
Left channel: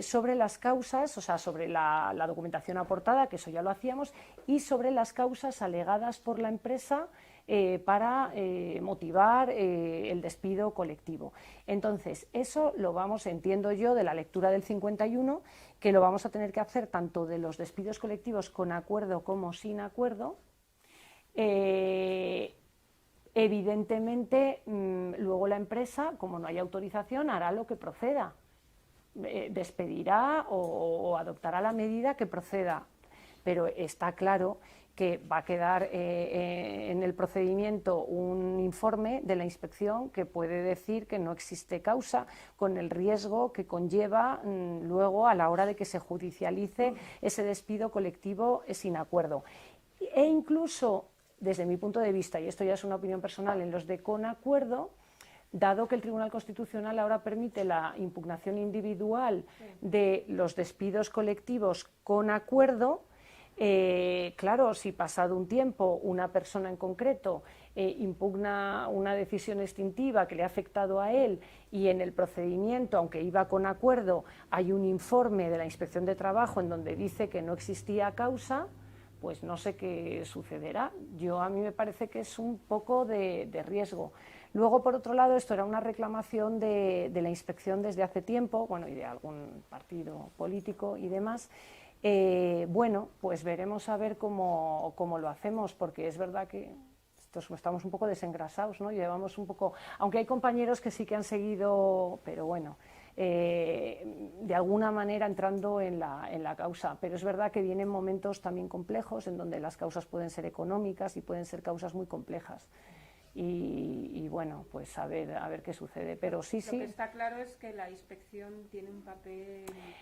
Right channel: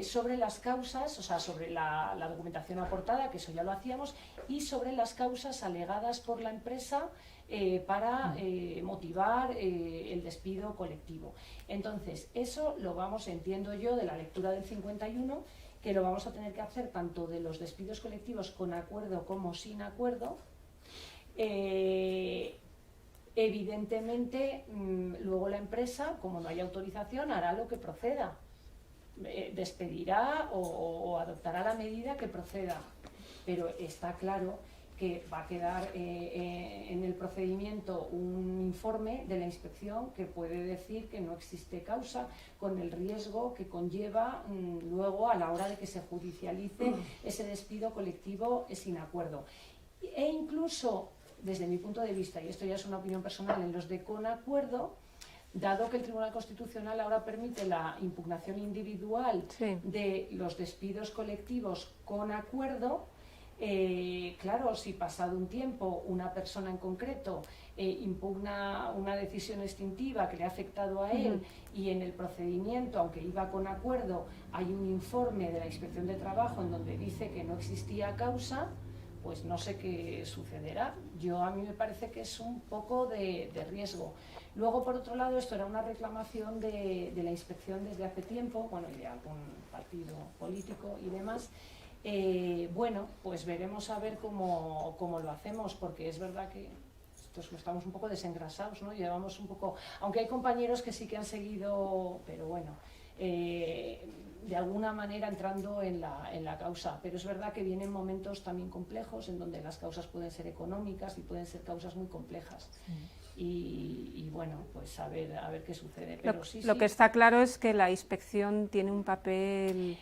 sobre las causas, o sea, sobre la documentación aportada, que eso ya lo hacíamos, y sobre las causas alegadas por la empresa para motivar el despido colectivo. Entonces, eso lo vamos, entiendo yo, de la lectura del 51, que lo vamos a tener que hacer tanto de los despidos colectivos con acuerdo como sin acuerdo. Evidentemente, luego la empresa, como no hay autorización, hará lo que proceda. Despedirá o adoptará la medida que proceda, pero está claro que va a quedar en el procedimiento un informe de la inspección que puede decir que no existe causa, con el riesgo que conlleva luego a la hora de que se judicialice ese despido colectivo sin acuerdo. E incluso, desde mi punto de vista, y esto ya es una opinión personal, en los de con acuerdo, dado que el Tribunal Constitucional ahora permite la impugnación individual de los despidos colectivos con acuerdo, claro, si pasado un tiempo una persona en concreto impugna una decisión extintiva que le ha afectado a él y en el procedimiento, aunque iba con acuerdo, hay un informe de la Inspección de Trabajo en donde dice que no existía causa, pues no sé qué sucederá. A mí me parece que es un poco de riesgo. Luego, por otro lado, esto era una reclamación de la inspección desde hace tiempo, bueno, y de algún partido político y demás. Bueno, pues veremos a ver cómo lo hacemos, porque es verdad que estamos un poco desengrasados, ¿no? Llevamos un poco, aunque hay compañeros que sí que han seguido, pero bueno, de alguna manera entrando en la causa, pero es verdad que vienen momentos también complejos en donde las causas pueden ser económicas y pueden ser causas muy complejas. Y bueno, pues a ver qué sucede. Pero lo que está claro es que la inspección tiene un papel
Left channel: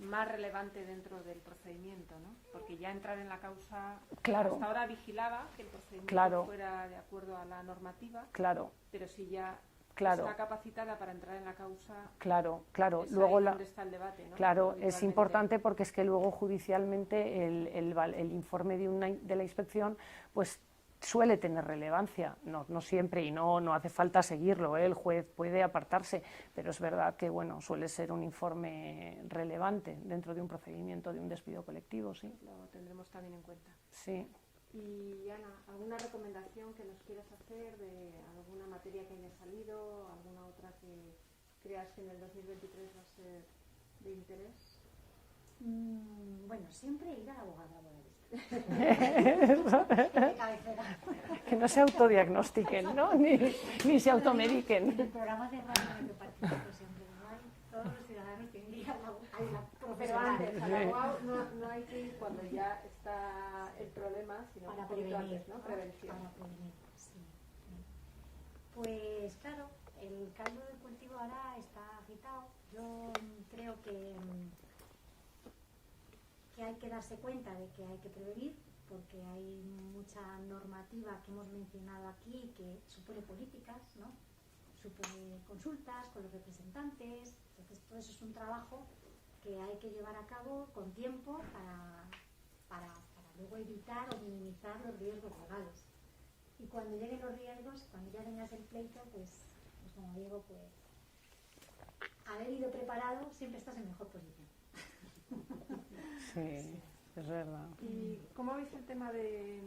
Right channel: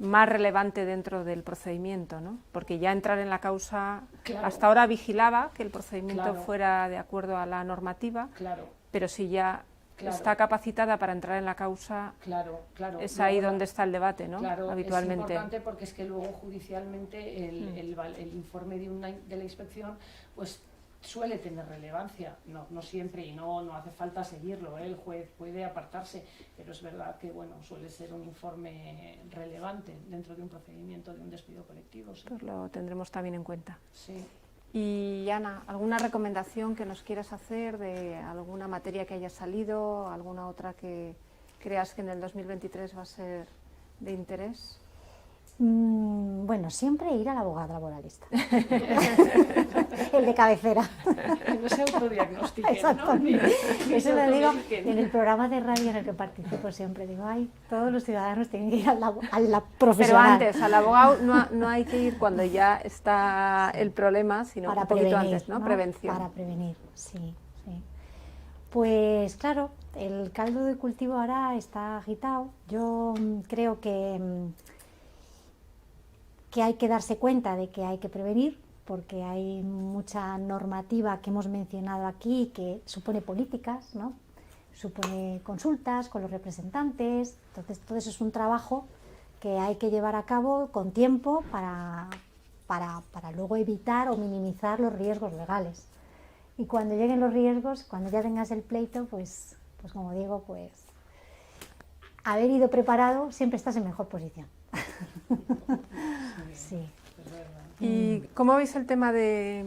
más relevante dentro del procedimiento, ¿no? Porque ya entrar en la causa, hasta ahora vigilaba que el procedimiento fuera de acuerdo a la normativa, pero si ya está capacitada para entrar en la causa, es luego ahí donde está el debate, ¿no? Habitualmente. Es importante porque es que luego judicialmente el informe de la inspección pues suele tener relevancia, no siempre, y no hace falta seguirlo, el juez puede apartarse, pero es verdad que bueno, suele ser un informe relevante dentro de un procedimiento de un despido colectivo. Sí. Pues lo tendremos también en cuenta. Sí. Y Ana, ¿alguna recomendación que nos quieras hacer de alguna materia que haya salido, alguna otra que creas que en el 2023 va a ser de interés? Bueno, siempre ir al abogado laboralista. El de cabecera. Que no se autodiagnostiquen, ¿no? Exactamente. Ni se Eso lo digo automediquen. en el programa de radio en el que participo siempre. Digo, ay, todos los ciudadanos tienen que ir a la profesional. Pero antes, al abogado no hay que ir cuando ya está el problema, sino Para un poquito prevenir, antes, ¿no? ¿no? Prevención. Para prevenir, sí, sí. Pues claro, el caldo de cultivo ahora está agitado. Yo creo que hay que darse cuenta de que hay que prevenir, porque hay mucha normativa que hemos mencionado aquí que supone políticas, ¿no? Supone consultas con los representantes. Entonces todo eso es un trabajo que hay que llevar a cabo con tiempo para luego evitar o minimizar los riesgos legales. Y cuando lleguen los riesgos, cuando ya tengas el pleito, pues como digo, pues haber ido preparado siempre estás en mejor posición. Sí, es verdad. ¿Y cómo veis el tema de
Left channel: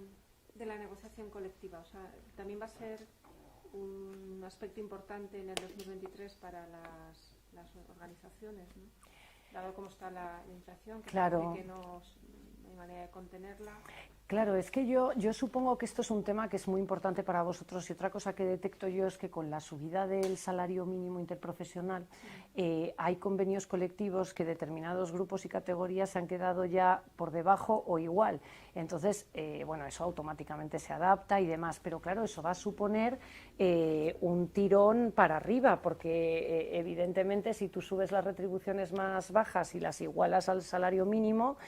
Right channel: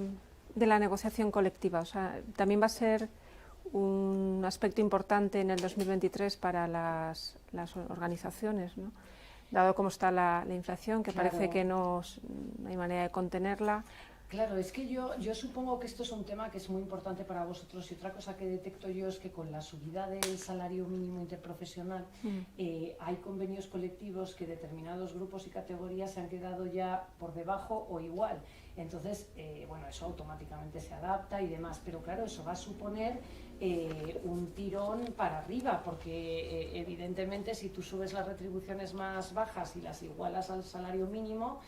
la negociación colectiva? O sea, también va a ser un aspecto importante en el 2023 para las organizaciones, ¿no? Dado cómo está la inflación, que Claro. parece que no hay manera de contenerla. Claro, es que yo supongo que esto es un tema que es muy importante para vosotros, y otra cosa que detecto yo es que con la subida del salario mínimo interprofesional hay convenios colectivos que determinados grupos y categorías se han quedado ya por debajo o igual. Entonces, bueno, eso automáticamente se adapta y demás, pero claro, eso va a suponer un tirón para arriba, porque evidentemente si tú subes las retribuciones más bajas y las igualas al salario mínimo,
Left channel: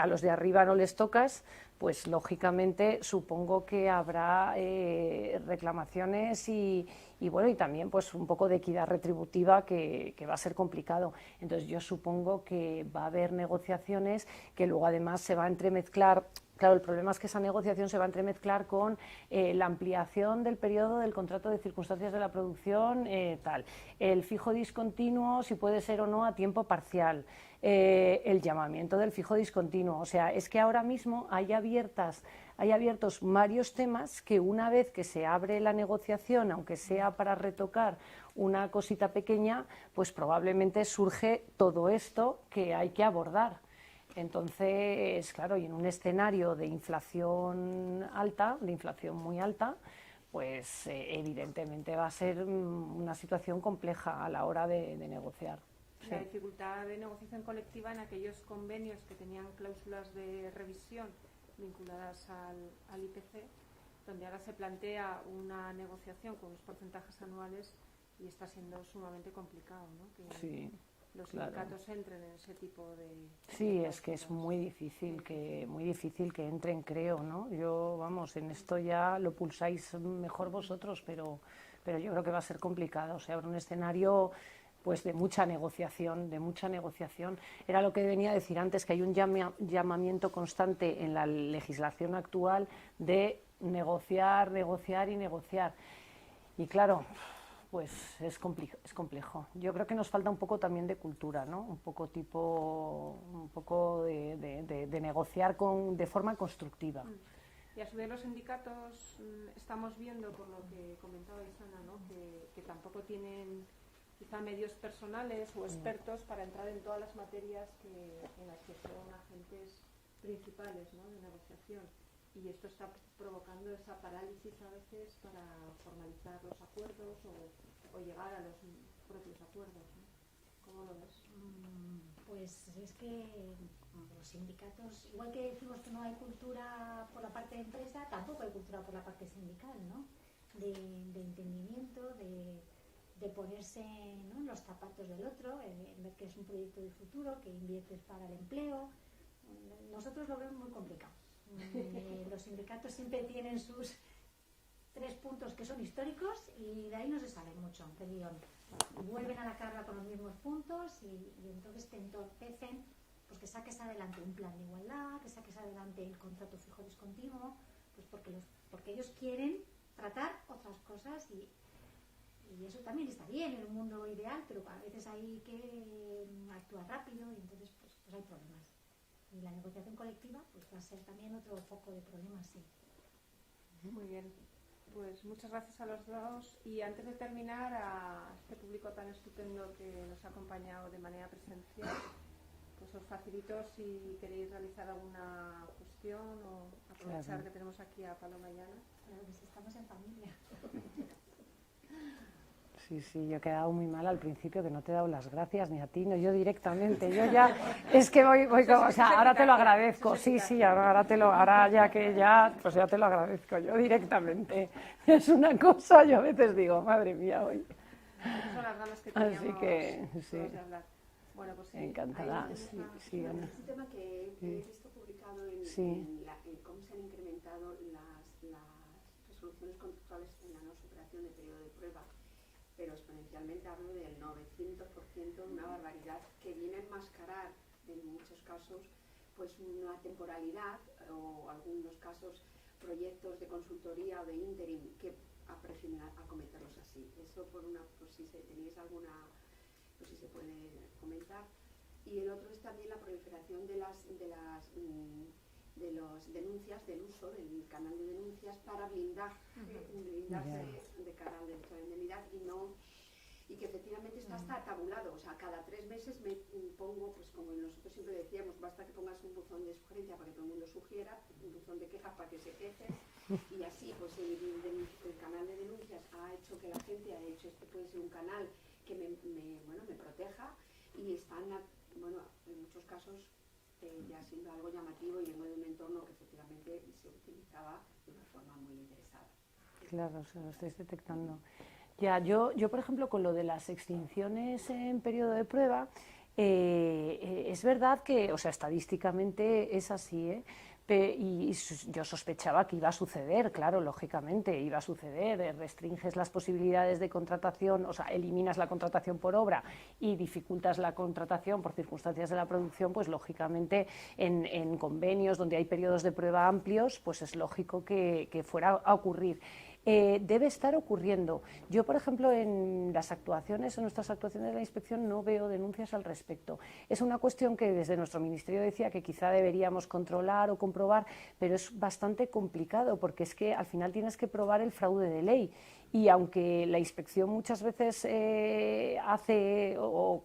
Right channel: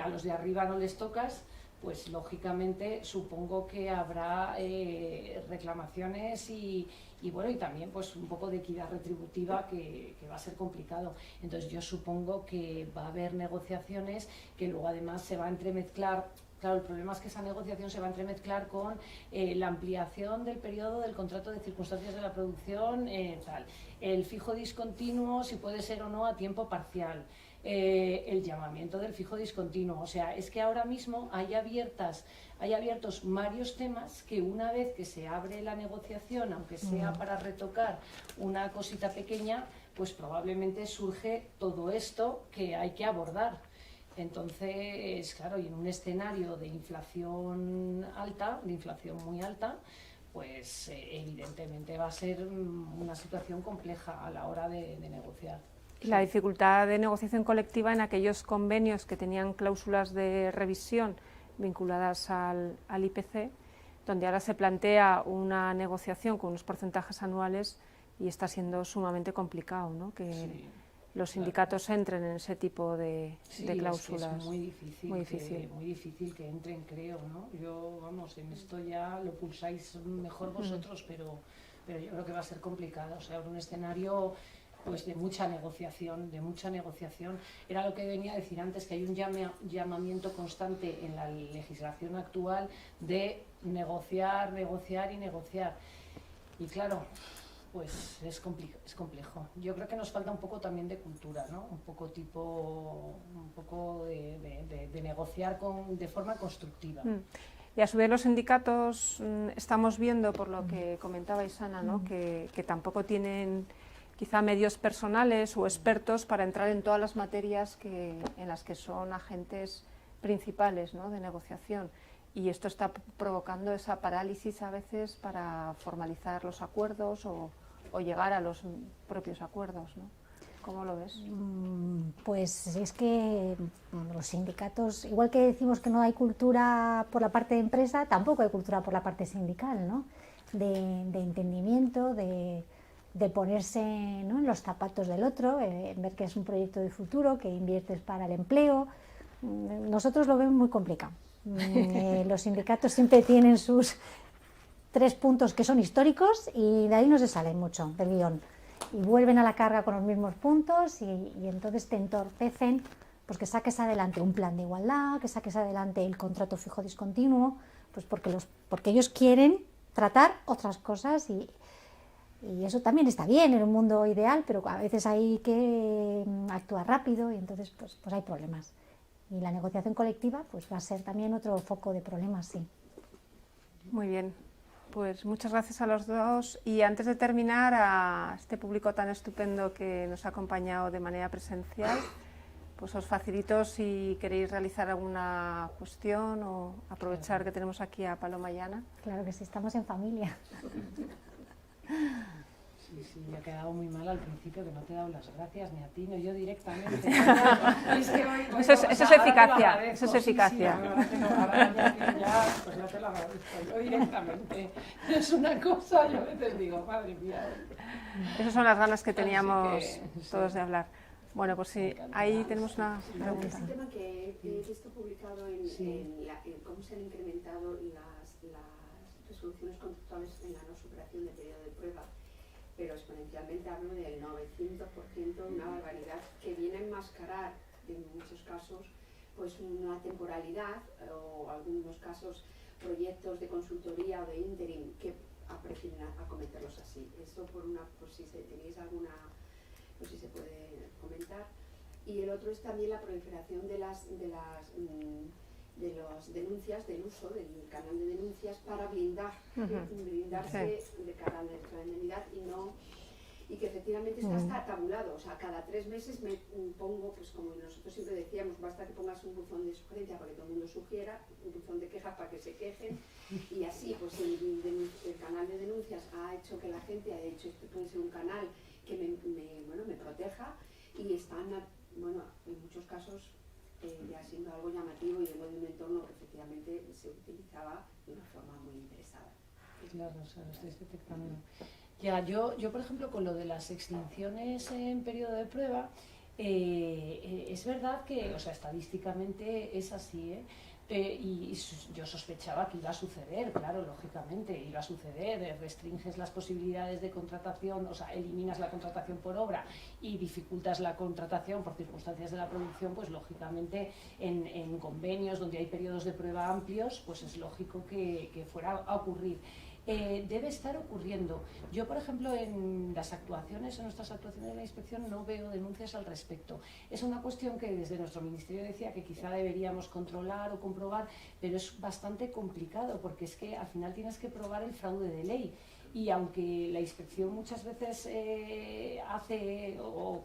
a los de arriba no les tocas, pues lógicamente supongo que habrá reclamaciones y bueno, y también pues un poco de equidad retributiva que va a ser complicado. Entonces yo supongo que va a haber negociaciones que luego además se va a entremezclar. Claro, el problema es que esa negociación se va a entremezclar con la ampliación del periodo del contrato de circunstancias de la producción, tal, el fijo discontinuo, si puede ser o no a tiempo parcial, el llamamiento del fijo discontinuo. O sea, es que ahora mismo hay abiertos varios temas que una vez que se abre la negociación, aunque sea para retocar una cosita pequeña, pues probablemente surge todo esto que hay que abordar. Entonces, claro, y en un escenario de inflación alta, de inflación muy alta, pues evidentemente va a ser una situación compleja a la hora de negociar. La dificultad de negociación colectiva en aquellos convenios que tenían cláusulas de revisión vinculadas al IPC, donde ahora se plantea una negociación con unos porcentajes anuales y está siendo sumamente complicado, ¿no? Que los sindicatos entren en ese tipo de cláusulas. Es que es muy difícil que entren, creo, ¿no? Yo, vamos, en esto ya lo pulsáis mejor vosotros, pero yo creo que va a ser complicado. O sea, en un escenario pues de mucha negociación. Era lo que venía a decir antes, que hay un llamamiento constante en la legislación actual de negociar. Y claro, pues es complejo. Yo creo que nos falta un poco también de cultura, ¿no? Un poco de negociar de forma constructiva. Y a su vez los sindicatos estamos viendo, por lo que comentabais, Ana, ¿no? que tampoco tienen quizá medios personales o expertos para entrar en todas las materias en las que son agentes principales, ¿no? de negociación. Y esto está provocando esa parálisis a veces para formalizar los acuerdos o llegar a los propios acuerdos, ¿no? ¿Cómo lo ves? Pues es que los sindicatos, igual que decimos que no hay cultura por la parte de empresa, tampoco hay cultura por la parte sindical, ¿no? De entendimiento, de ponerse, ¿no? en los zapatos del otro, ver que es un proyecto de futuro, que inviertes para el empleo. Nosotros lo vemos muy complicado. Los sindicatos siempre tienen sus 3 puntos que son históricos y de ahí no se salen mucho del guión. Y vuelven a la carga con los mismos puntos y entonces te entorpecen pues que saques adelante un plan de igualdad, que saques adelante el contrato fijo discontinuo, pues porque ellos quieren tratar otras cosas y eso también está bien en un mundo ideal, pero a veces hay que actuar rápido y entonces pues hay problemas. Y la negociación colectiva pues va a ser también otro foco de problemas, sí. Muy bien, pues muchas gracias a los dos. Y antes de terminar, a este público tan estupendo que nos ha acompañado de manera presencial, pues os facilito si queréis realizar alguna cuestión o aprovechar que tenemos aquí a Paloma y Ana. Claro que sí, estamos en familia. Sí, yo he quedado muy mal al principio, que no te he dado las gracias ni a ti, no yo directamente. Es que voy eso es eficacia, eso es eficacia. Ahora ya que pues ya te lo agradezco yo directamente. Es una cosa, yo a veces digo, madre mía, hoy. Esas son las ganas que teníamos todos sí. de hablar. Bueno, pues sí, ahí tenemos una pregunta. Es un tema que he visto publicado en cómo se han incrementado las resoluciones conductuales en la no superación del periodo de prueba, pero exponencialmente hablo del 900%, una barbaridad que viene a enmascarar en muchos casos pues una temporalidad o algunos casos proyectos de consultoría o de interim que prefieren acometerlos así. Eso por si tenéis alguna, pues si se puede comentar. Y el otro es también la proliferación de las denuncias, del uso del canal de denuncias para blindarse de cara al derecho a la indemnidad y que efectivamente está tabulado. O sea, cada 3 meses me pongo, pues como nosotros siempre decíamos, basta que pongas un buzón de sugerencia para que todo el mundo sugiera, un buzón de quejas para que se quejen, y así pues el canal de denuncias ha hecho que la gente haya dicho, este puede ser un canal que me proteja, y están, en muchos casos ya siendo algo llamativo, y vengo de un entorno que efectivamente se utilizaba de una forma muy interesada. Claro, se lo estáis detectando. Ya, yo por ejemplo, con lo de las extinciones en periodo de prueba, es verdad que, o sea, estadísticamente es así, y yo sospechaba que iba a suceder, claro, lógicamente, iba a suceder, restringes las posibilidades de contratación, o sea, eliminas la contratación por obra y dificultas la contratación por circunstancias de la producción, pues lógicamente en convenios donde hay periodos de prueba amplios, pues es lógico que fuera a ocurrir. Debe estar ocurriendo. Yo, por ejemplo, en nuestras actuaciones de la inspección no veo denuncias al respecto. Es una cuestión que desde nuestro ministerio decía que quizá deberíamos controlar o comprobar, pero es bastante complicado porque es que al final tienes que probar el fraude de ley, y aunque la inspección muchas veces hace o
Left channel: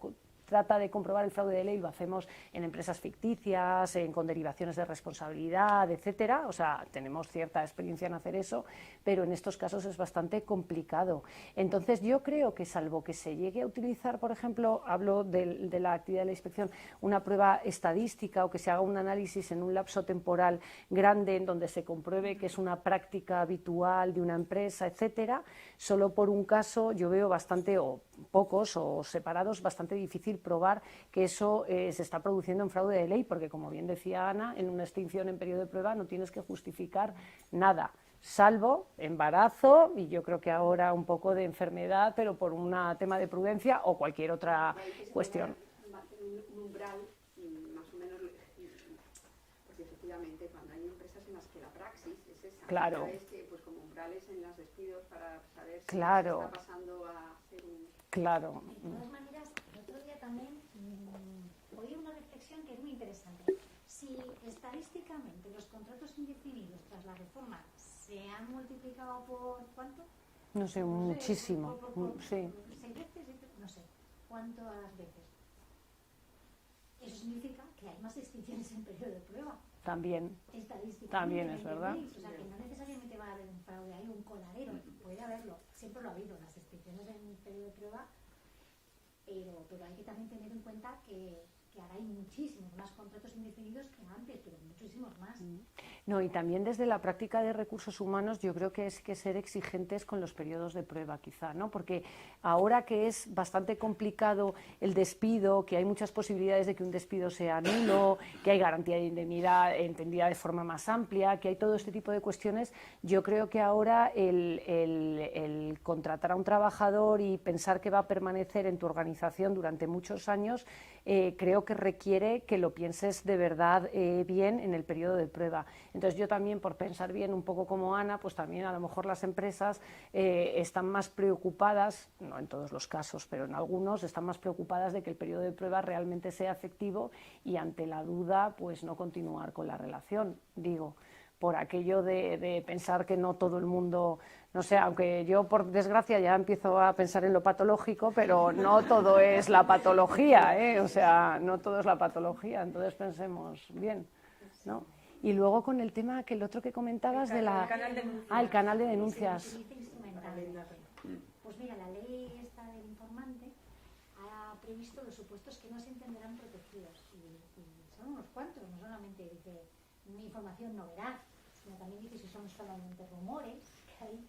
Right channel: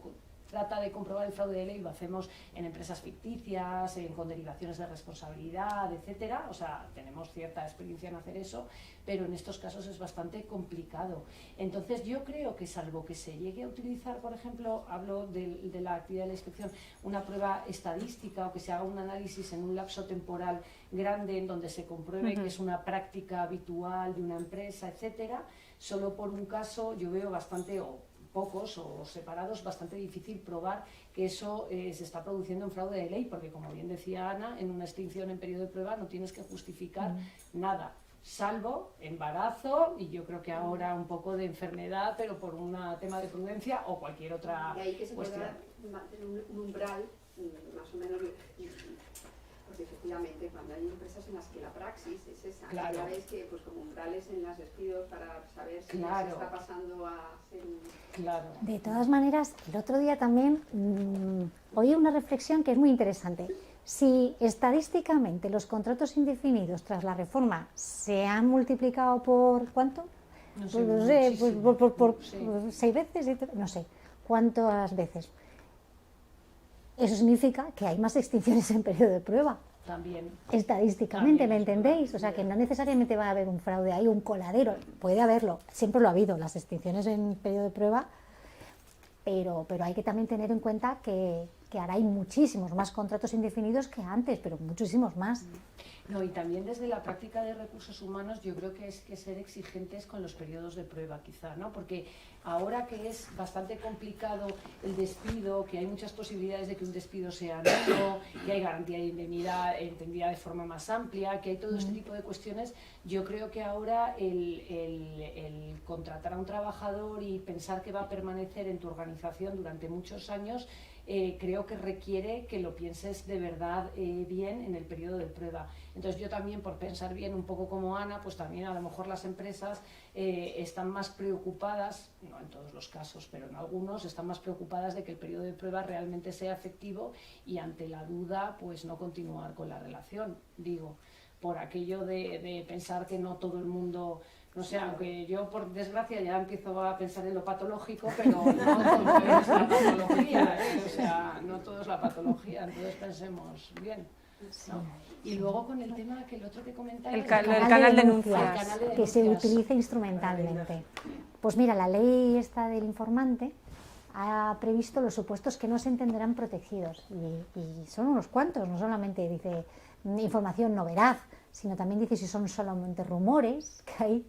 trata de comprobar el fraude de ley, lo hacemos en empresas ficticias, con derivaciones de responsabilidad, etcétera. O sea, tenemos cierta experiencia en hacer eso, pero en estos casos es bastante complicado. Entonces yo creo que, salvo que se llegue a utilizar, por ejemplo, hablo de la actividad de la inspección, una prueba estadística, o que se haga un análisis en un lapso temporal grande en donde se compruebe que es una práctica habitual de una empresa, etcétera, solo por un caso yo veo bastante, o pocos o separados, bastante difícil probar que eso se está produciendo en fraude de ley, porque como bien decía Ana, en una extinción en periodo de prueba no tienes que justificar nada, salvo embarazo, y yo creo que ahora un poco de enfermedad, pero por un tema de prudencia o cualquier otra cuestión. Un umbral, más o menos, porque efectivamente cuando hay empresas en las que la praxis es esa, claro. Sabéis que pues como umbrales en los despidos para saber si claro. se está pasando a ser un... Claro. De todas maneras, el otro día también oí una reflexión que es muy interesante. Si estadísticamente los contratos indefinidos tras la reforma se han multiplicado por ¿cuánto? No sé, por 6 veces, no sé cuántas veces. Eso significa que hay más extinciones en periodo de prueba. También. Estadísticamente, también, ¿me entendéis? ¿verdad? O sea, que no necesariamente va a haber un fraude ahí, un coladero. Puede haberlo, siempre lo ha habido, las extinciones en periodo de prueba, pero hay que también tener en cuenta que ahora hay muchísimos más contratos indefinidos que antes, pero muchísimos más. No, y también desde la práctica de recursos humanos yo creo que es que ser exigentes con los periodos de prueba quizá, ¿no? Porque ahora que es bastante complicado el despido, que hay muchas posibilidades de que un despido sea nulo, que hay garantía de indemnidad entendida de forma más amplia, que hay todo este tipo de cuestiones, yo creo que ahora el contratar a un trabajador y pensar que va a permanecer en tu organización durante muchos años, creo que requiere que lo pienses de verdad bien en el periodo de prueba. Entonces yo también, por pensar bien un poco como Ana, pues también a lo mejor las empresas están más preocupadas, no en todos los casos, pero en algunos están más preocupadas de que el periodo de prueba realmente sea efectivo y ante la duda pues no continuar con la relación, digo, por aquello de pensar que no todo el mundo No sé, aunque yo por desgracia ya empiezo a pensar en lo patológico, pero no todo es la patología, ¿eh? O sea, no todo es la patología, entonces pensemos bien, ¿no? Y luego con el tema que el otro que comentabas... El canal de denuncias. El canal de que denuncias. se utiliza instrumentalmente. Pues mira, la ley esta del informante ha previsto los supuestos que no se entenderán protegidos y son unos cuantos, no solamente dice información no veraz, sino también dice si son solamente rumores, que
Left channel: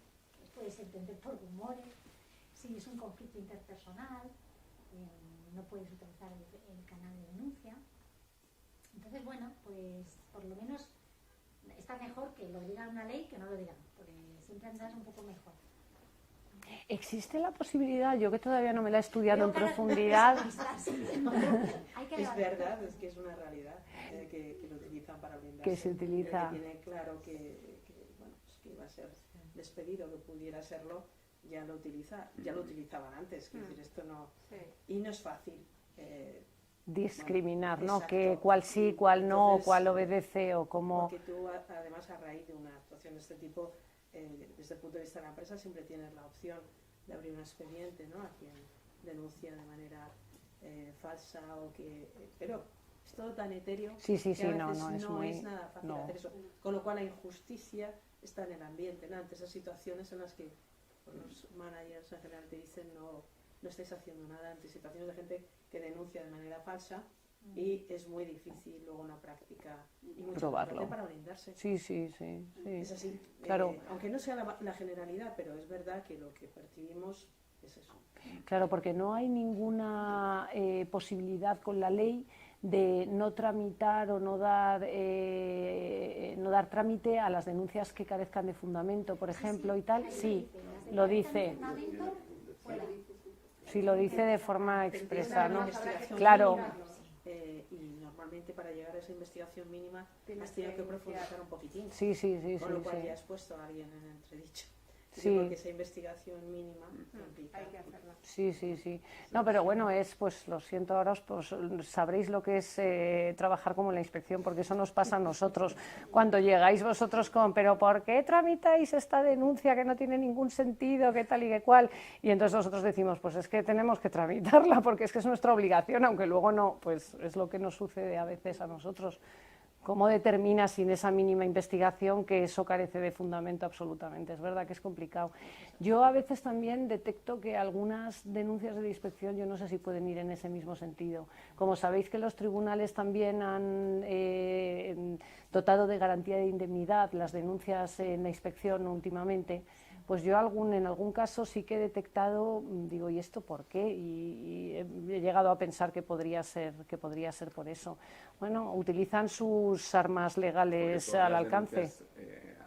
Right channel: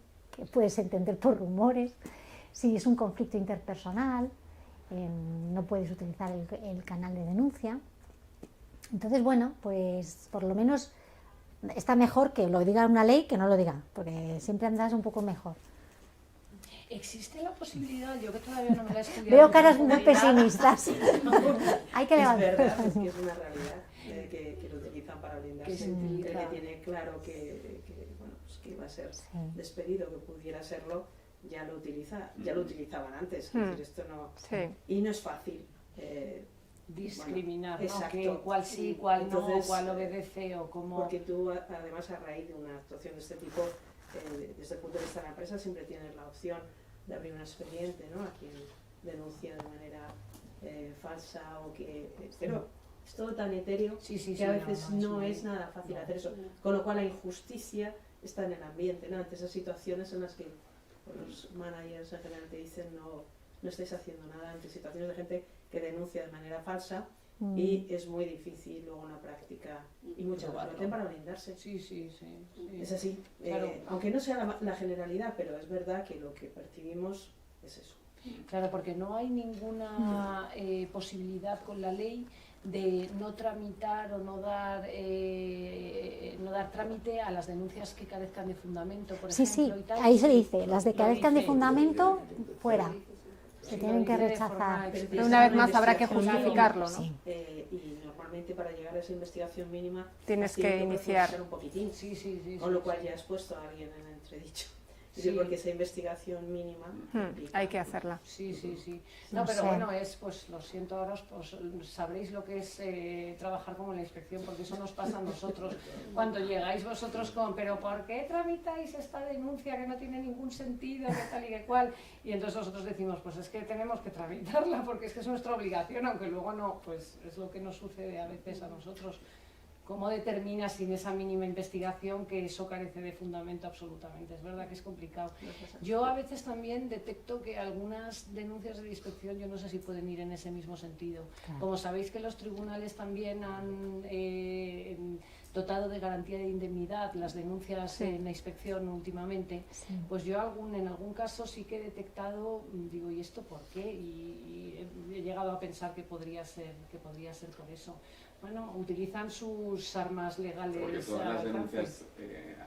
puedes entender por rumores, si es un conflicto interpersonal, no puedes utilizar el canal de denuncia. Entonces, bueno, pues por lo menos está mejor que lo diga una ley que no lo diga, porque siempre andas un poco mejor. ¿Existe la posibilidad? Yo que todavía no me la he estudiado. Veo caras muy pesimistas. Hay que levantar. Es verdad, es que es una realidad que lo utilizan para blindarse. Que se utiliza. El que tiene claro que, bueno, pues que iba a ser despedido, que pudiera serlo, ya lo utilizaban antes. Es decir, esto no, y no es fácil. Discriminar, bueno, ¿no? Que cuál sí, cuál no, cuál obedece o cómo... Porque tú, además, a raíz de una actuación de este tipo, desde el punto de vista de la empresa, siempre tienes la opción de abrir un expediente, ¿no? A quien denuncia de manera falsa o que... Pero es todo tan etéreo que a veces no es nada fácil hacer eso. Con lo cual la injusticia está en el ambiente, ¿no? Ante esas situaciones en las que los managers en general te dicen no estáis haciendo nada, ante situaciones de gente que denuncia de manera falsa y es muy difícil luego una práctica y mucha información para blindarse. Sí. Es así, claro. Aunque no sea la generalidad, pero es verdad que lo que percibimos es eso. Claro, porque no hay ninguna posibilidad con la ley de no tramitar o no dar trámite a las denuncias que carezcan de fundamento, por ejemplo, y tal. Ahí se dice, las que carezcan de fundamento, fuera. Sí, lo dice de forma expresa. Una vez más habrá que justificarlo, ¿no? Y normalmente para llegar a esa investigación mínima tienes que iniciar un poquitín. Sí. Con lo cual ya has puesto a alguien en entredicho. Sí, porque esa investigación mínima hay que hacerla. Sí. No, pero bueno, pues lo siento, ahora pues sabréis lo que es trabajar como en la inspección, porque eso nos pasa a nosotros. Cuando llegáis vosotros pero ¿por qué tramitáis esta denuncia que no tiene ningún sentido, qué tal y qué cual? Y entonces nosotros decimos, pues es que tenemos que tramitarla, porque es que es nuestra obligación, aunque luego no, pues es lo que nos sucede a veces a nosotros. ¿Cómo determinas sin esa mínima investigación que eso carece de fundamento absolutamente? Es verdad que es complicado. Yo a veces también detecto que algunas denuncias de la inspección, yo no sé si pueden ir en ese mismo sentido. Como sabéis que los tribunales también han dotado de garantía de indemnidad las denuncias en la inspección últimamente, pues yo en algún caso sí que he detectado, digo, ¿y esto por qué? Y he llegado a pensar que podría ser por eso. Bueno, utilizan sus armas legales al alcance. Denuncias,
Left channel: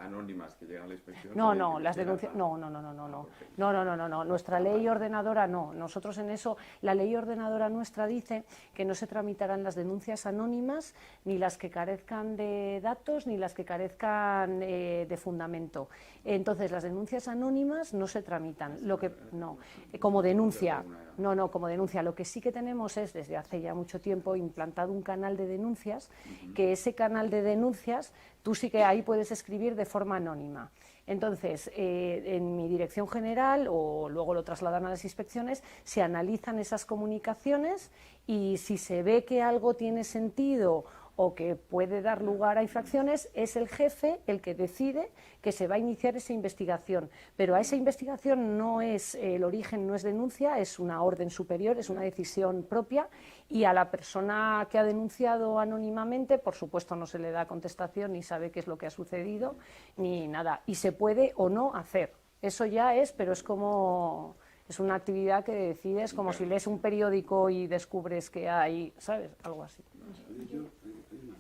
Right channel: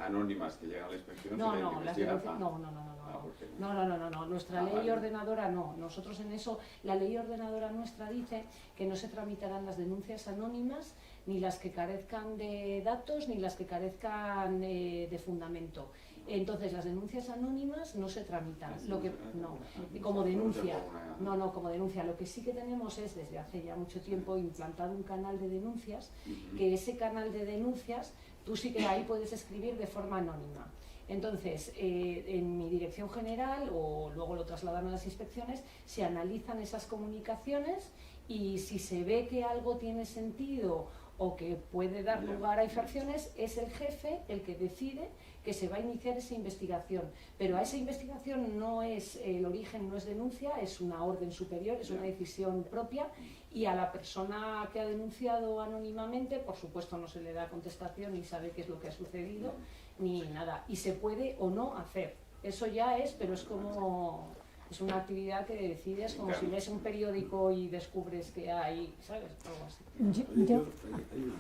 anónimas que llegan a la inspección. No, las denuncias. No. Nuestra ley ordenadora no. Nosotros en eso, la ley ordenadora nuestra dice que no se tramitarán las denuncias anónimas, ni las que carezcan de datos, ni las que carezcan de fundamento. Entonces, las denuncias anónimas no se tramitan. Como denuncia. Como denuncia. Lo que sí que tenemos es, desde hace ya mucho tiempo, implantado un canal de denuncias, que ese canal de denuncias, tú sí que ahí puedes escribir de forma anónima. Entonces, en mi dirección general, o luego lo trasladan a las inspecciones, se analizan esas comunicaciones y si se ve que algo tiene sentido o que puede dar lugar a infracciones, es el jefe el que decide que se va a iniciar esa investigación. Pero a esa investigación el origen no es denuncia, es una orden superior, es una decisión propia, y a la persona que ha denunciado anónimamente, por supuesto, no se le da contestación ni sabe qué es lo que ha sucedido, ni nada. Y se puede o no hacer. Eso ya pero es como... Es una actividad que decides como si lees un periódico y descubres que hay, ¿sabes? Algo así. Hay una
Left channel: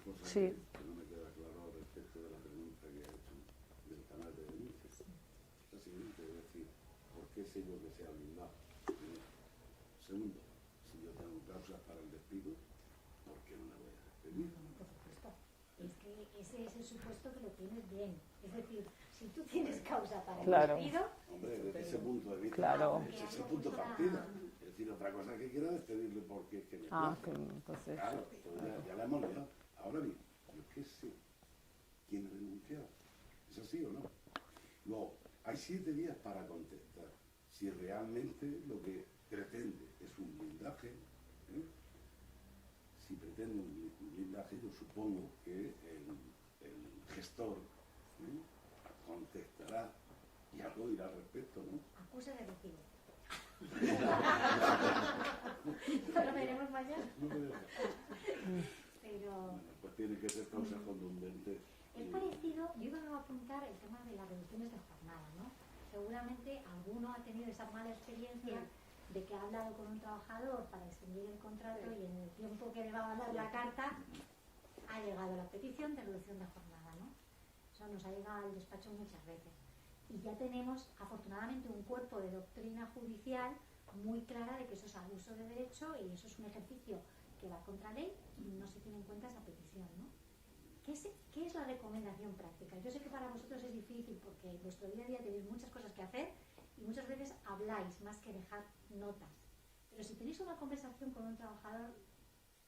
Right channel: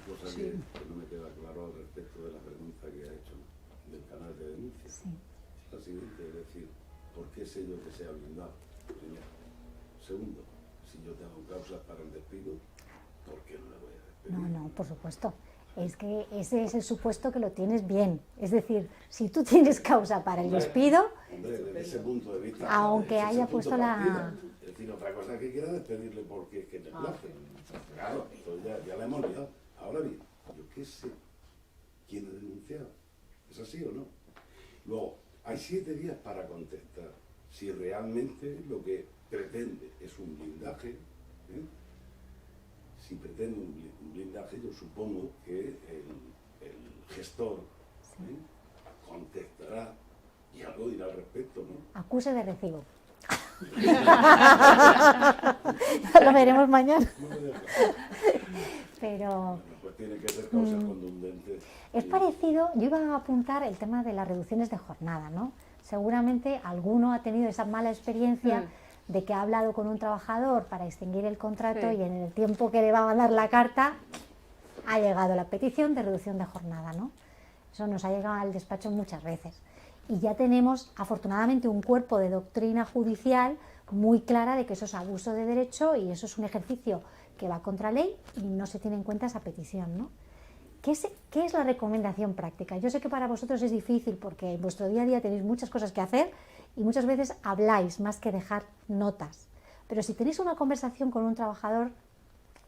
cosa que no me queda claro al respecto de la pregunta que ha hecho del canal de denuncias. La siguiente, es decir, ¿por qué sé yo que sea blindado? Primero. Segundo, si yo tengo causas para el despido, ¿por qué no la voy a despedir? No, por supuesto. Es que ese es el supuesto que lo tienes bien. Es decir, si tú tienes causa para el despido... Hombre, desde ese punto de vista... Aunque haya puesto la... Es decir, otra cosa que quiera despedirle porque es que le place. Claro, entonces ya la hemos liado. Ahora bien, yo qué sé quién ha denunciado. ¿Es así o no? Luego, Hay 7 días para contestar. Si realmente lo que pretende es un blindaje, ¿eh? Si pretende un blindaje, yo supongo que el gestor contestará y algo dirá al respecto, ¿no? Acuse de recibo. Lo veremos mañana. Pero Bueno, pues tiene que ser causas contundentes. es parecido, yo iba a apuntar el tema de las reducciones de jornada, ¿no? Seguramente alguno ha tenido esa mala experiencia de que ha hablado con un trabajador para extinguir el contrato y en el tiempo que le va a mandar la carta ha llegado la petición de reducción de jornada, ¿no? Eso nos ha llegado al despacho muchas veces. Y ya tenemos, afortunadamente, un cuerpo de doctrina judicial muy clara de que eso es abuso de derecho y eso es un ejercicio que va contra ley y no se tiene en cuenta esa petición, ¿no? ¿Qué es la recomendación práctica? Yo sé que para vosotros es difícil porque en vuestro día a día tenéis muchas cosas que hacer y muchas veces habláis más que dejar notas. Pero si tenéis una conversación con un trabajador,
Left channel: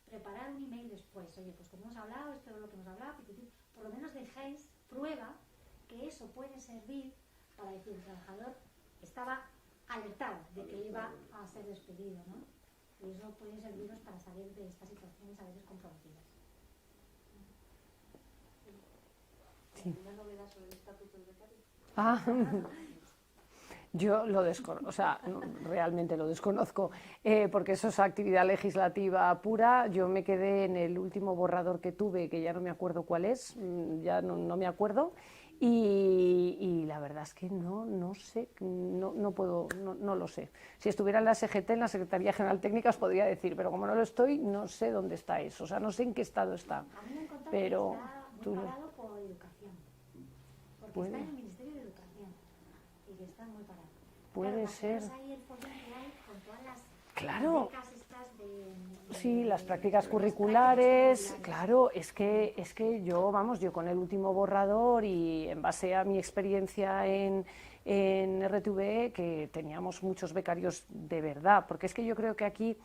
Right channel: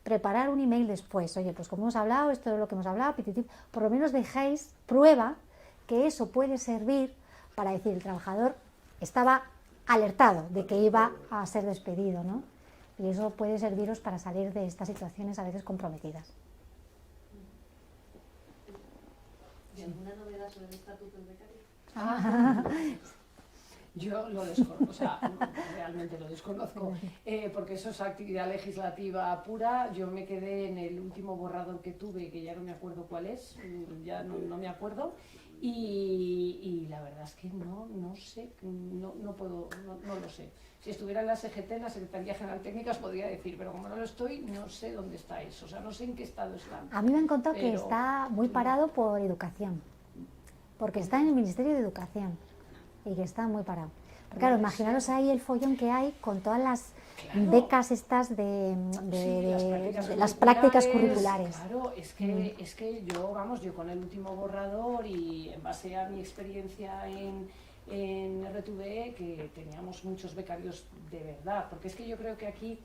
preparar un email después, oye, pues como hemos hablado, esto es lo que hemos hablado, por lo menos dejéis prueba que eso puede servir para decir, el trabajador estaba alertado de que iba a ser despedido, ¿no? Y eso puede serviros para salir de estas situaciones a veces comprometidas. ¿Alguna novedad sobre el estatuto del becario? Yo lo desconozco, o sea, no, realmente lo desconozco, porque eso es actividad legislativa pura. Yo me quedé en el último borrador que tuve, que ya no me acuerdo cuál es, ya no me acuerdo, y la verdad es que no sé, no lo sé. Si estuviera en la SGT, en la Secretaría General Técnica, os podría decir, pero como no lo estoy, no sé dónde está eso, o sea, no sé en qué estado está. A mí me han contado que está muy parado por educación, porque está en el Ministerio de Educación y que está muy parado. Pero claro, imaginaros ahí el follón que hay con todas las becas estas de las prácticas curriculares. Claro, es que yo con el último borrador y en base a mi experiencia en RTV, que teníamos muchos becarios de verdad, porque es que yo creo que aquí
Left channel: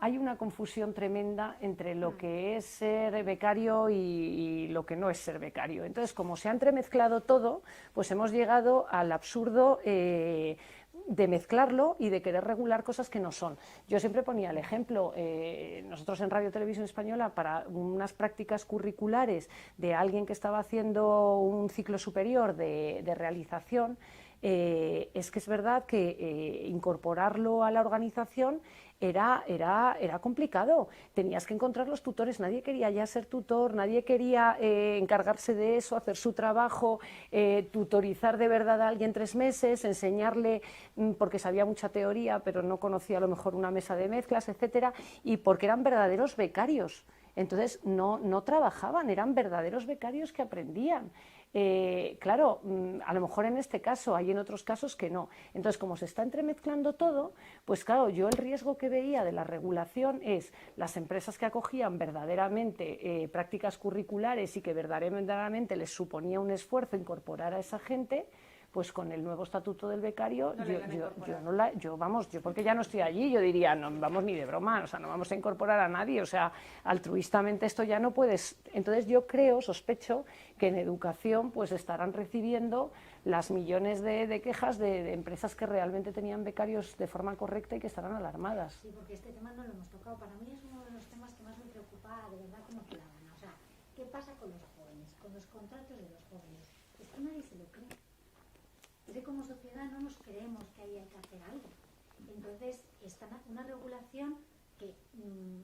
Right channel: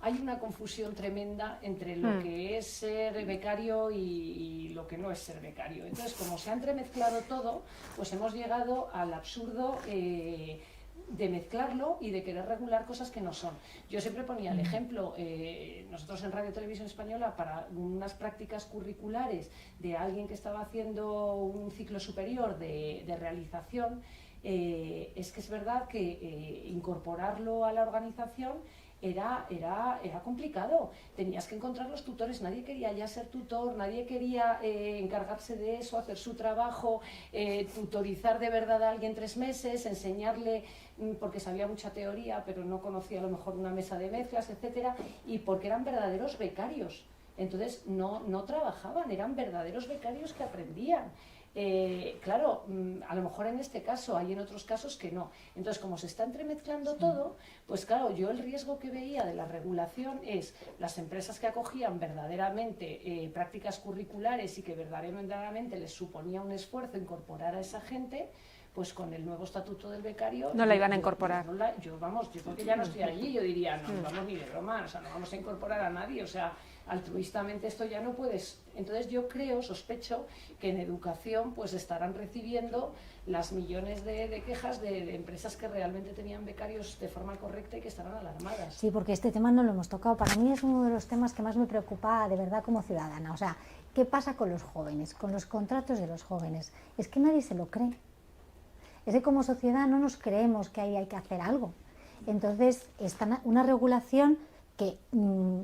hay una confusión tremenda entre lo que es ser becario y lo que no es ser becario. Entonces, como se ha entremezclado todo, pues hemos llegado al absurdo de mezclarlo y de querer regular cosas que no son. Yo siempre ponía el ejemplo, nosotros en Radio Televisión Española, para unas prácticas curriculares de alguien que estaba haciendo un ciclo superior de realización, es que es verdad que incorporarlo a la organización era complicado. Tenías que encontrar los tutores, nadie quería ya ser tutor, nadie quería encargarse de eso, hacer su trabajo, tutorizar de verdad a alguien 3 meses, enseñarle, porque sabía mucha teoría, pero no conocía a lo mejor una mesa de mezclas, etcétera, y porque eran verdaderos becarios. Entonces no trabajaban, eran verdaderos becarios que aprendían. Claro, a lo mejor en este caso, hay en otros casos que no. Entonces, como se está entremezclando todo, pues claro, yo el riesgo que veía de la regulación es las empresas que acogían verdaderamente prácticas curriculares y que verdaderamente les suponía un esfuerzo incorporar a esa gente, pues con el nuevo estatuto del becario... No la iban a incorporar. Yo porque ya no estoy allí, yo diría, no vamos ni de broma, o sea, no vamos a incorporar a nadie, o sea, altruistamente esto ya no puedes... Entonces yo sospecho que en educación pues estarán recibiendo las millones de quejas de empresas que realmente tenían becarios de forma correcta y que estarán alarmadas. Sí, porque este tema no lo hemos tocado. Para mí es uno de los temas que más me preocupa de verdad como ciudadana. O sea, ¿qué pasa con los jóvenes, con los contratos de los jóvenes? Es que nadie se lo cree. Es que como sociedad no nos creemos que ahí hay que hacer algo. Entonces, está una regulación que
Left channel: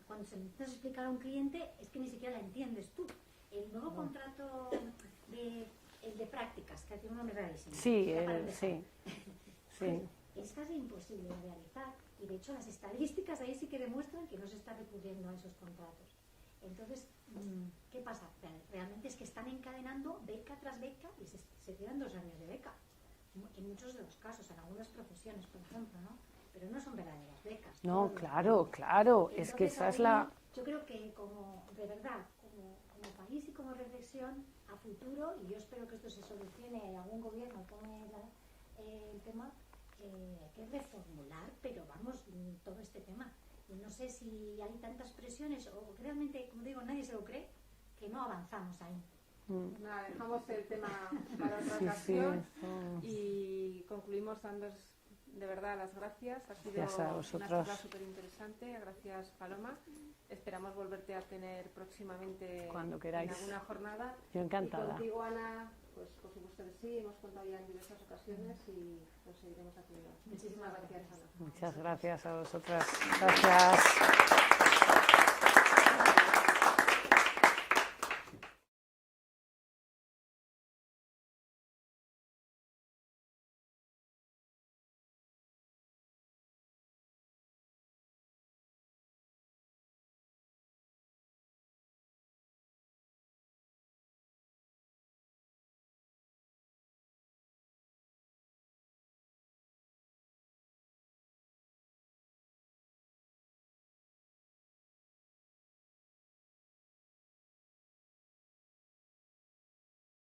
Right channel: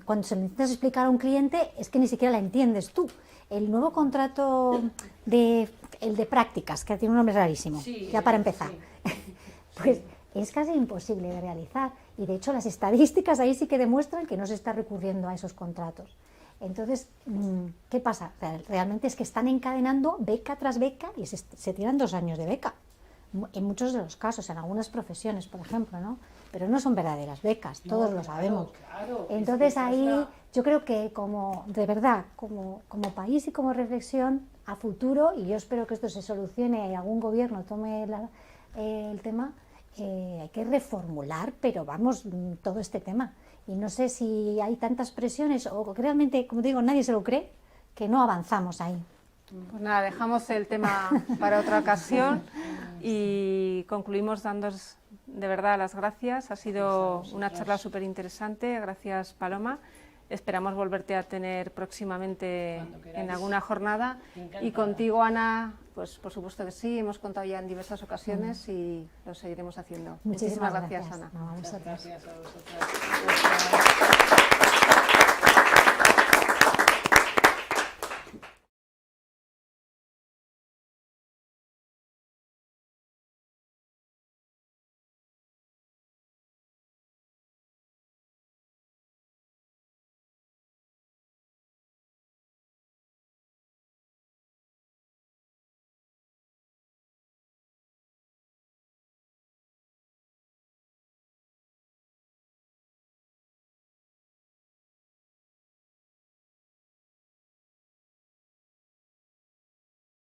cuando se lo intentas explicar a un cliente es que ni siquiera la entiendes tú. El nuevo contrato el de prácticas, que tiene un nombre rarísimo, ya para empezar, pues es casi imposible de realizar. Y de hecho las estadísticas ahí sí que demuestran que no se está recurriendo a esos contratos. Entonces, ¿qué pasa? Realmente es que están encadenando beca tras beca y se tiran 2 años de beca. En muchos de los casos, en algunas profesiones, por ejemplo, ¿no? Pero no son verdaderas becas, todos lo sabemos. Claro. Entonces ahí yo creo que de verdad, como país y como reflexión a futuro, y yo espero que esto se solucione y algún gobierno tome el tema, hay que reformular, pero vamos, todo este tema. Y no sé si hay tantas presiones o realmente, como digo, nadie se lo cree, que no avanzamos ahí. Pues nada, dejamos el tema para otra ocasión Y concluimos dándos de verdad las gracias. Ha sido una charla súper interesante. Gracias, Paloma. Esperamos volverte a tener próximamente en alguna jornada. Y contigo, Ana, pues por supuesto que sí. Hemos contado ya en diversas ocasiones y lo seguiremos haciendo. Muchísimas gracias, gracias, Ana. Muchas gracias a vosotras. Gracias.